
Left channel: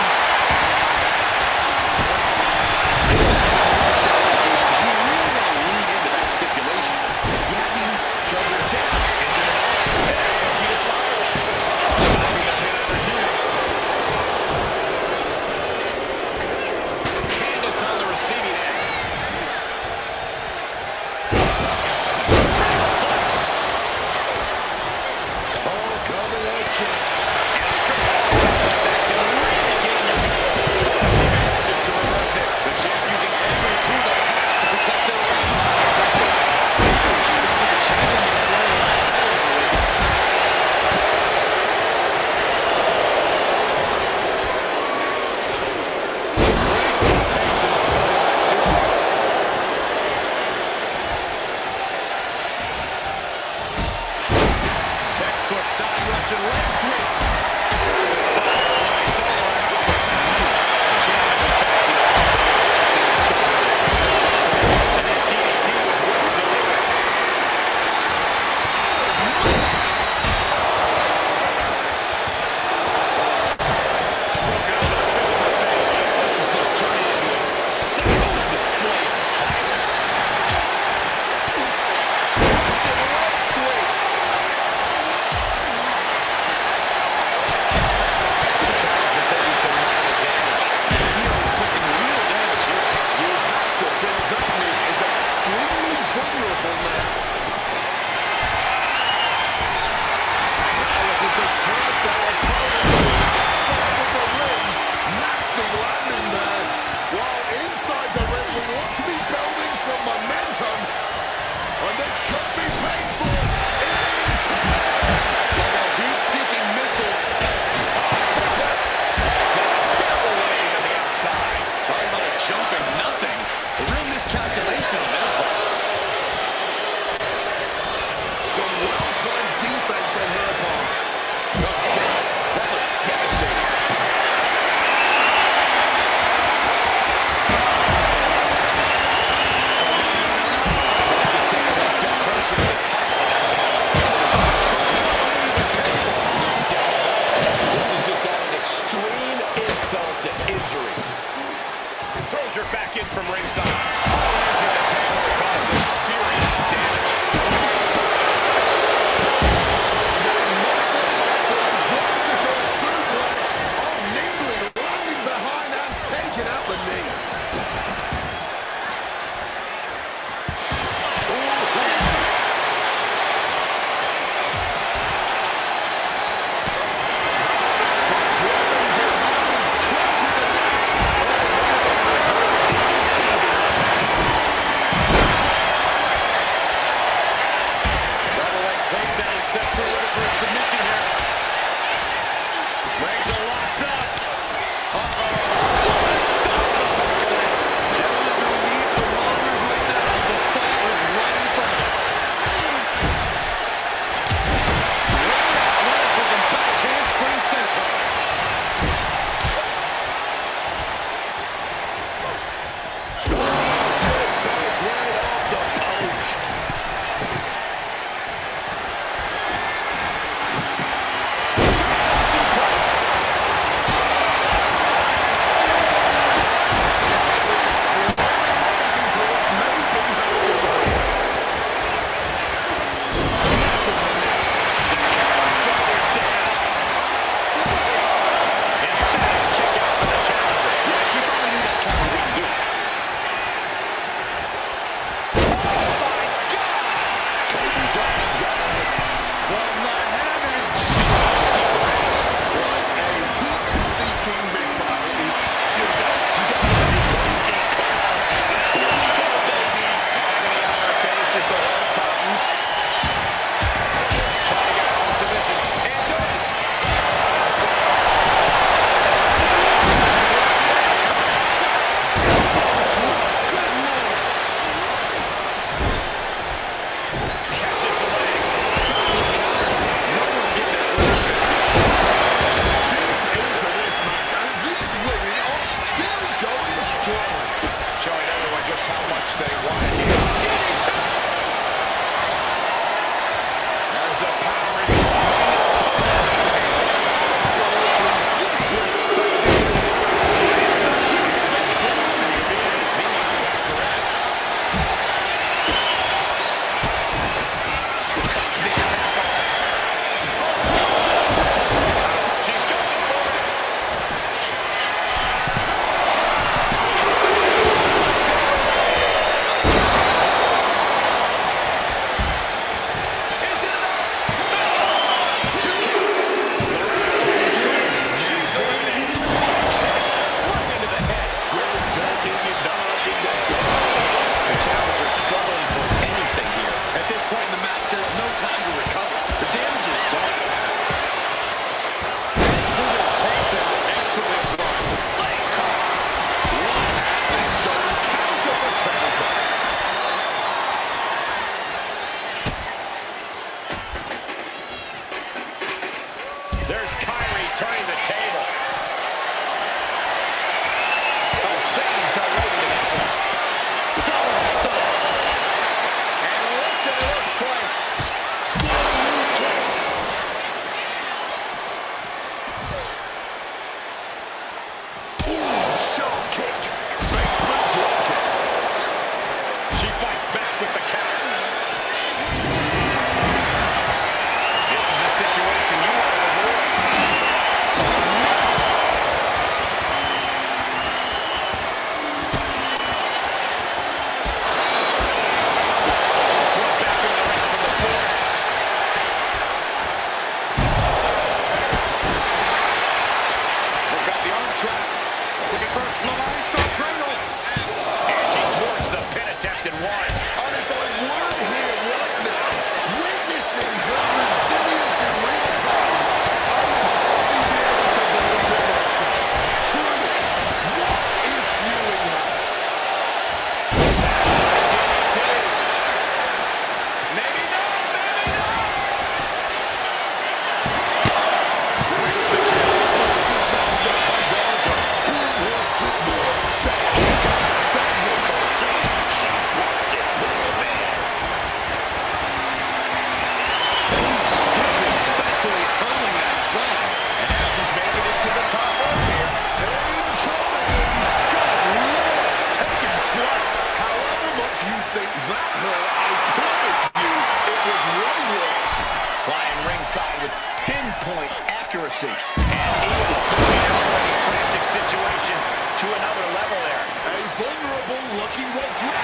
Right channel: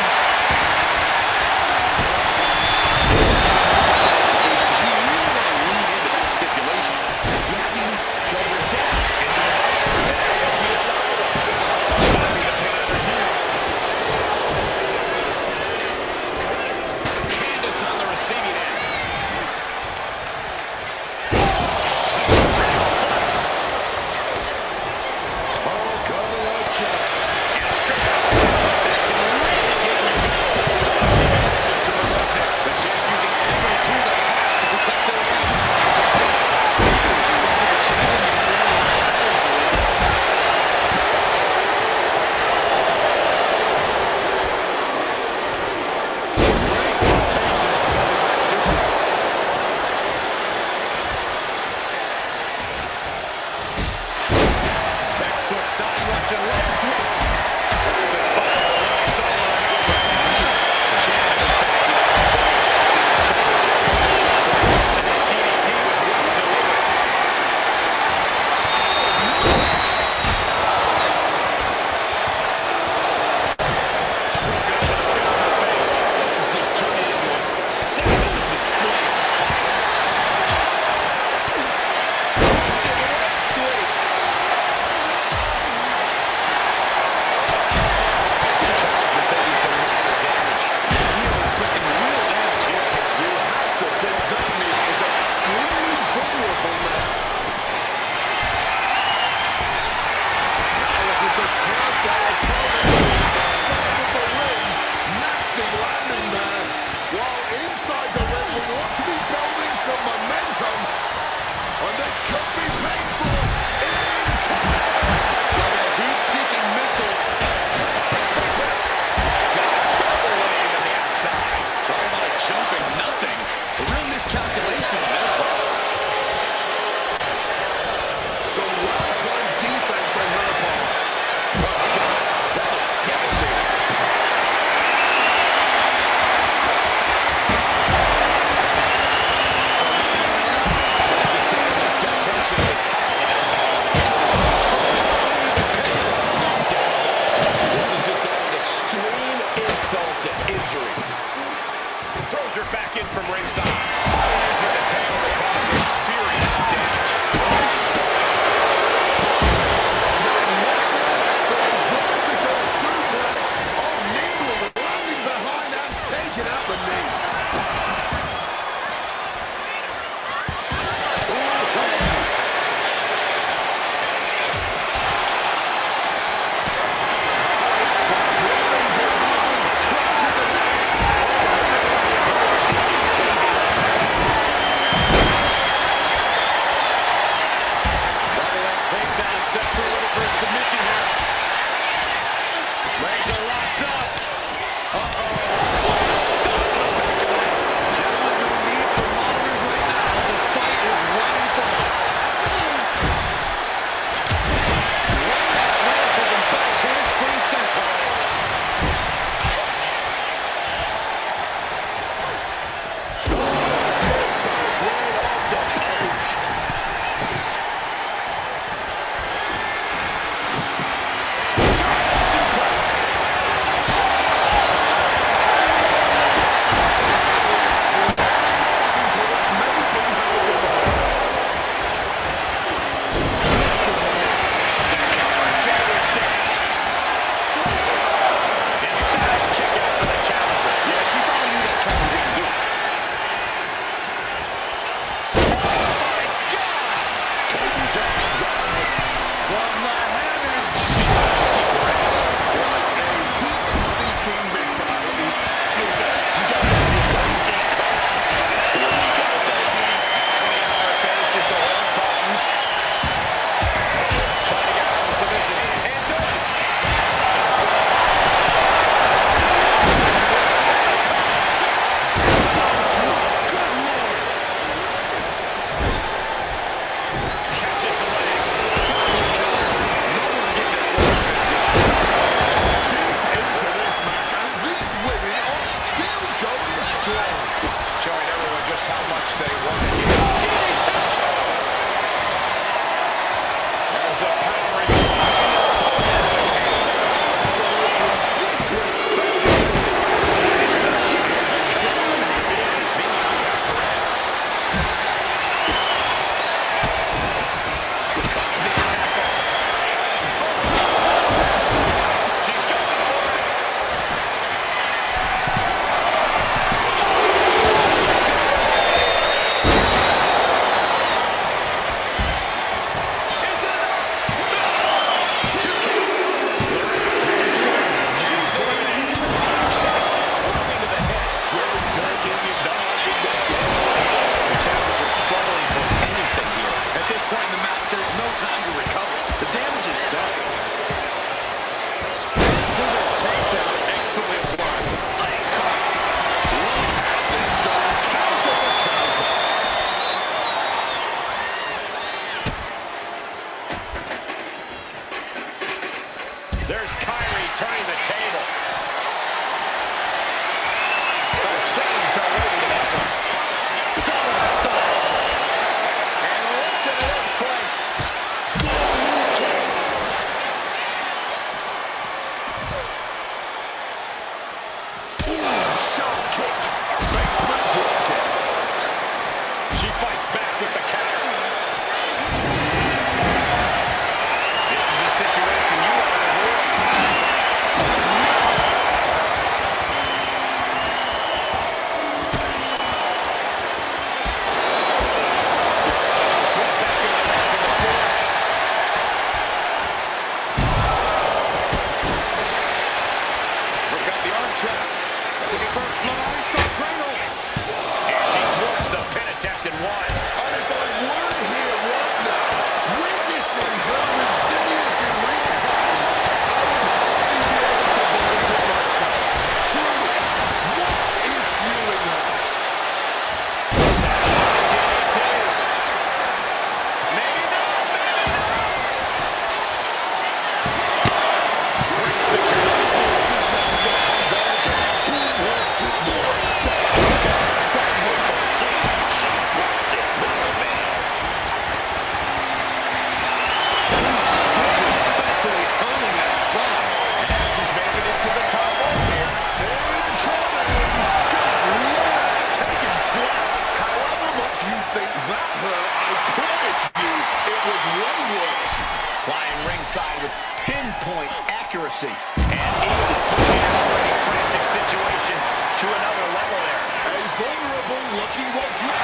insult to injury. Throws her back in from ringside. Oh, using the table to cause some serious damage. Vertical suplex. Oh, nimbly landing behind and taking out the knee. Takedown, step through it for a submission here. Legs are locked up. Uh-oh. What a stop to the back of the head. Gentlemen, no need for monitors right now. The fight is right in front of us. Great athleticism, back handspring senton. Just goes right off the post. Showing everyone just how much they want it here. There's the powering drive. Absolutely disrespecting the Meanwhile, we got Perez. Cuts the attack off. She's going for it. There's Kyrie turning the table. Oh, Satan fell right into that one. Double stop. And listen to this place. shot kick. Basement drop kick. She fights back with the counter. This is a situation you want to avoid. Brought back into the ring from the floor. We've got the arm trap. Looking for Lamar Strong Cradle. And she thwarts the pin attempt and one. And if I weren't here right now, witnessing her resilience in real time, I would hardly be able to believe it myself. Truly, what is fueling her? Satellite DDT. Maybe not, maybe not. Brings the kill. This match is gonna come down to who wants to another level there. A vulnerable-looking Rodriguez.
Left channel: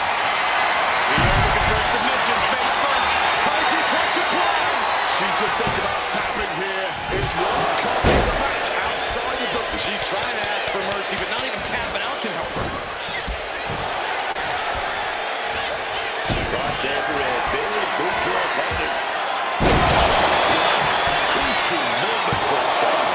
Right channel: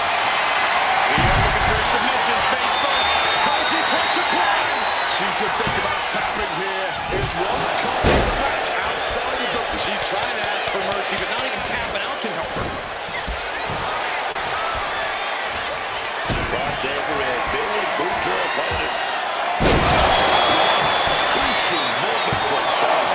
Io looking for a submission, face first. Crazy clutch applied. She should think about tapping here. It won't cost her the match outside of the... She's trying to ask for mercy, but not even tapping out can help her. Roxanne Perez, big boot her opponent. Crucial moment for some.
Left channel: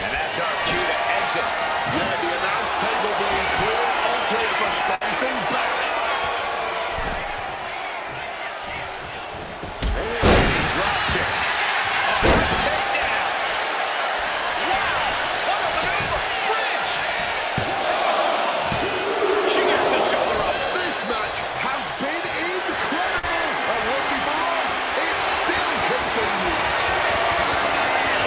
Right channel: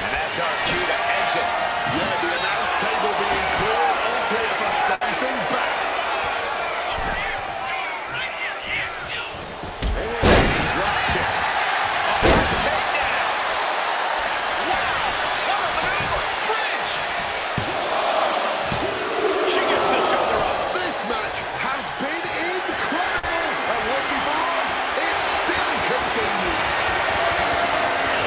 And that's our cue to exit. Yeah, the announce table being cleared off here for something bad. Drop kick. Takedown. Wow, what a maneuver. Bridge. She gets the shoulder up. This match has been incredible. And lucky for us, it still continues.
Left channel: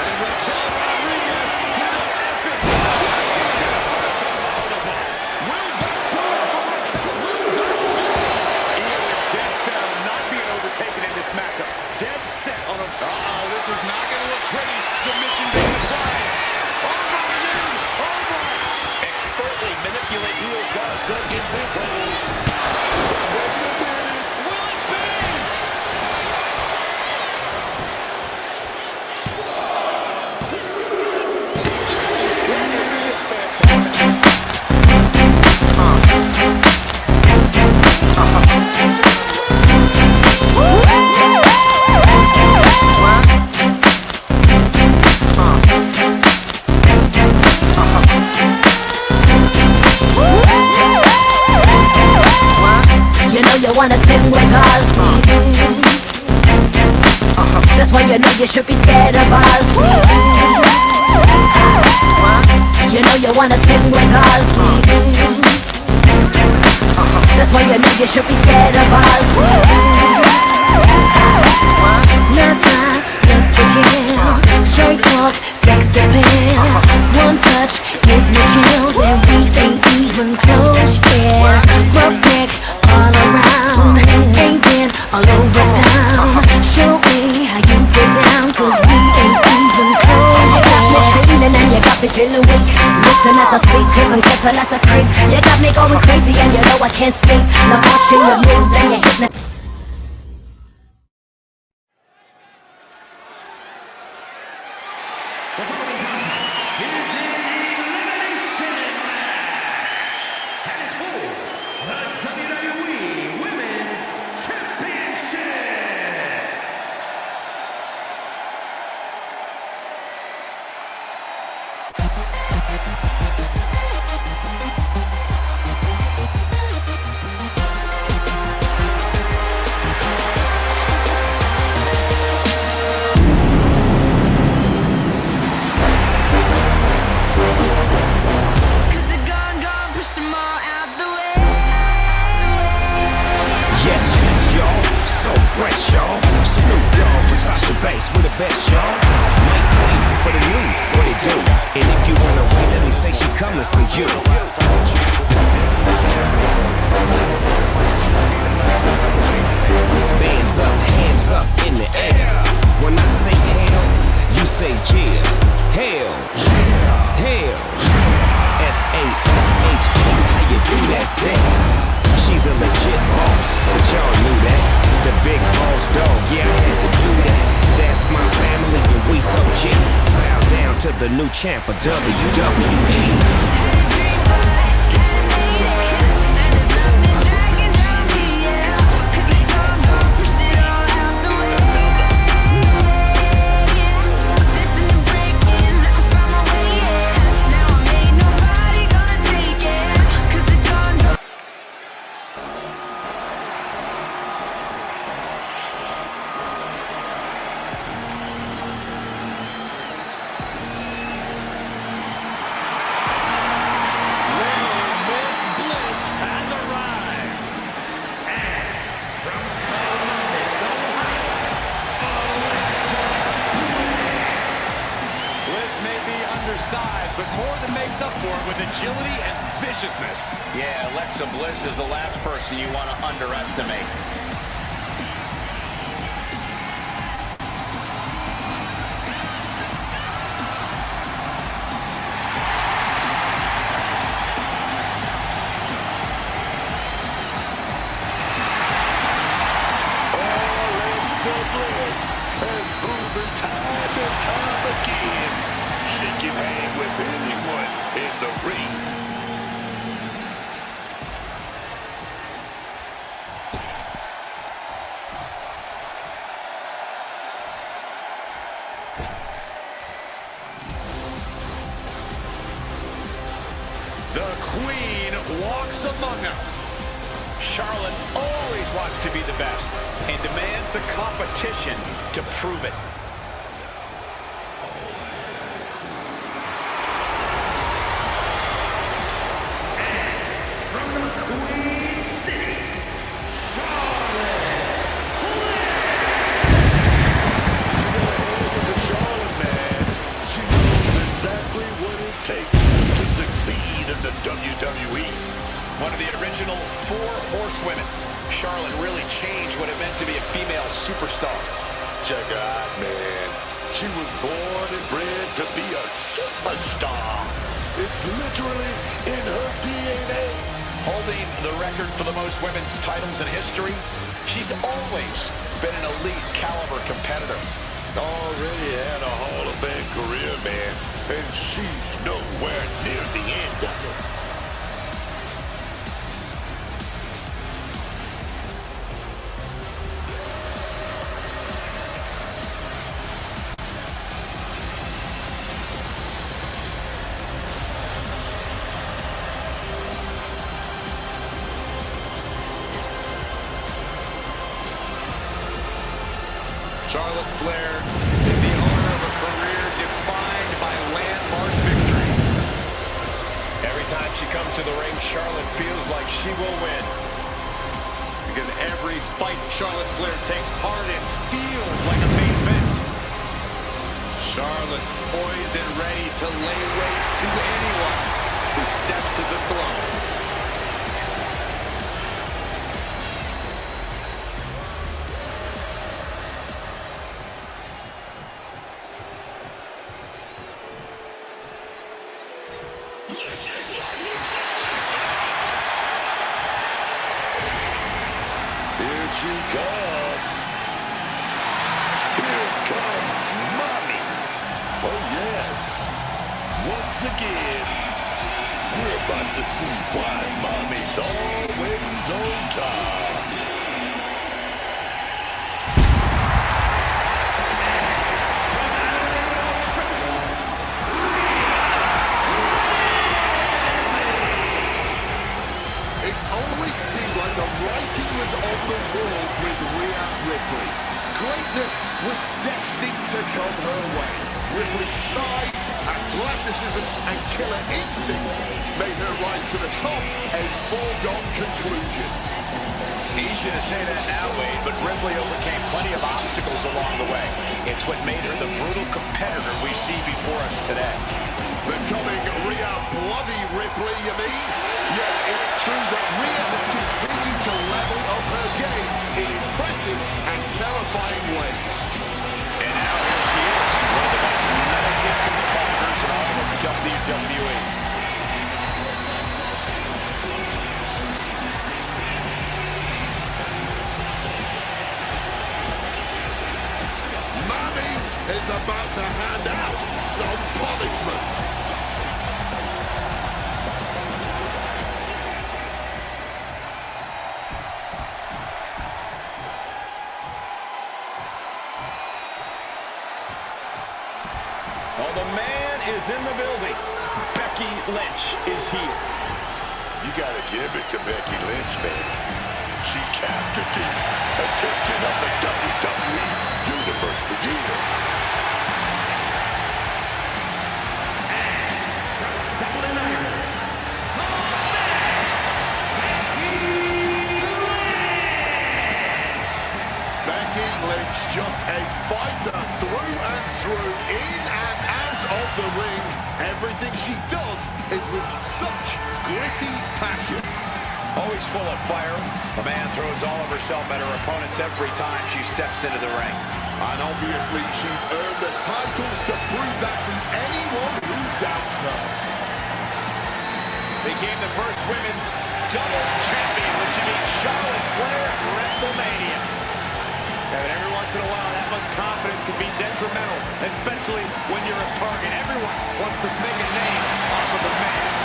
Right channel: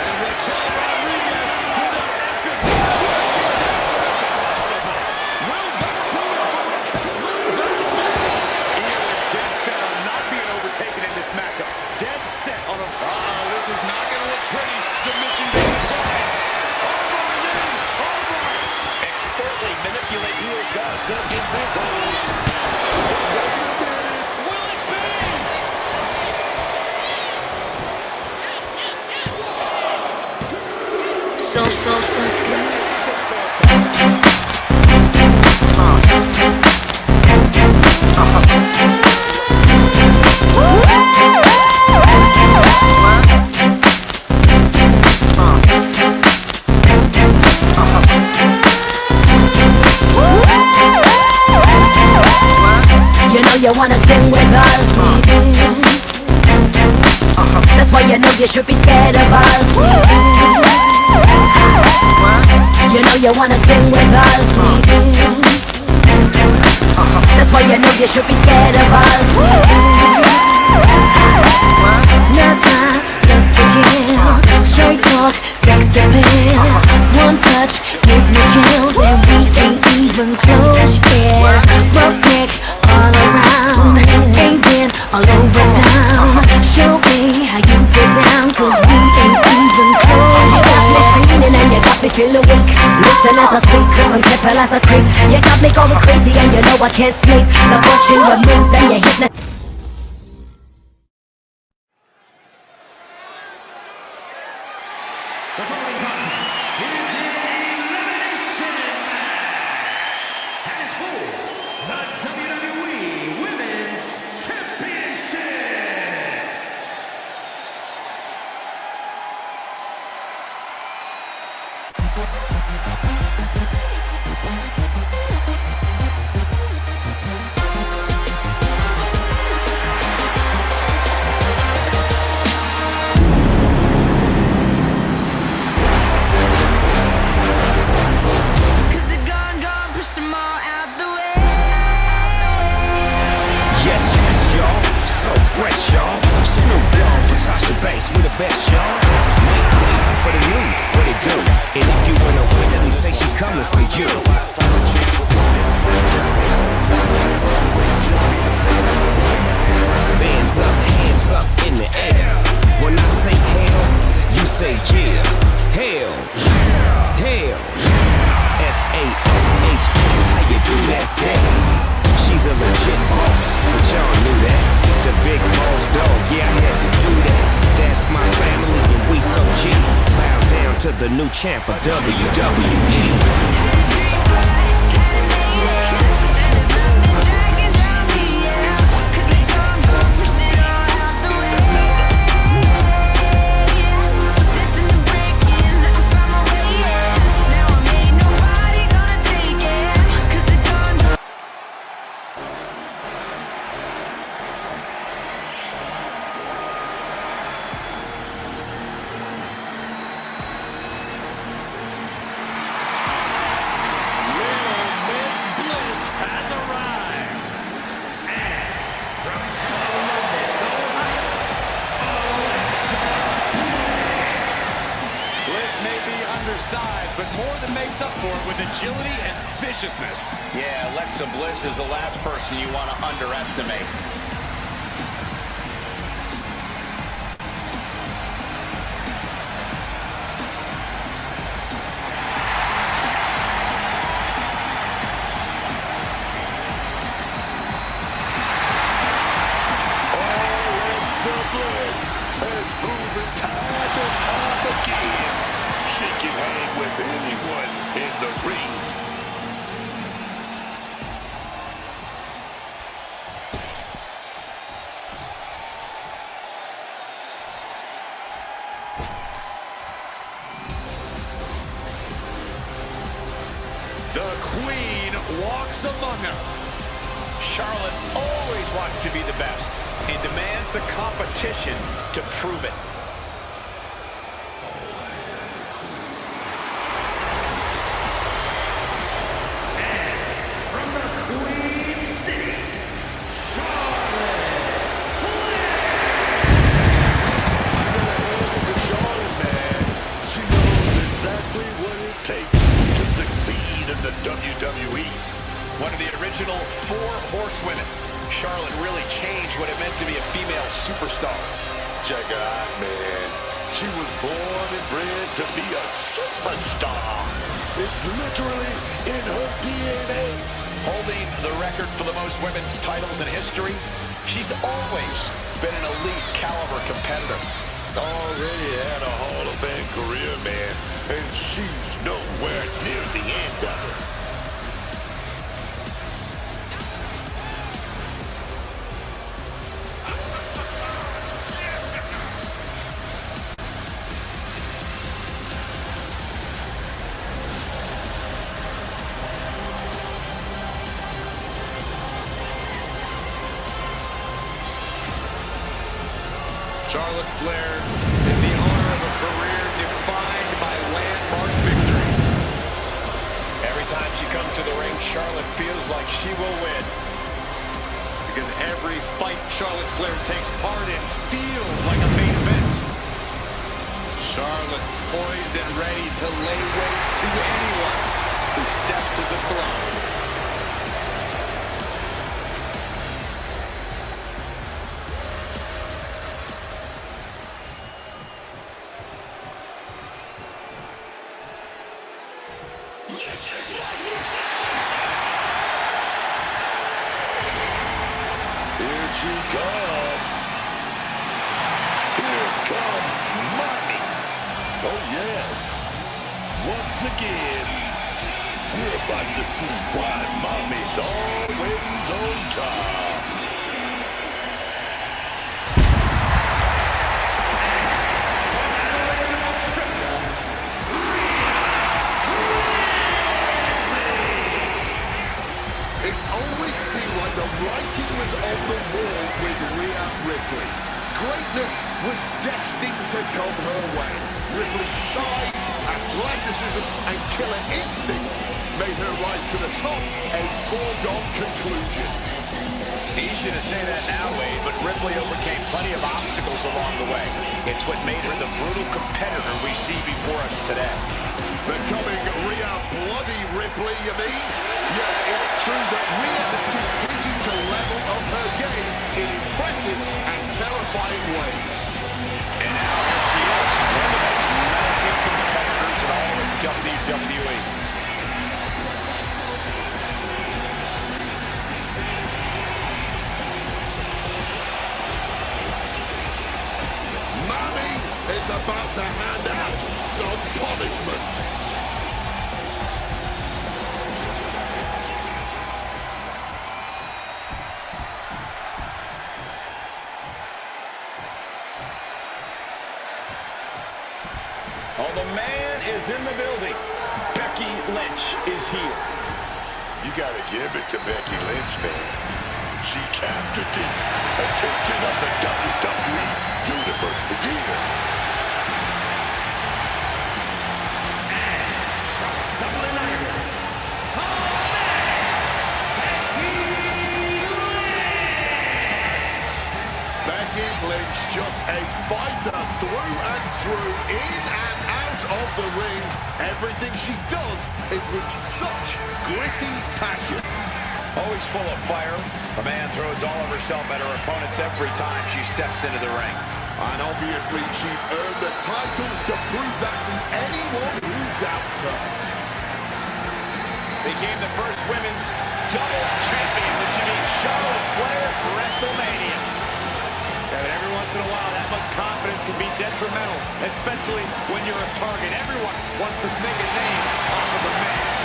And Raquel Rodriguez with an epic crashing down into Hollywood. Will that do it for Raquel? Will that do it? Io is dead set on not being overtaken in this matchup. Dead set on a... this is not going to look pretty. Submission being applied. Armbar's in. Armbar. Expertly manipulate heel got stuck in this hole. Wait a minute. Will it be? You know you wanna spin with us. That's why you know you should be scared of us. You know you wanna spin with us. That's why you know you should be scared of us. That's my looks to kill. Straight talk, sex appeal. One touch gives me chills, and we ain't even close yet. Rough neck all around, ain't been all over town. Show me how you get down, cause we ain't even close yet. And you got me feeling weak. Listen as I speak, cause I'm careful as a creep. You got me going crazy and you know I can't sleep. I'm watching your moves and you hit the... The following contest is an elimination match. And it's for the WWE Women's Championship. Cause the gun, push them all out the way. Yes, yes, y'all. So fresh, y'all. Snoop Dogg, Sasha Banks, we're the best, y'all. Wait for the new, what it do? And if you wanna wait, let me say she coming for you. Hands up in the air. When I say hell, you say yeah. Hell, hell. S-A-S-H-E, how you do that damn? She's a legit boss, but y'all knew that. The big boss dog, yeah, I had to do that. That's my family and we so G. Bow down to the new champ of WWE. Has arrived. And from Columbus, Ohio, Alexa Bliss. Bliss may be undersized, but more than makes up for it with agility and viciousness. Yeah, Alexa Bliss is the last person you want to underestimate. Yes, has proven time and time again she can hang with anyone in the ring. The Queen walks among us. Charlotte always wants to be the best and demands the competition to prove it. From the Queen City, Charlotte To Charlotte, man, she knows exactly what it takes to succeed in the WWE. One of the original 4 horsewomen. Charlotte really changed what it meant to be a female superstar. Check her out, man. She was born and bred to be a superstar. It's literally in her DNA. Holding the record for the most women's titles in history, she's always been an elite caliber competitor. Already had a Hall of Fame career, man, and she's nowhere near the end of it. Charlotte Flair is the owner of a career defined by landmark victories. Every time she comes to the ring, Charlotte feels like she will win. Because every fight Charlotte Flair takes part in feels like a main event. Charlotte poised and ready to lay waste to anyone who steps to the throne. Here she comes. Here comes Mommy. Oh, yes. Once again, we're about to see why Mommy's always on top. from Adelaide, Australia, It's always seemed like the writing was on the wall with Rhea Ripley. Greatness was destined to come her way. Ripley's size, athleticism, and killer instinct made her rise to the top a foregone conclusion. Easy to say that now, Wade, but Ripley overcame plenty of obstacles along the way. It's what made her the brutal competitor we see before us today. Becoming Rhea Bloody Ripley, you mean? Yeah, it's true that Rhea has continued to level up her game in impressive and terrifying ways. And now here she is, one of the most menacing competitors in all of WWE. Mommy is about to hand out some punishment. Oh, the man is in the building. Becky Lynch is here. You gotta give it to Becky Lynch, man. She captured the attention of the WWE Universe for years. from Dublin, Ireland, Becky Lynch, just a fighter through and through, in and out of the ring. Everything she does is with such gritty passion. Always full of fire, the man throws all of herself at her opponents every time she steps into the ring. And obviously she's earned the titles to prove that to anyone who doubts her. Became the first women's double champion when she beat Charlotte Flair at WrestleMania. Yeah, but every once in a while, that much confidence can be detrimental, especially when you're a target. Everyone wants to make a name off of the man.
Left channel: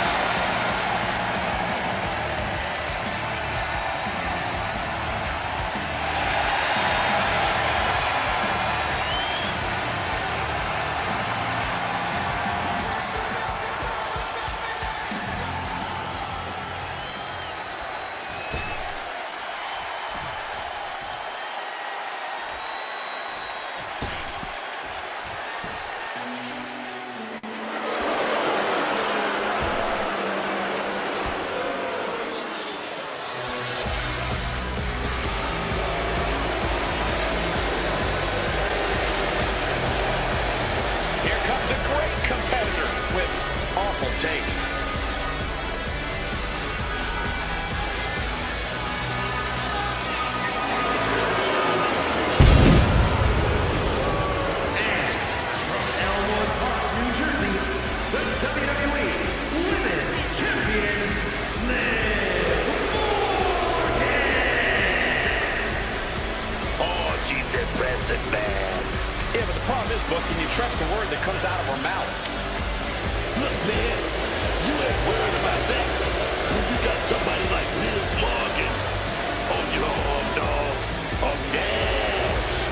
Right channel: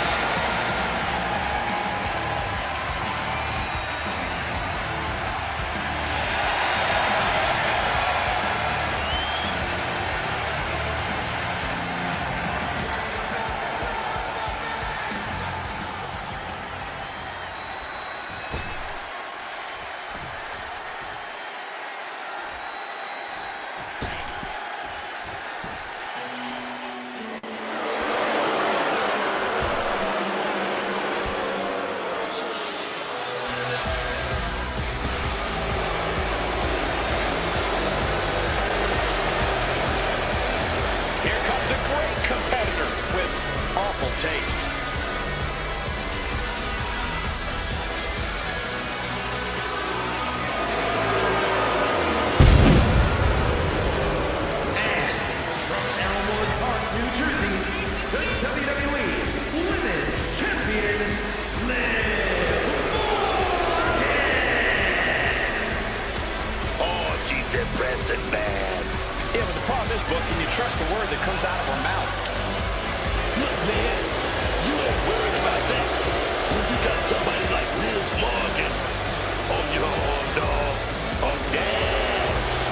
Taste. And from Elmwood Park, New Jersey, the WWE Women's Champion, Liv Morgan. Oh, she's impressive, man. Yeah, but the problem is, Book, can you trust the word that comes out of her mouth? Look, man, you ain't worried about that. When you got somebody like Liv Morgan on your arm, dog, on gas.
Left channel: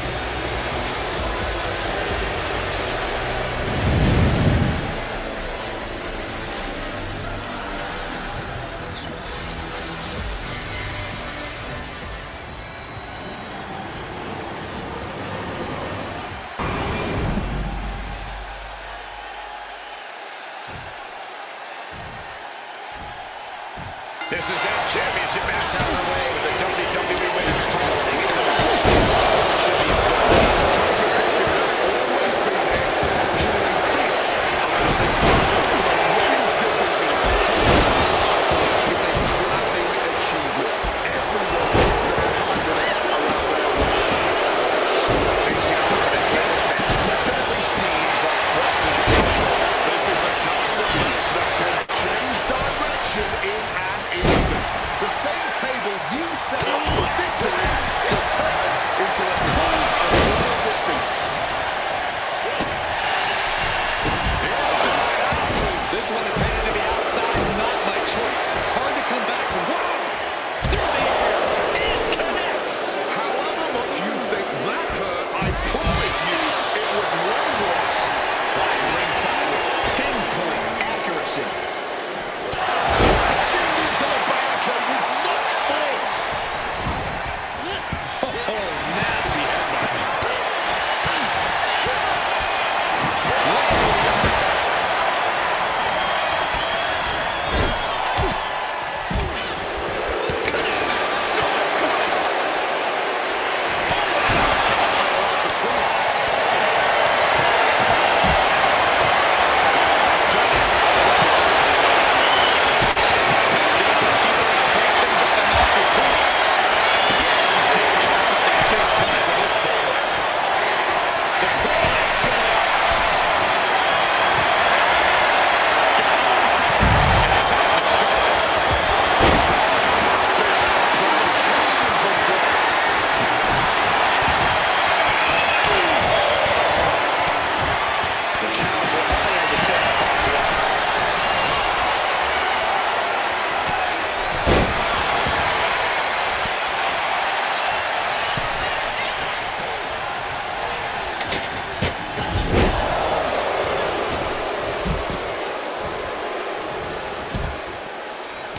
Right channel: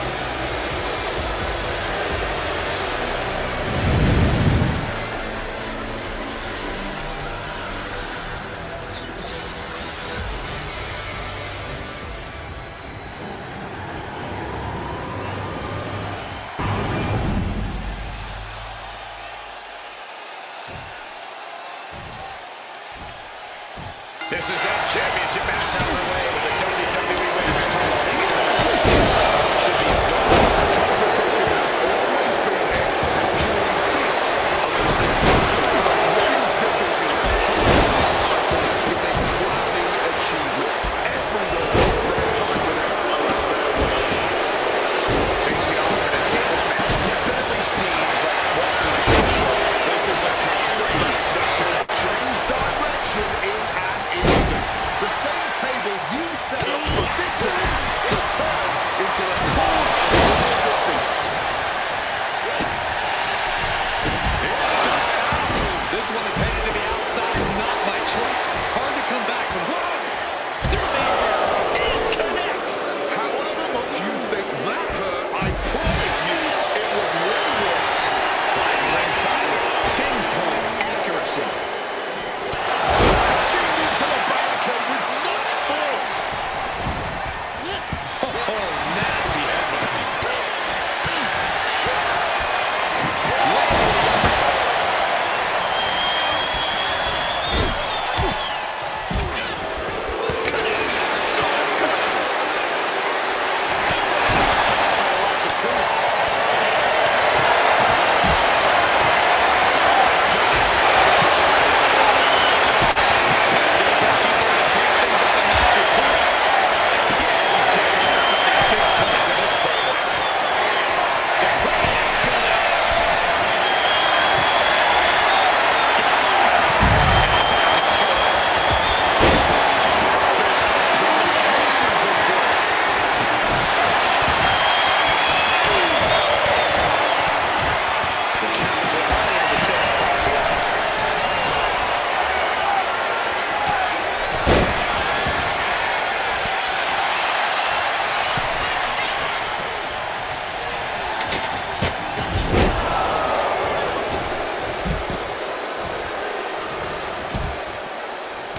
This is that championship match down the way with the WWE Women's title hanging in the balance. Should be good. Competition has always been exceptionally fierce around this title. For the women's division, holding this title is a crowning achievement. Everyone wants their time with it around their waist. Facing off in a tables match definitely seems like walking a tightrope. This is the kind of match that can change direction in an instant. The same table you set up for victory could turn into the cause of your defeat. Inside out. This one is headed to the outside, not by choice. Hard to come back from. Whoa! Through the air, it connects. However much you think that hurt, I promise you it was way worse. Flying ringside with pinpoint accuracy. Crashing into the barricade with such force. Oh, nasty headbutt. Connects. Saw it coming. Oh, off the tooth. It seems like she's going to take things up a notch or two. Yeah, she's definitely got something big coming with this table. The crane going up. Sky high. Charlotte. There's a provocation from Flair. The challenger unable to stay on Barb's wire.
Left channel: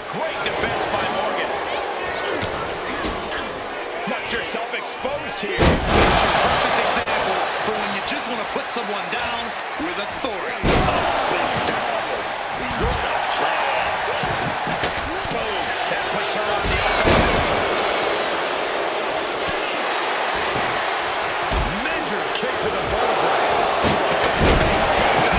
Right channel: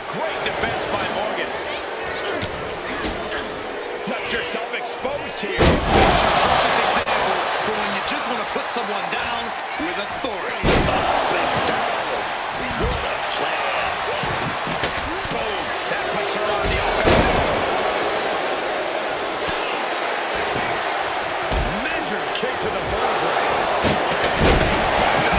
Great defense by Morgan. Left yourself exposed here. It's a perfect example for when you just want to put someone down with authority. Up and down. What a flag. Boom. That puts her on the offensive. Measured kick to the vertebrae. Face buster.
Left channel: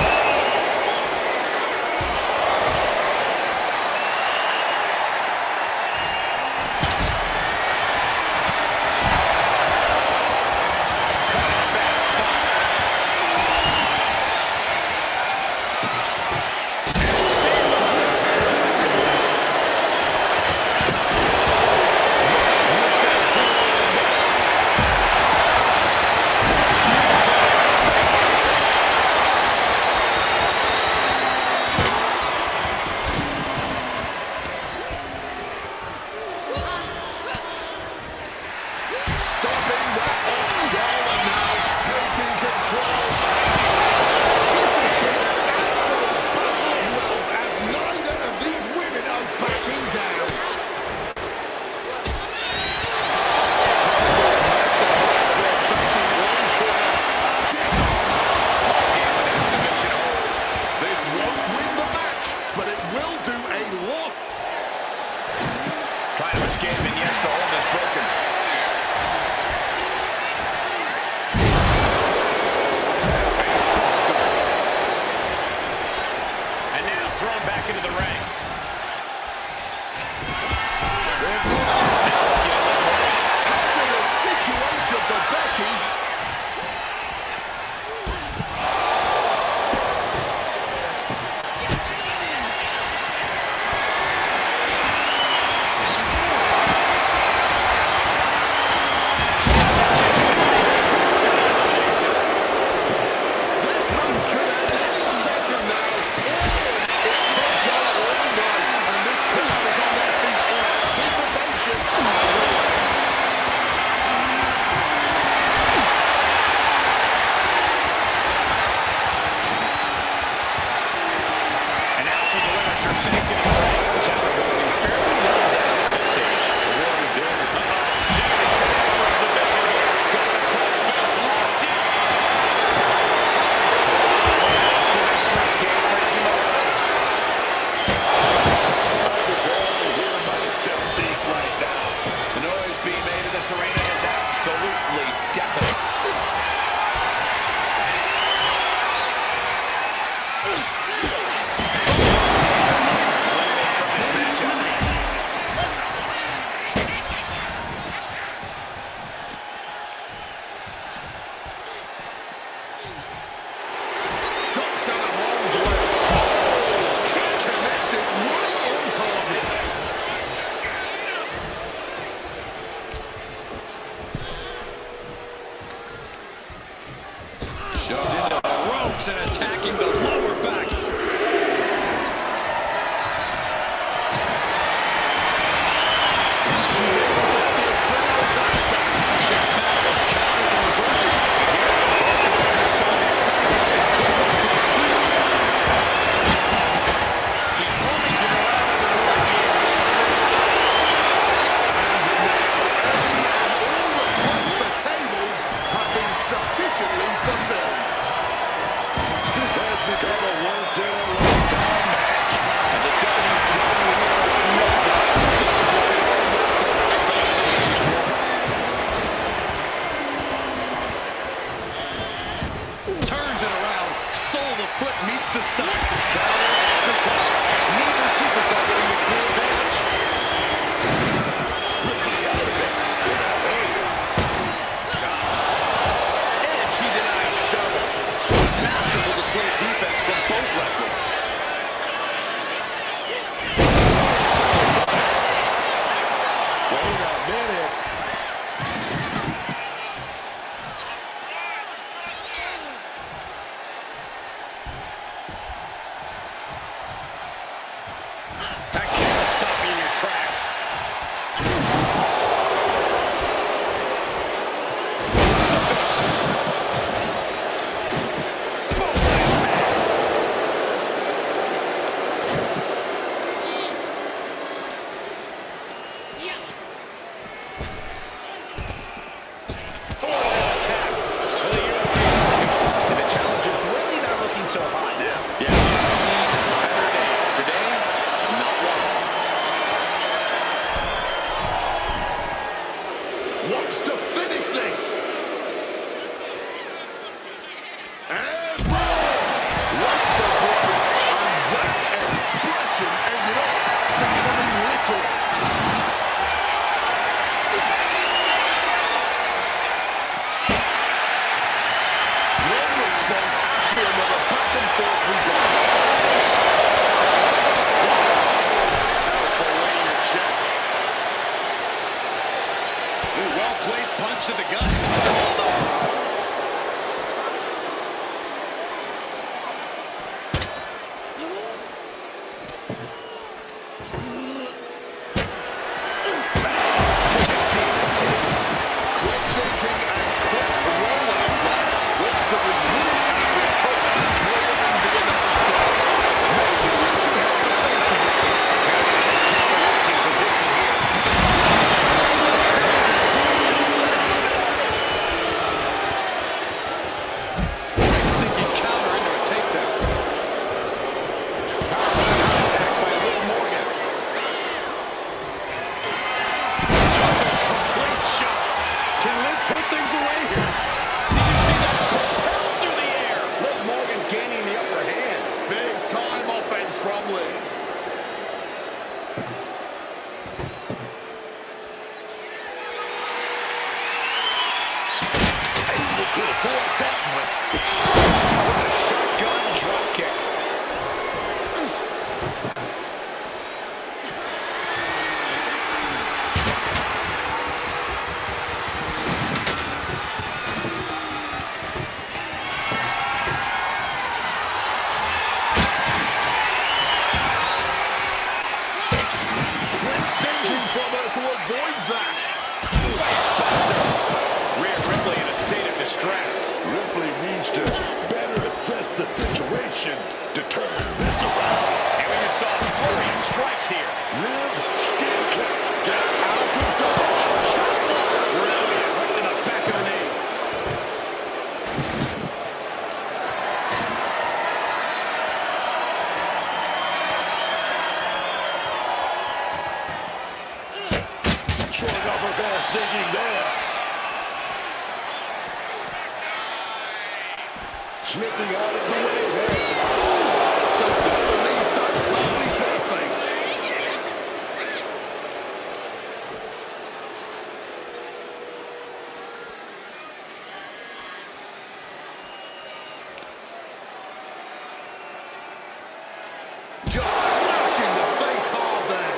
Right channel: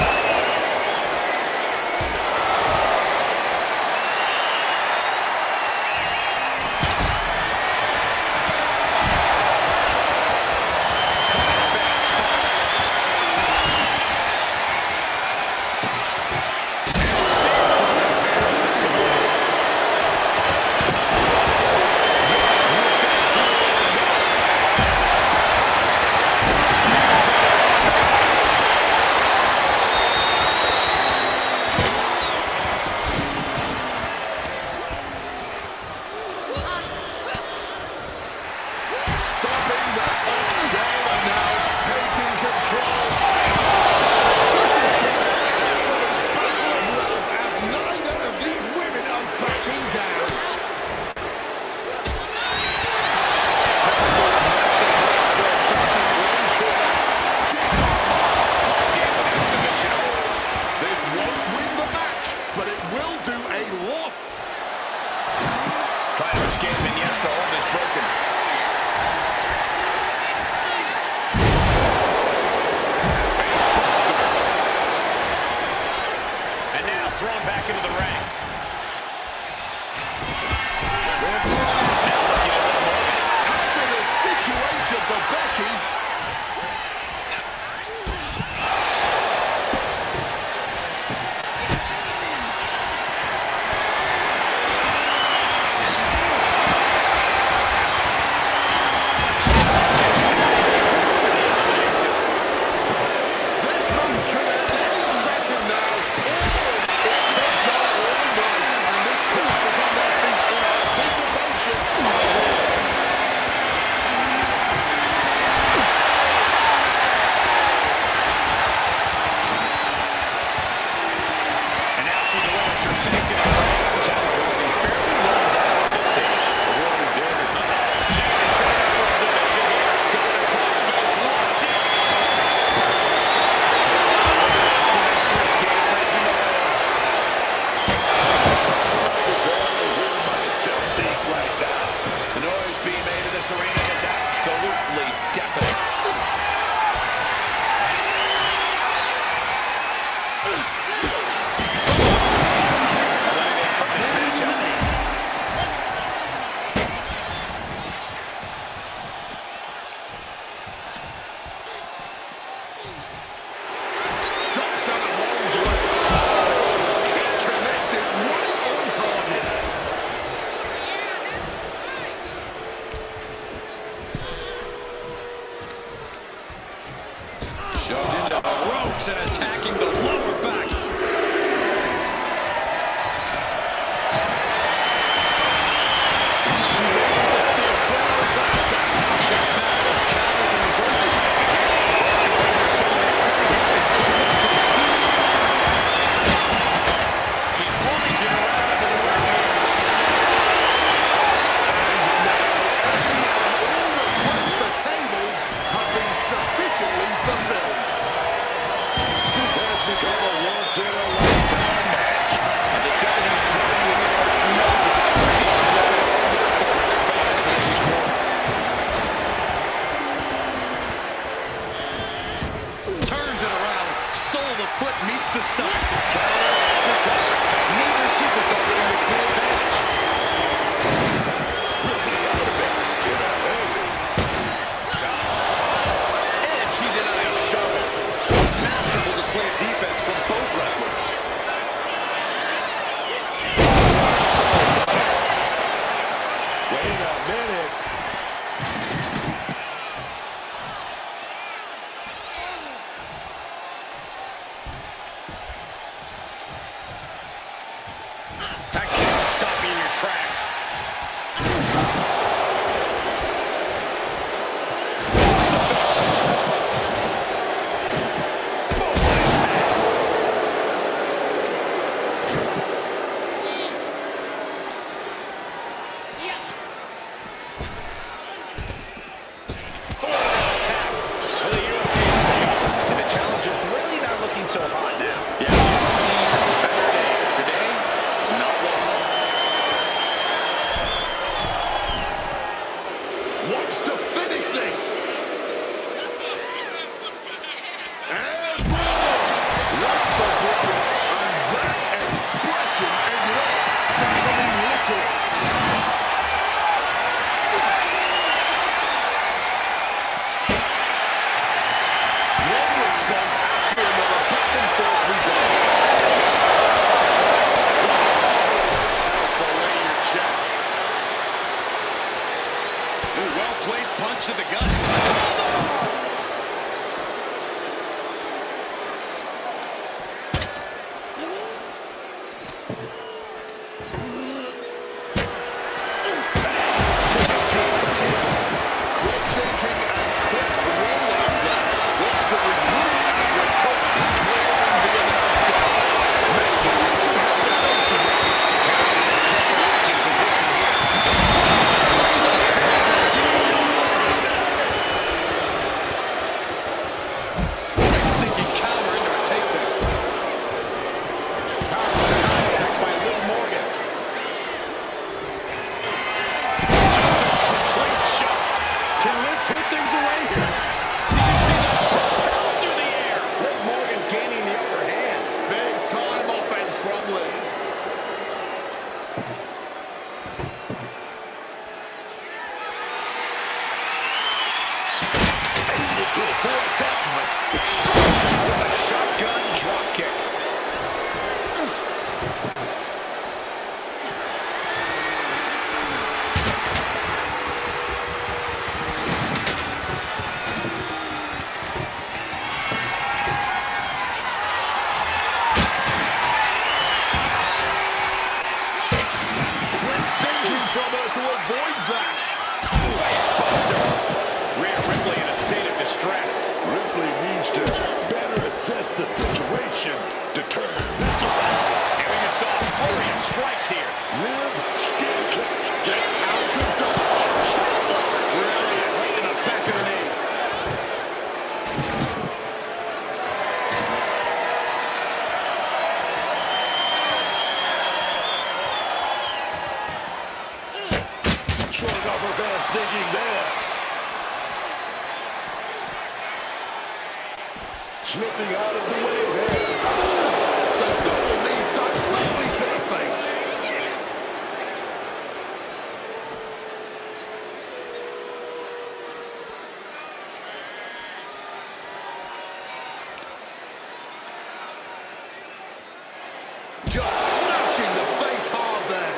Caught in a bad spot. Becky. This match could end any second now. It could go all night, and this crowd is on their feet in anticipation. And now she delivers her fake in the ring. The challenger looking fairly low down at this stage. Avoided damage. She is set up for a submission here. Got the cross face locked in. She makes her escape, breaking the hold. I can barely hear myself think right now. The noise being made in this arena is absolutely deafening. Eliminated from this matchup. Ducks out of harm's way. Oh, kick connected right on target. Shoved into the ropes and attacking the lower back. She's able to steer clear of that attack. Chess match of counters and reversals happening here. Both defenders showing their stomach here is pretty much to the team. She's rummaging around under the ring here. And now any and all requests for tables have been sufficiently fulfilled. This has become a once-in-a-lifetime match. And the WWE Universe knows it. This is what we all live for as fans of the sport. Turns it around. Sole of the foot meets the stomach. Counter after counter. Neither superstar getting the clear advantage. Ripley out of it. In a hurry. And she denies shovel. Masterful display of defense from both wrestlers. Wait a minute. That kick will stop you in your tracks. Crucifix. Boom, impact. Florida attack for the European. And the challenger's really not looking so hot now. Yeah, she has seen better days. Today, not one of them. Wants to finish this. And boom! Went for broke. And that expression ended up becoming literal. One response after another, back and forth we go. That'll fillet your chest. Ooh, well-placed punch to the gut. Hold on! the situation to turn this around. And we just saw a flurry of strikes here. Liv Skinner Gets out of dodge. Shot block. Brilliant. Right to the back of the knee. showing off her fast thinking there. Slipping out of the way there. The double knees directly to the face. Just smashing the face hard there.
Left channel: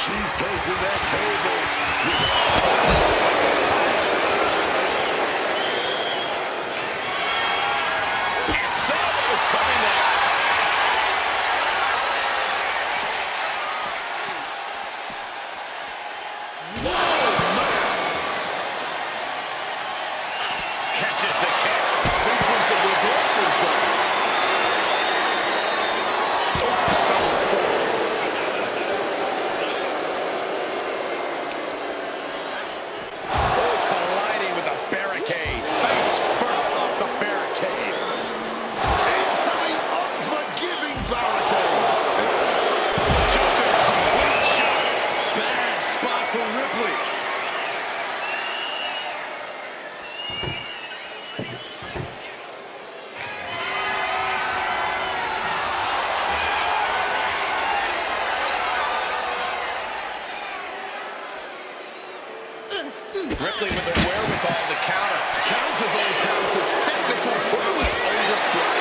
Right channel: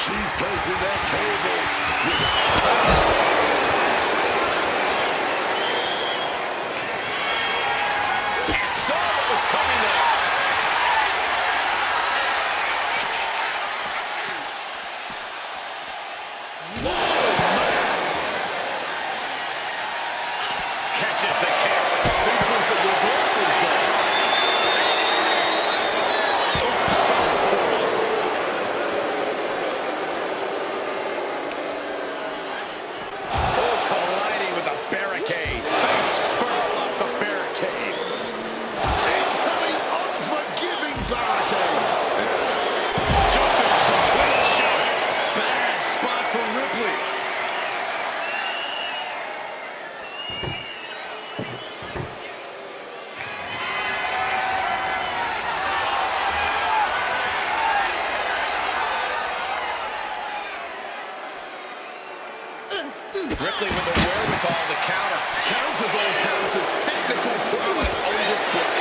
She's placing that table with purpose. And saw what was coming there. Catches the kick. Sequence of reversals there. Oh, southpaw. Oh, colliding with the barricade. Face first off the barricade. Into the unforgiving barricade. Jumping complete shot. Bad spot for Ripley. Ripley with the wherewithal to counter. Counters on counters. Technical prowess on display.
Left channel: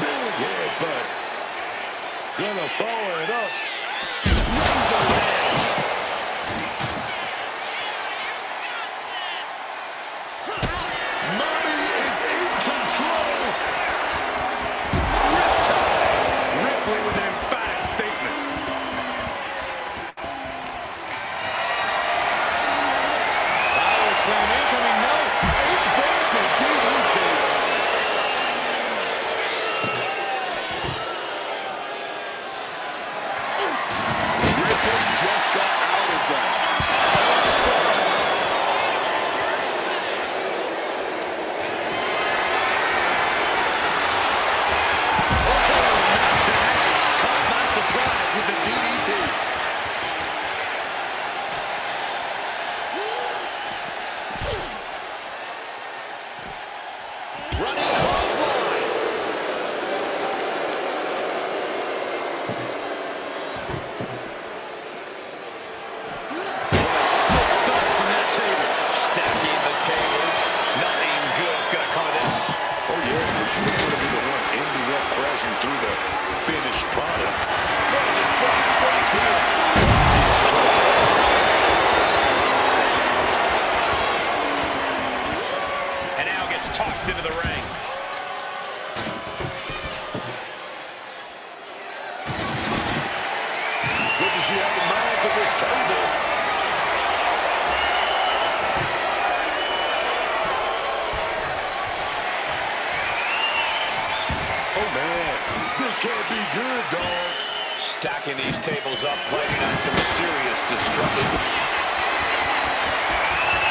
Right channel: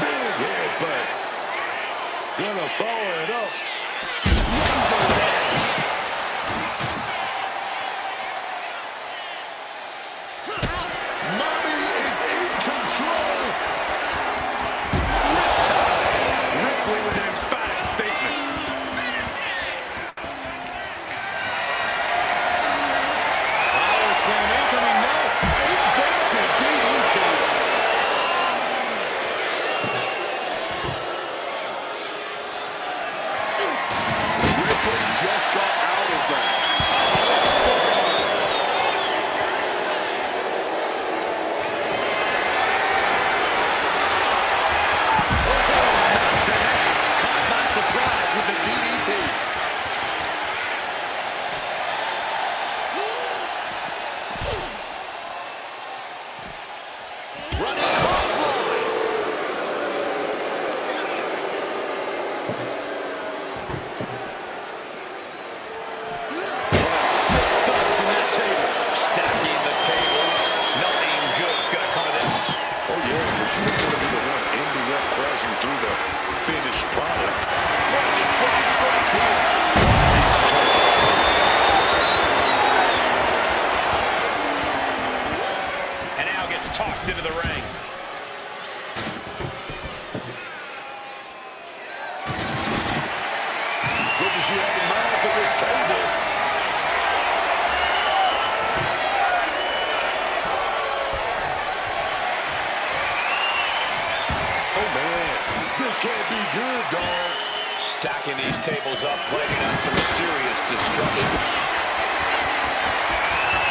Big headbutt. Gonna follow it up. Razor's edge. Mommy is in control. Riptide. Ripley with an emphatic statement. Power slam incoming, no. Inverted DDT. Ripley just got out of there. Caught by surprise with the DDT. Running clothesline. What a sick thud from that table. Stacking the tables. Nothing good's gonna come of this. Oh yeah, because you don't want to be the one ending up crashing through the finished product. What a display of strength here. And now gets tossed into the ring. What does she have in mind for this table? Oh man, this can't be good, dog. Stacking these tables up, planning on some serious destruction.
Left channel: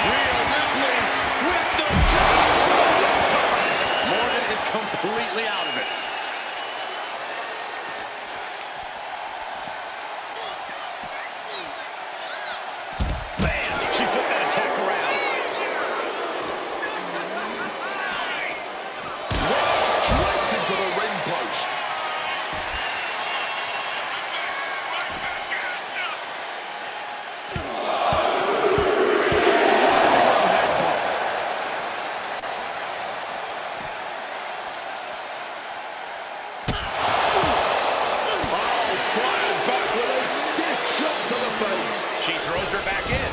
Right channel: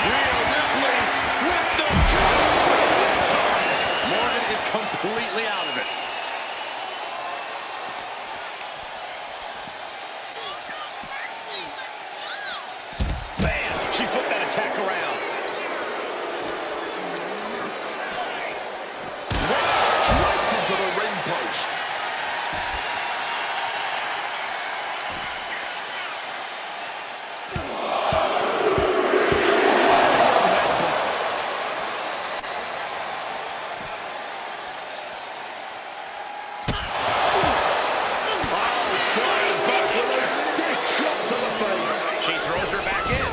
Rhea Ripley with the chaos with a riptide. Morgan is completely out of it. Bam! She flipped that attack around. Went straight into the ring post. Headbutts. Oh, flying back with a stiff shot to the face. She throws her back in.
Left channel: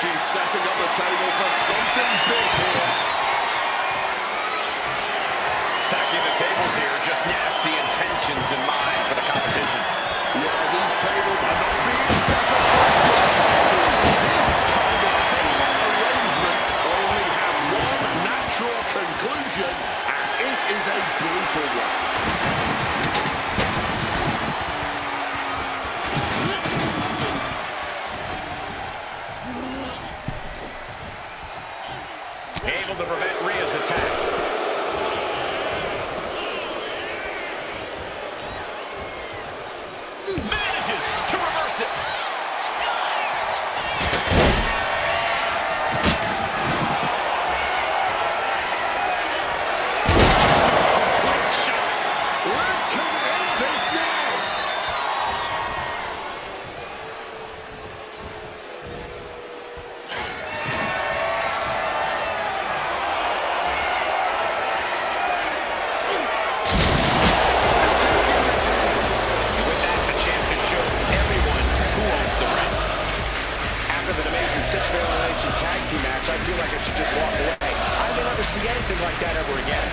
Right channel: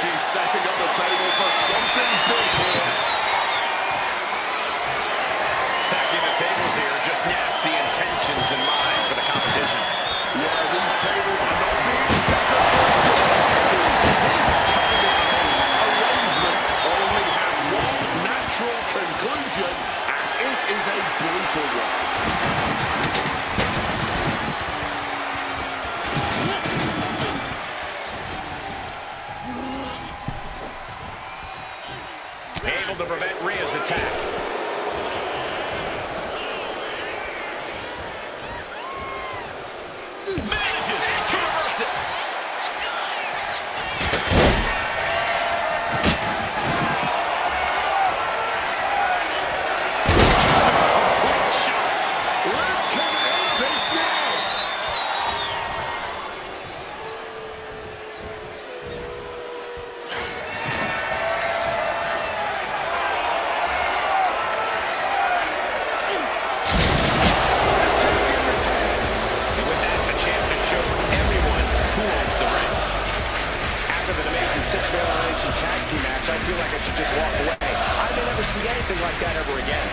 She's setting up the table for something big here. Stacking the tables here, just nasty intentions in brutal one. Able to prevent Rhea's attack. Manages to reverse it. Complete shot. Liv can end this now. And with that, the champ has shown everyone who owns the ring. After that amazing six-man elimination tag team match, I feel like I should just walk away. I may never see anything like that ever again.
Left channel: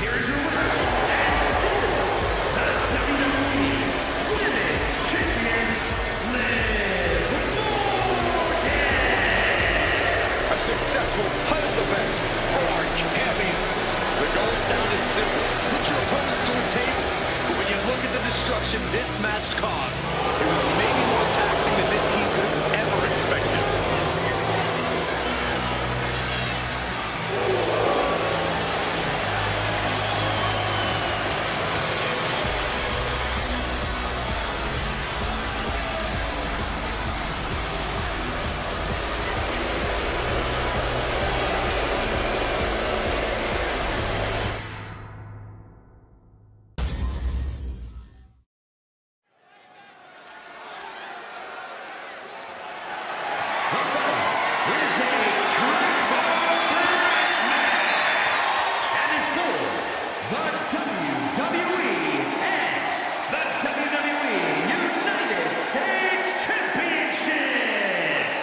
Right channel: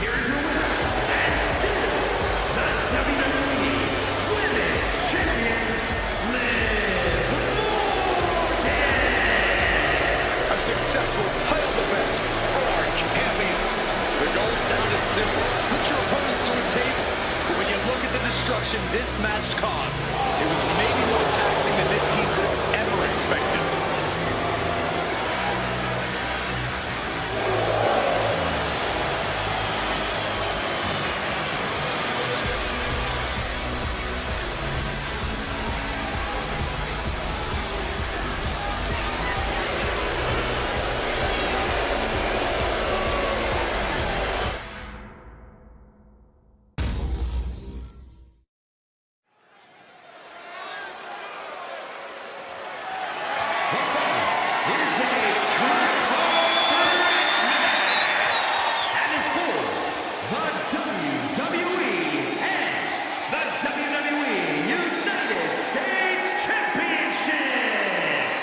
Here is your winner, and still the WWE Women's Champion, Liv Morgan. A successful title defense for our champion. The goal sounded simple. Put your opponents through a table. But when you look at the destruction this match caused, it was maybe more taxing than this team could have ever expected. The following is a triple threat match and is for the WWE and the WWE United States Championships.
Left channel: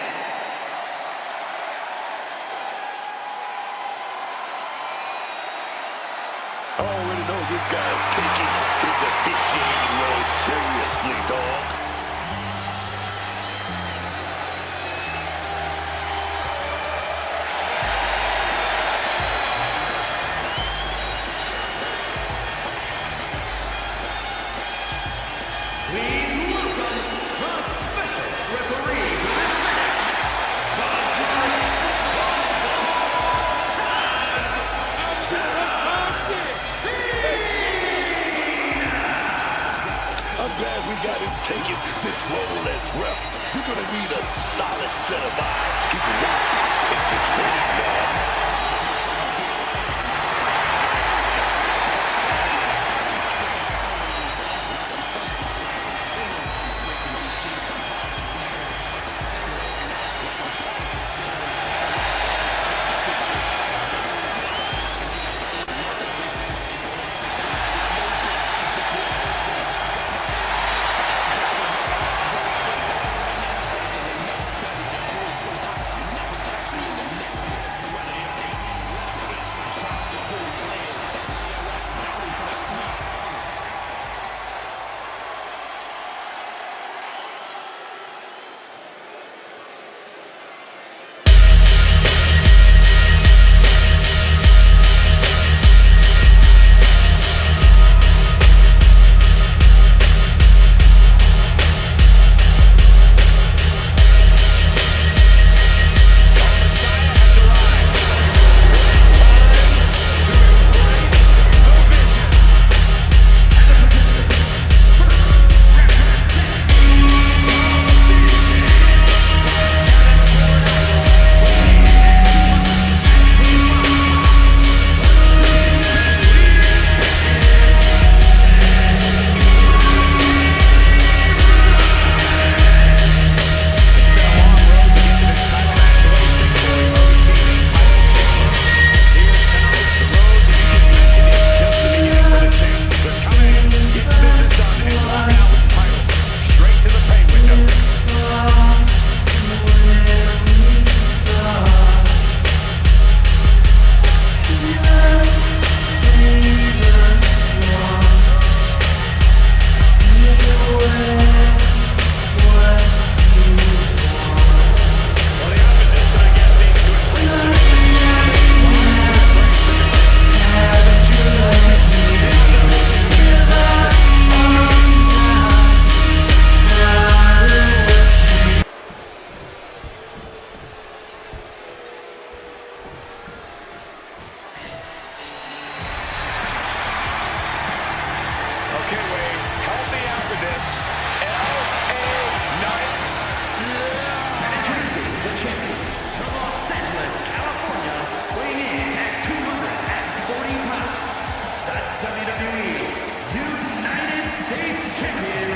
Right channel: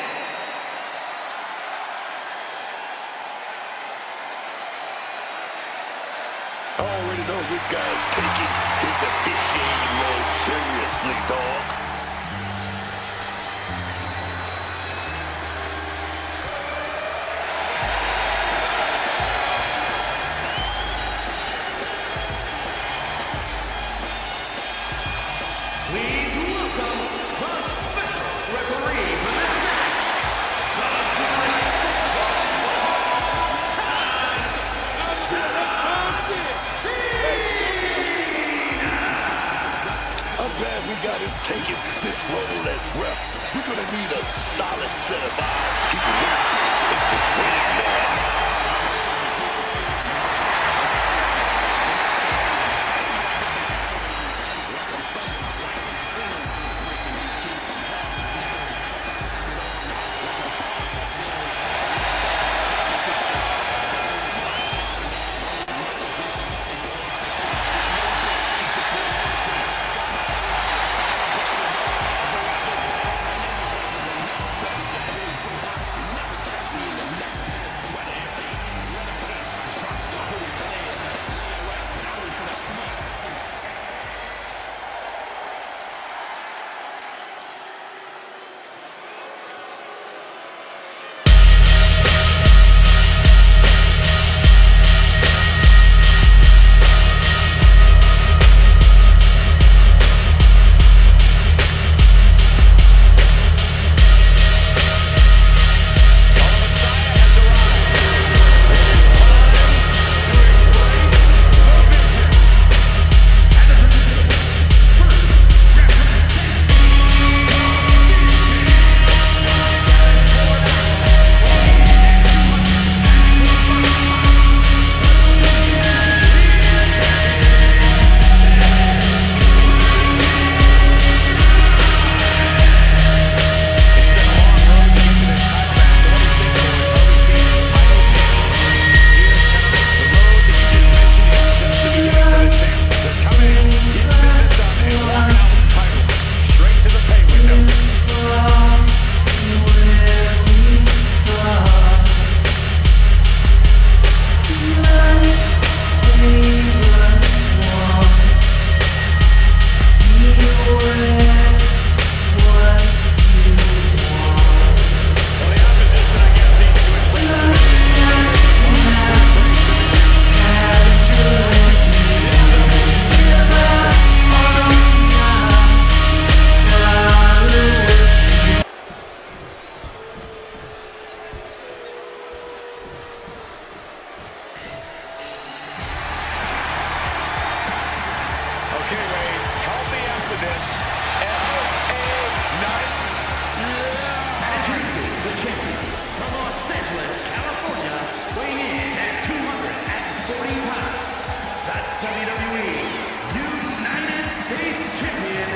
I already know this guy is taking his officiating role seriously, dog. Please welcome the special referee for this match, the Great I'm glad we got him taking this role as ref. We're gonna need a solid set of eyes to keep him watching in this ring, man. help me out with this. L.A. Knight. And introducing the champion from Los Angeles, California, weighing in at 240 pounds, the WWE United States Champion,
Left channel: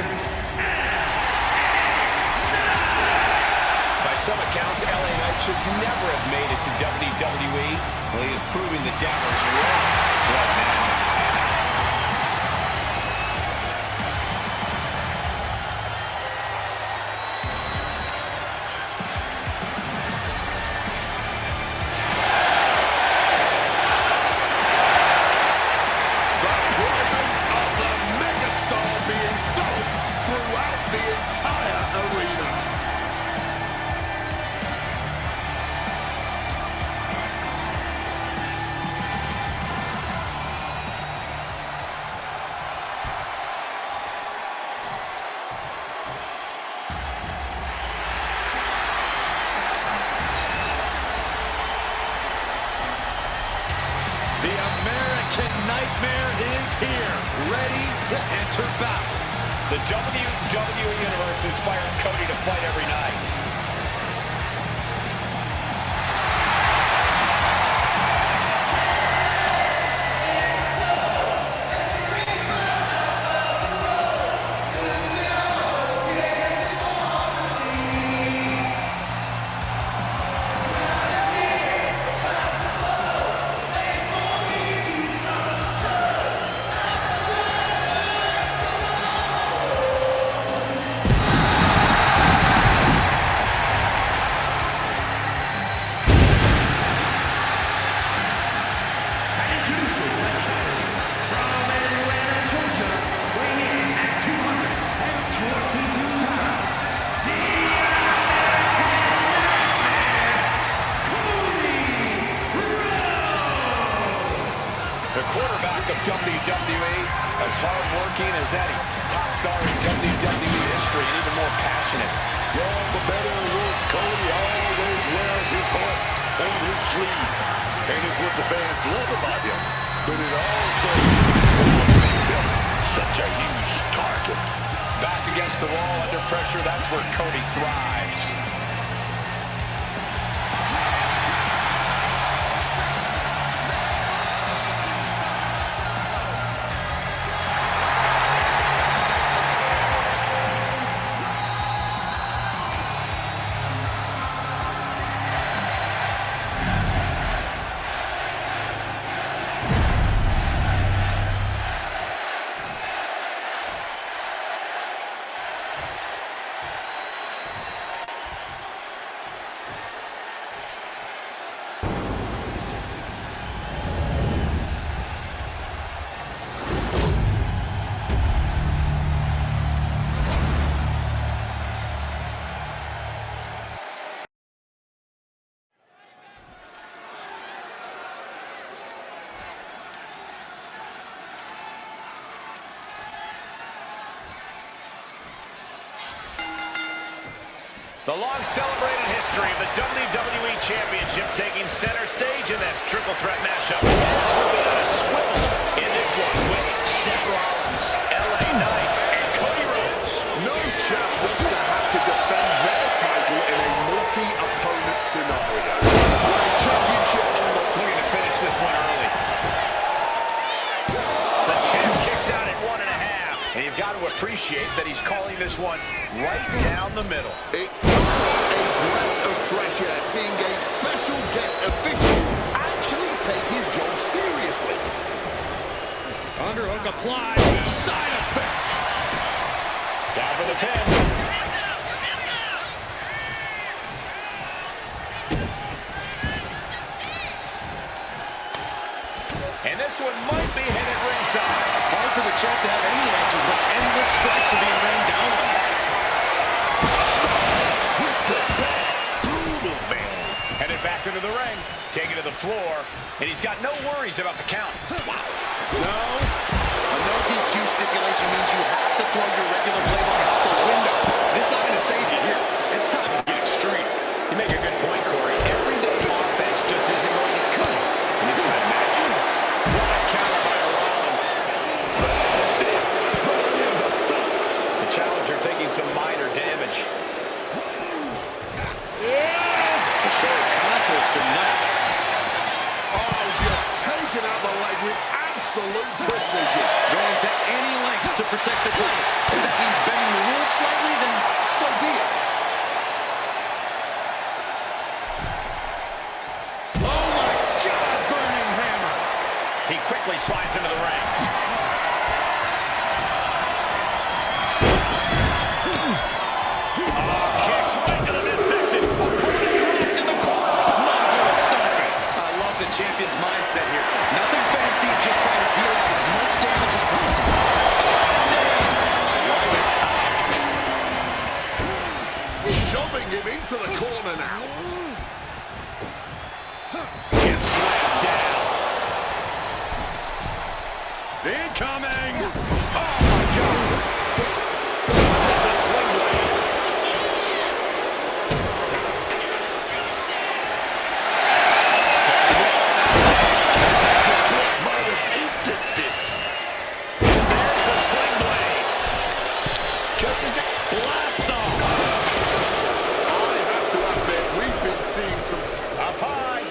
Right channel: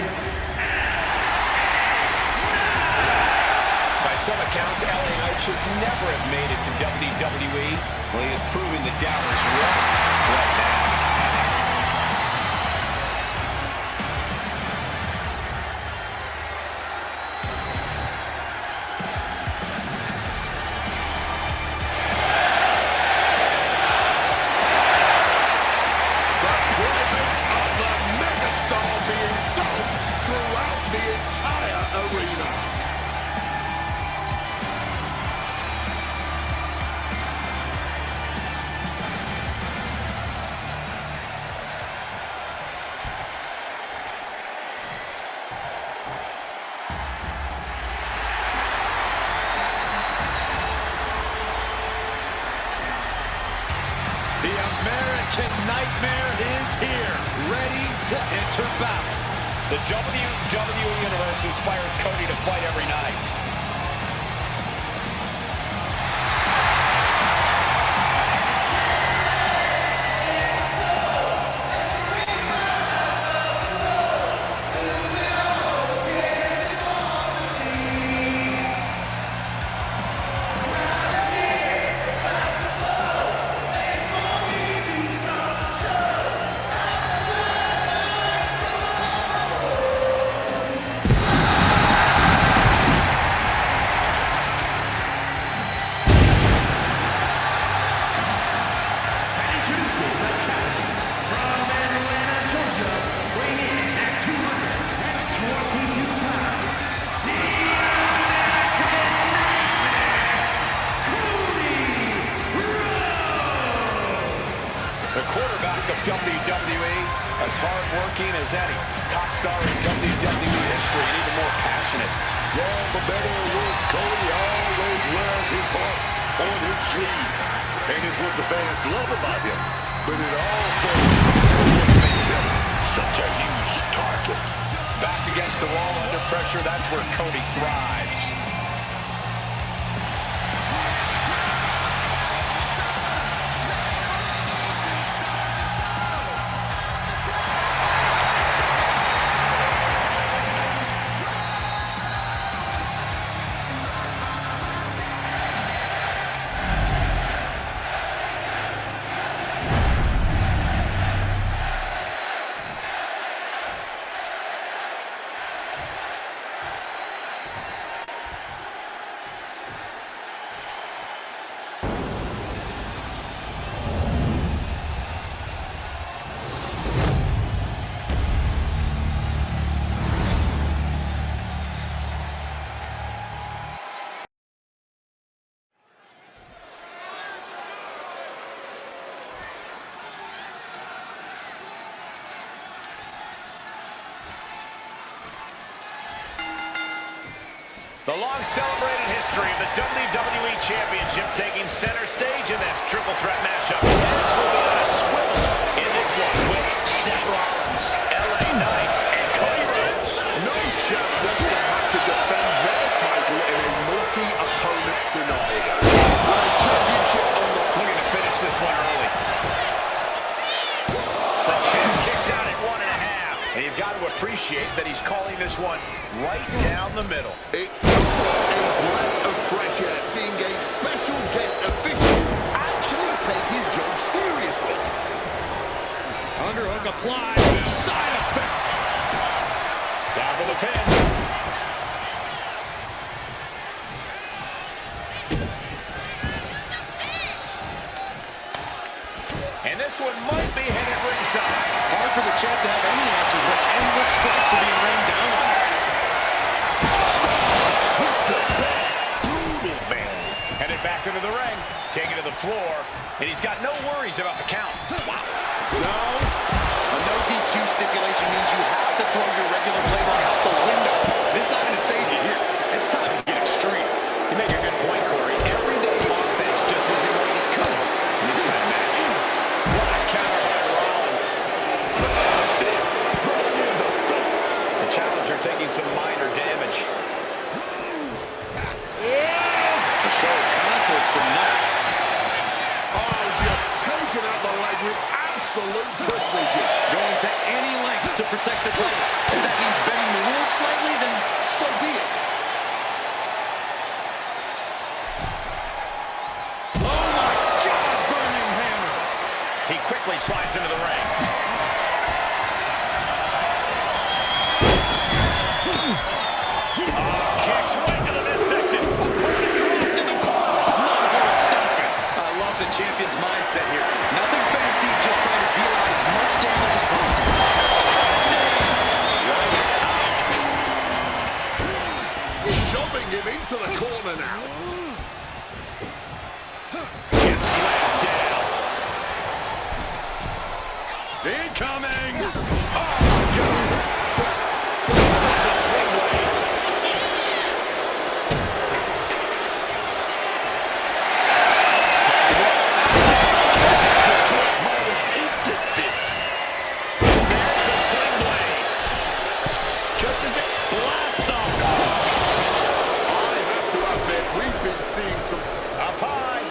By some accounts, LA Knight should never have made it to WWE. Well, he is proving the doubters wrong right now. The presence of the megastar being felt throughout the entire arena. The American Nightmare is here, ready to enter battle. The WWE Universe inspires Cody to fight every night. The quarterback of WWE, as hard-working as any top star in WWE history, and even more passionate. Yeah, for better or worse, Cody always wears his heart on his sleeve. And it's what the fans love about him. But it also is what makes him such a huge target. Back against the wall, under pressure, that's where Cody thrives. The long-celebrated history of the WWE Championship taking center stage in this triple threat matchup. Heads will be on a swivel in this one with Seth Rollins, LA Knight, and Cody Rhodes. No champ wants to have to defend their title in a multi-opponent scenario. With a championship on the... Looking to finish this one early. The champ kicks out at 1.5. And you've got to appreciate that he's calling this one right down the middle. It's somewhat a breath of fresh air seeing a special guest official actually take his job seriously. Underhook applied. Side effect. Down for the pin. And this one might be headed ringside. Hard for the champ to have any answers when endless strikes are being rained down on him. Brutal, man. Headed back into the ring, taken to the floor, and he's got no worries about the count. Wow. No. A no DQ stipulation means you have to throw your regular playbook out the window. This is not going to save you here. It's time to get extreme. You make a good point, Corey. Everyday offense just isn't going to cut it in this kind of match. What a counter by Rollins. Blast him right in the taking some minor damage. A show of confidence from Knight. Oh, just taking out the leg with absolute precision. Going to any lengths to protect the title. If that means bending the rules slightly, then so be it. Oh my God, burning hammer. He quickly slides into the ring. Kicks right to the midsection. Opponent dropped in the corner. Mongol stomping. I love the champion's mindset here. Nothing fancy, just trying to deal out as much damage as possible. Lights out. Shoving him into the corner now. Gets slammed down. Incoming. Oh my God. There's the sling blade. Might have ended this. There's the sling blade. Just as it blasts off. I have to admit, we've been seeing some Up high.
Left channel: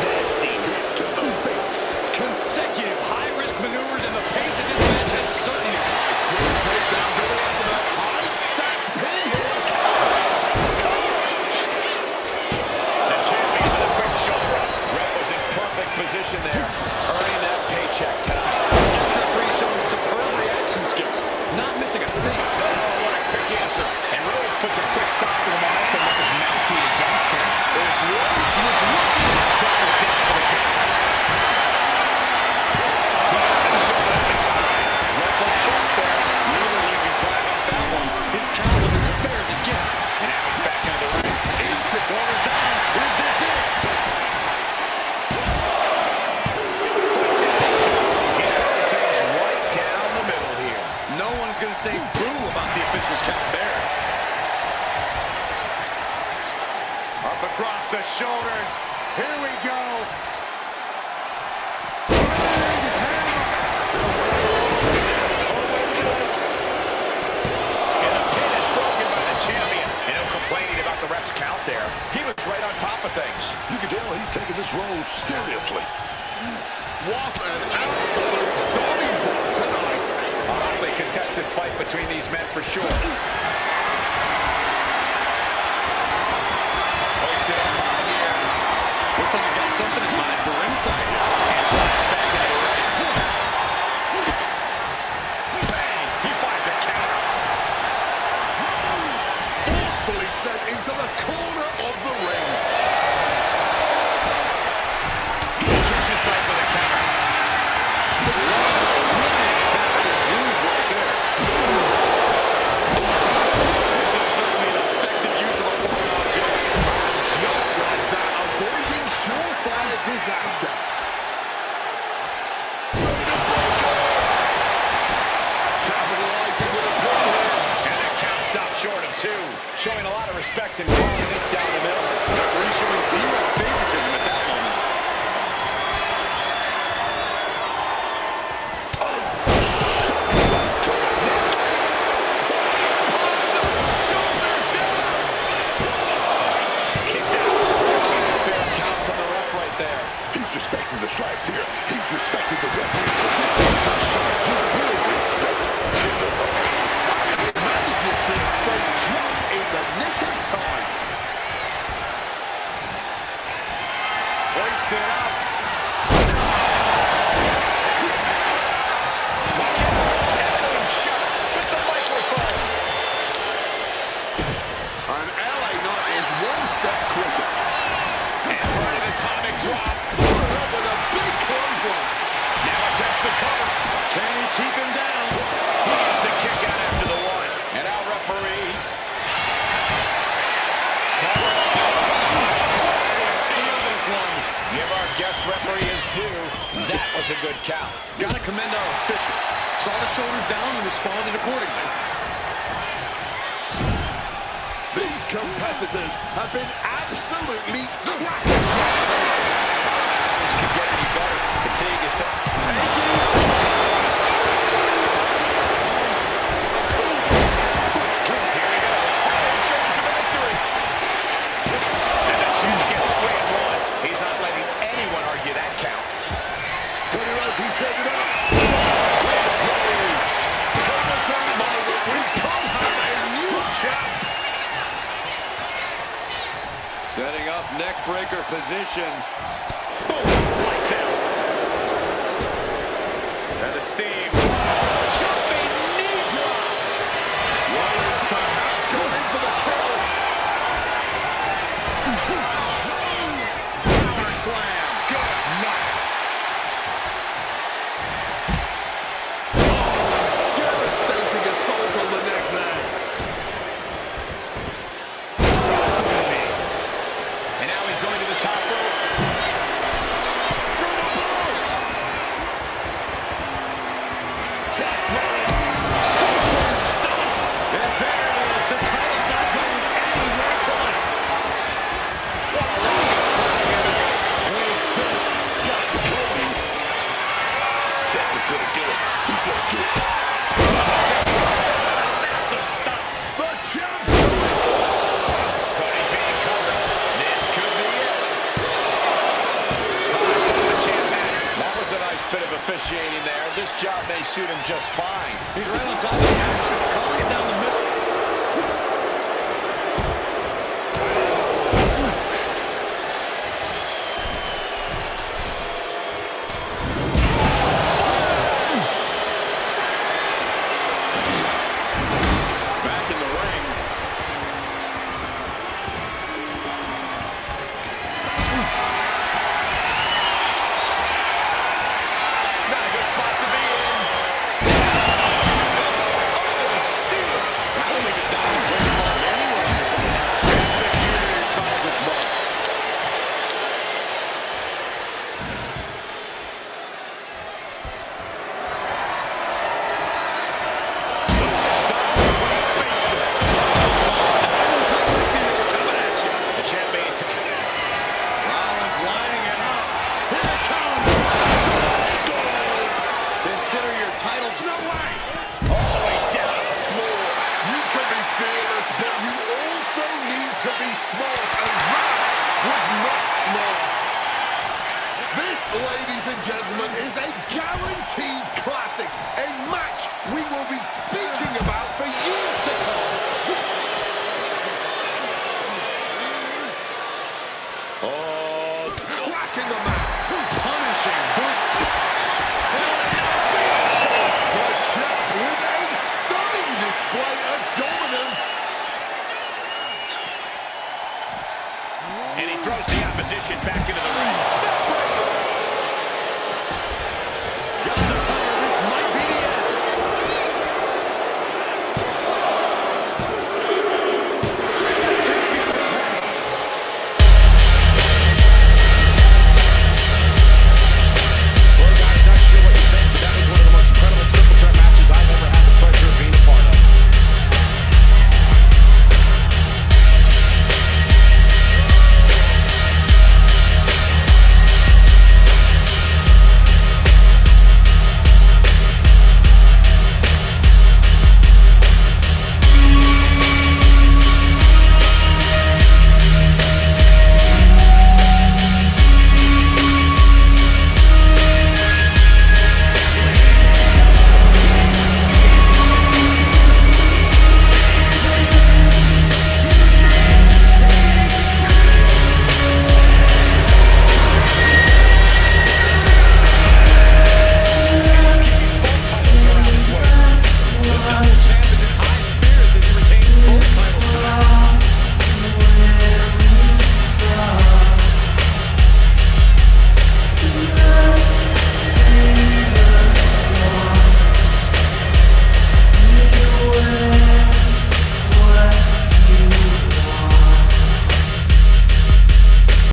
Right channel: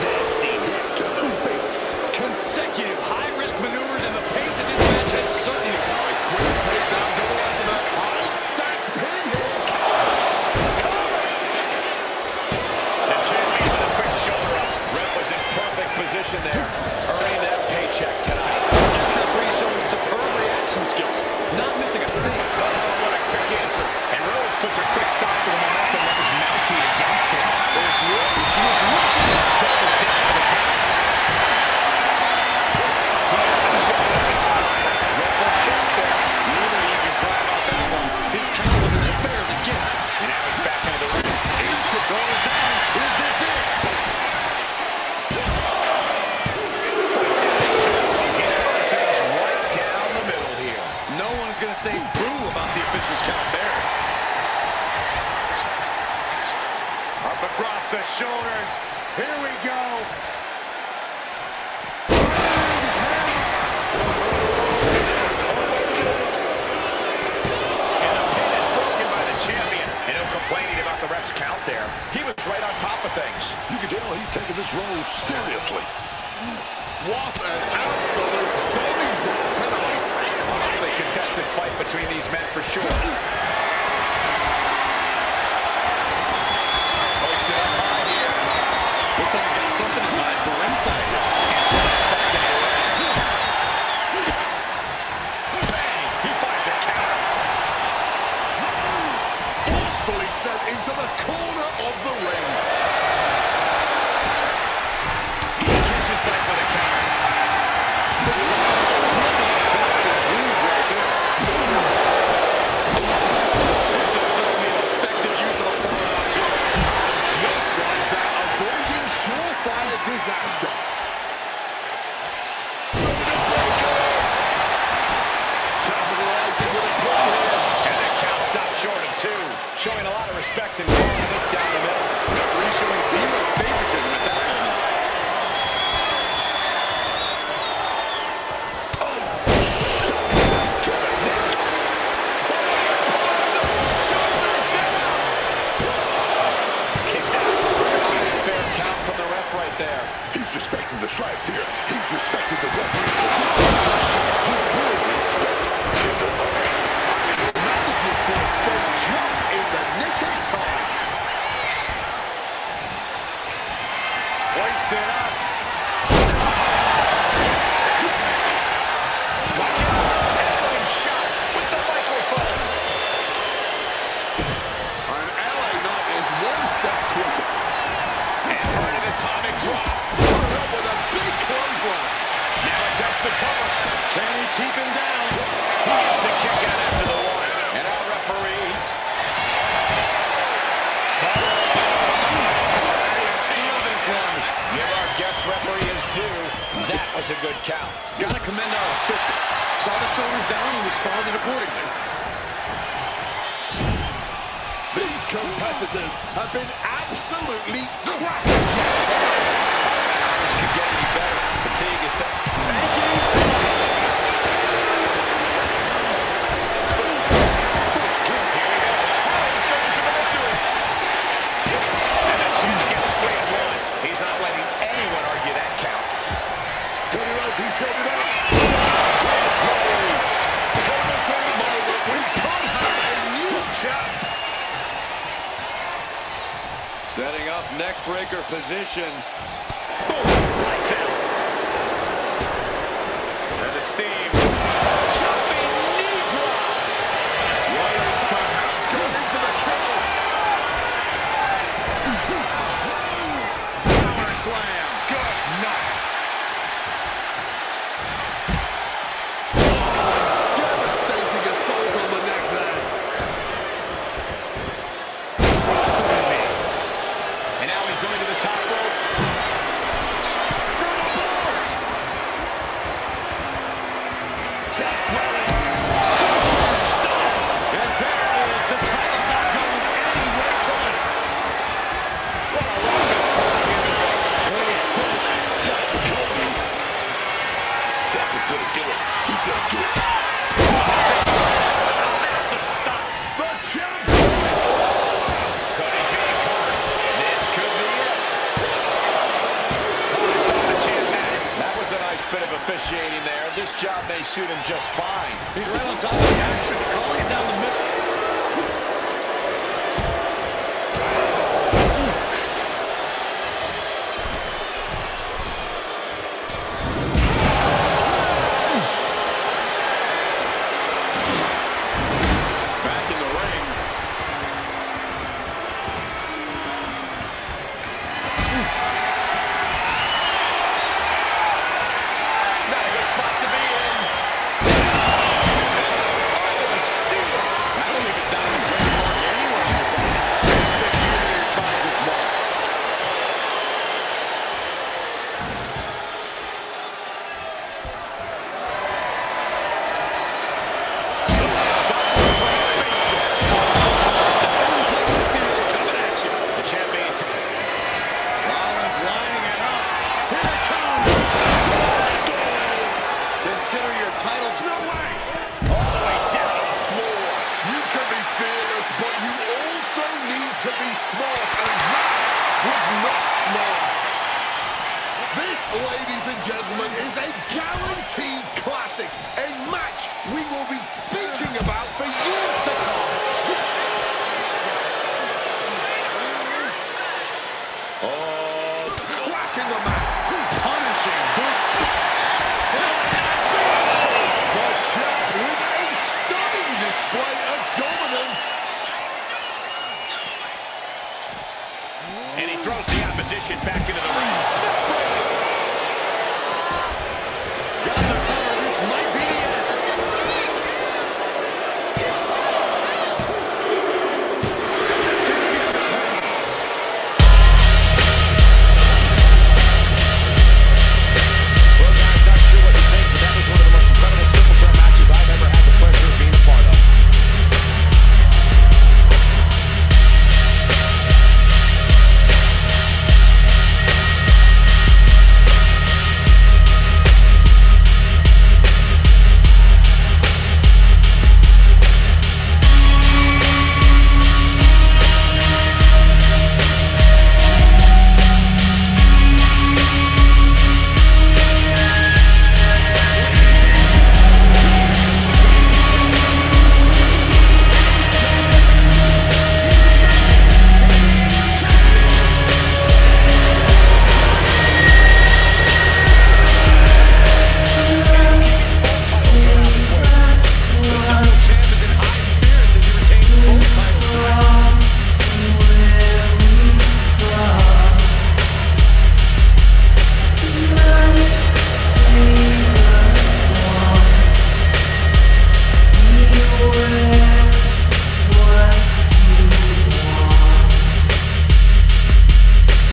Nasty hit to the face. Consecutive high-risk maneuvers, and the pace of this match has certainly... quick takedown, double after that high stacked pin here. Counters. Cover. The champion with a quick shoulder up. Rep was in perfect position there, earning that paycheck tonight. This referee showing superb reaction skills, not missing a thing. Oh, what a quick answer. And Rhodes puts a quick stop to the momentum that was mounting against him. If Rhodes was looking to set this down for the count. He got the shoulder at the time. Ref was sharp there. Neither he can try about that one. His count was as fair as it gets. And now he's back into the ring. Eats it, going down. Is this it? Fights out at two. He's throwing things right down the middle here. No one is going to say boo about the official's count there. Up across the shoulders. Here we go. And the pin is broken by the champion. And no complaining about the ref's count there. He was right on top of things. You can tell he's taking this role seriously. What an absolute Donnybrook tonight. A highly contested fight between these men for sure. Hoisted up high here. Looks like he's got something in mind for ringside here. And slides back into the ring. Bang! He finds a counter. Forcefully sent into the corner of the ring. He catches Knight with a counter. This is certainly an effective use of a foreign object. Just like that, avoiding surefire disaster. Capitalizing with a pin here. And that count stopped short of two. Showing a lot of respect and calling this down the middle. Referee showing zero favoritism at that moment. Shoulders down. Kicks out. Fair count from the ref right there. He's respecting the stripes here. He's respecting the referee's position. So he will respect his authority. Manages to escape just in the nick of time. Hoisted up. Watch out. Echoing shot with the microphone. And LA Knight is one step quicker. And for an atomic drop. Followed up with a big clothesline. Now attempts the cover. Can he keep him down? He gets the kick out after the one. And our referee. Steal this one. Give our guest referee his due. That was a good count. Gotta commend our official. Saw the shoulders down and responded accordingly. These competitors have been absolutely cracking tonight. I don't know how this could get any better. Continue to say, taking flight. Setting up neck breaker position. Boom. Lights out. And the steam. Jumping knee drop. Rollins perhaps going in for the kill. Power slam. Good night. Devastating assault on the neck there. Dropping me. And now he's going to the top rope. From above. Zach Rollins. Super stomp. And there it is. The title's not going anywhere tonight. What a raucous crowd here tonight. Seth is gonna do it. He's gonna do it. Seth Rollins with a massive stop. The champion. Cody's being covered. This could be it. Oh, I thought the champ had it. That was a nice bit of officiating there. This job may suit him just fine. He's right on top of the action, calling it down the middle. Back in the ring. Not a good spot to be in. Oh, a steal. That'll leave a diamond breaking mark anywhere on your body. Executed finds its mark. Diamond plate facial. Diamond plate steel coming at you. The champion. Rollins lining it up. Here it comes. Consider your title. No way. All the way down to the floor. You can be fearless, but you also need to be smart, and that was not smart. This, ladies and gentlemen, is a guaranteed classic, a match we will be speaking about for years to come. Oh, crack in the mouth. Punishing boot. The champ with a stunning display of dominance. And he throws the opposition back into the ring.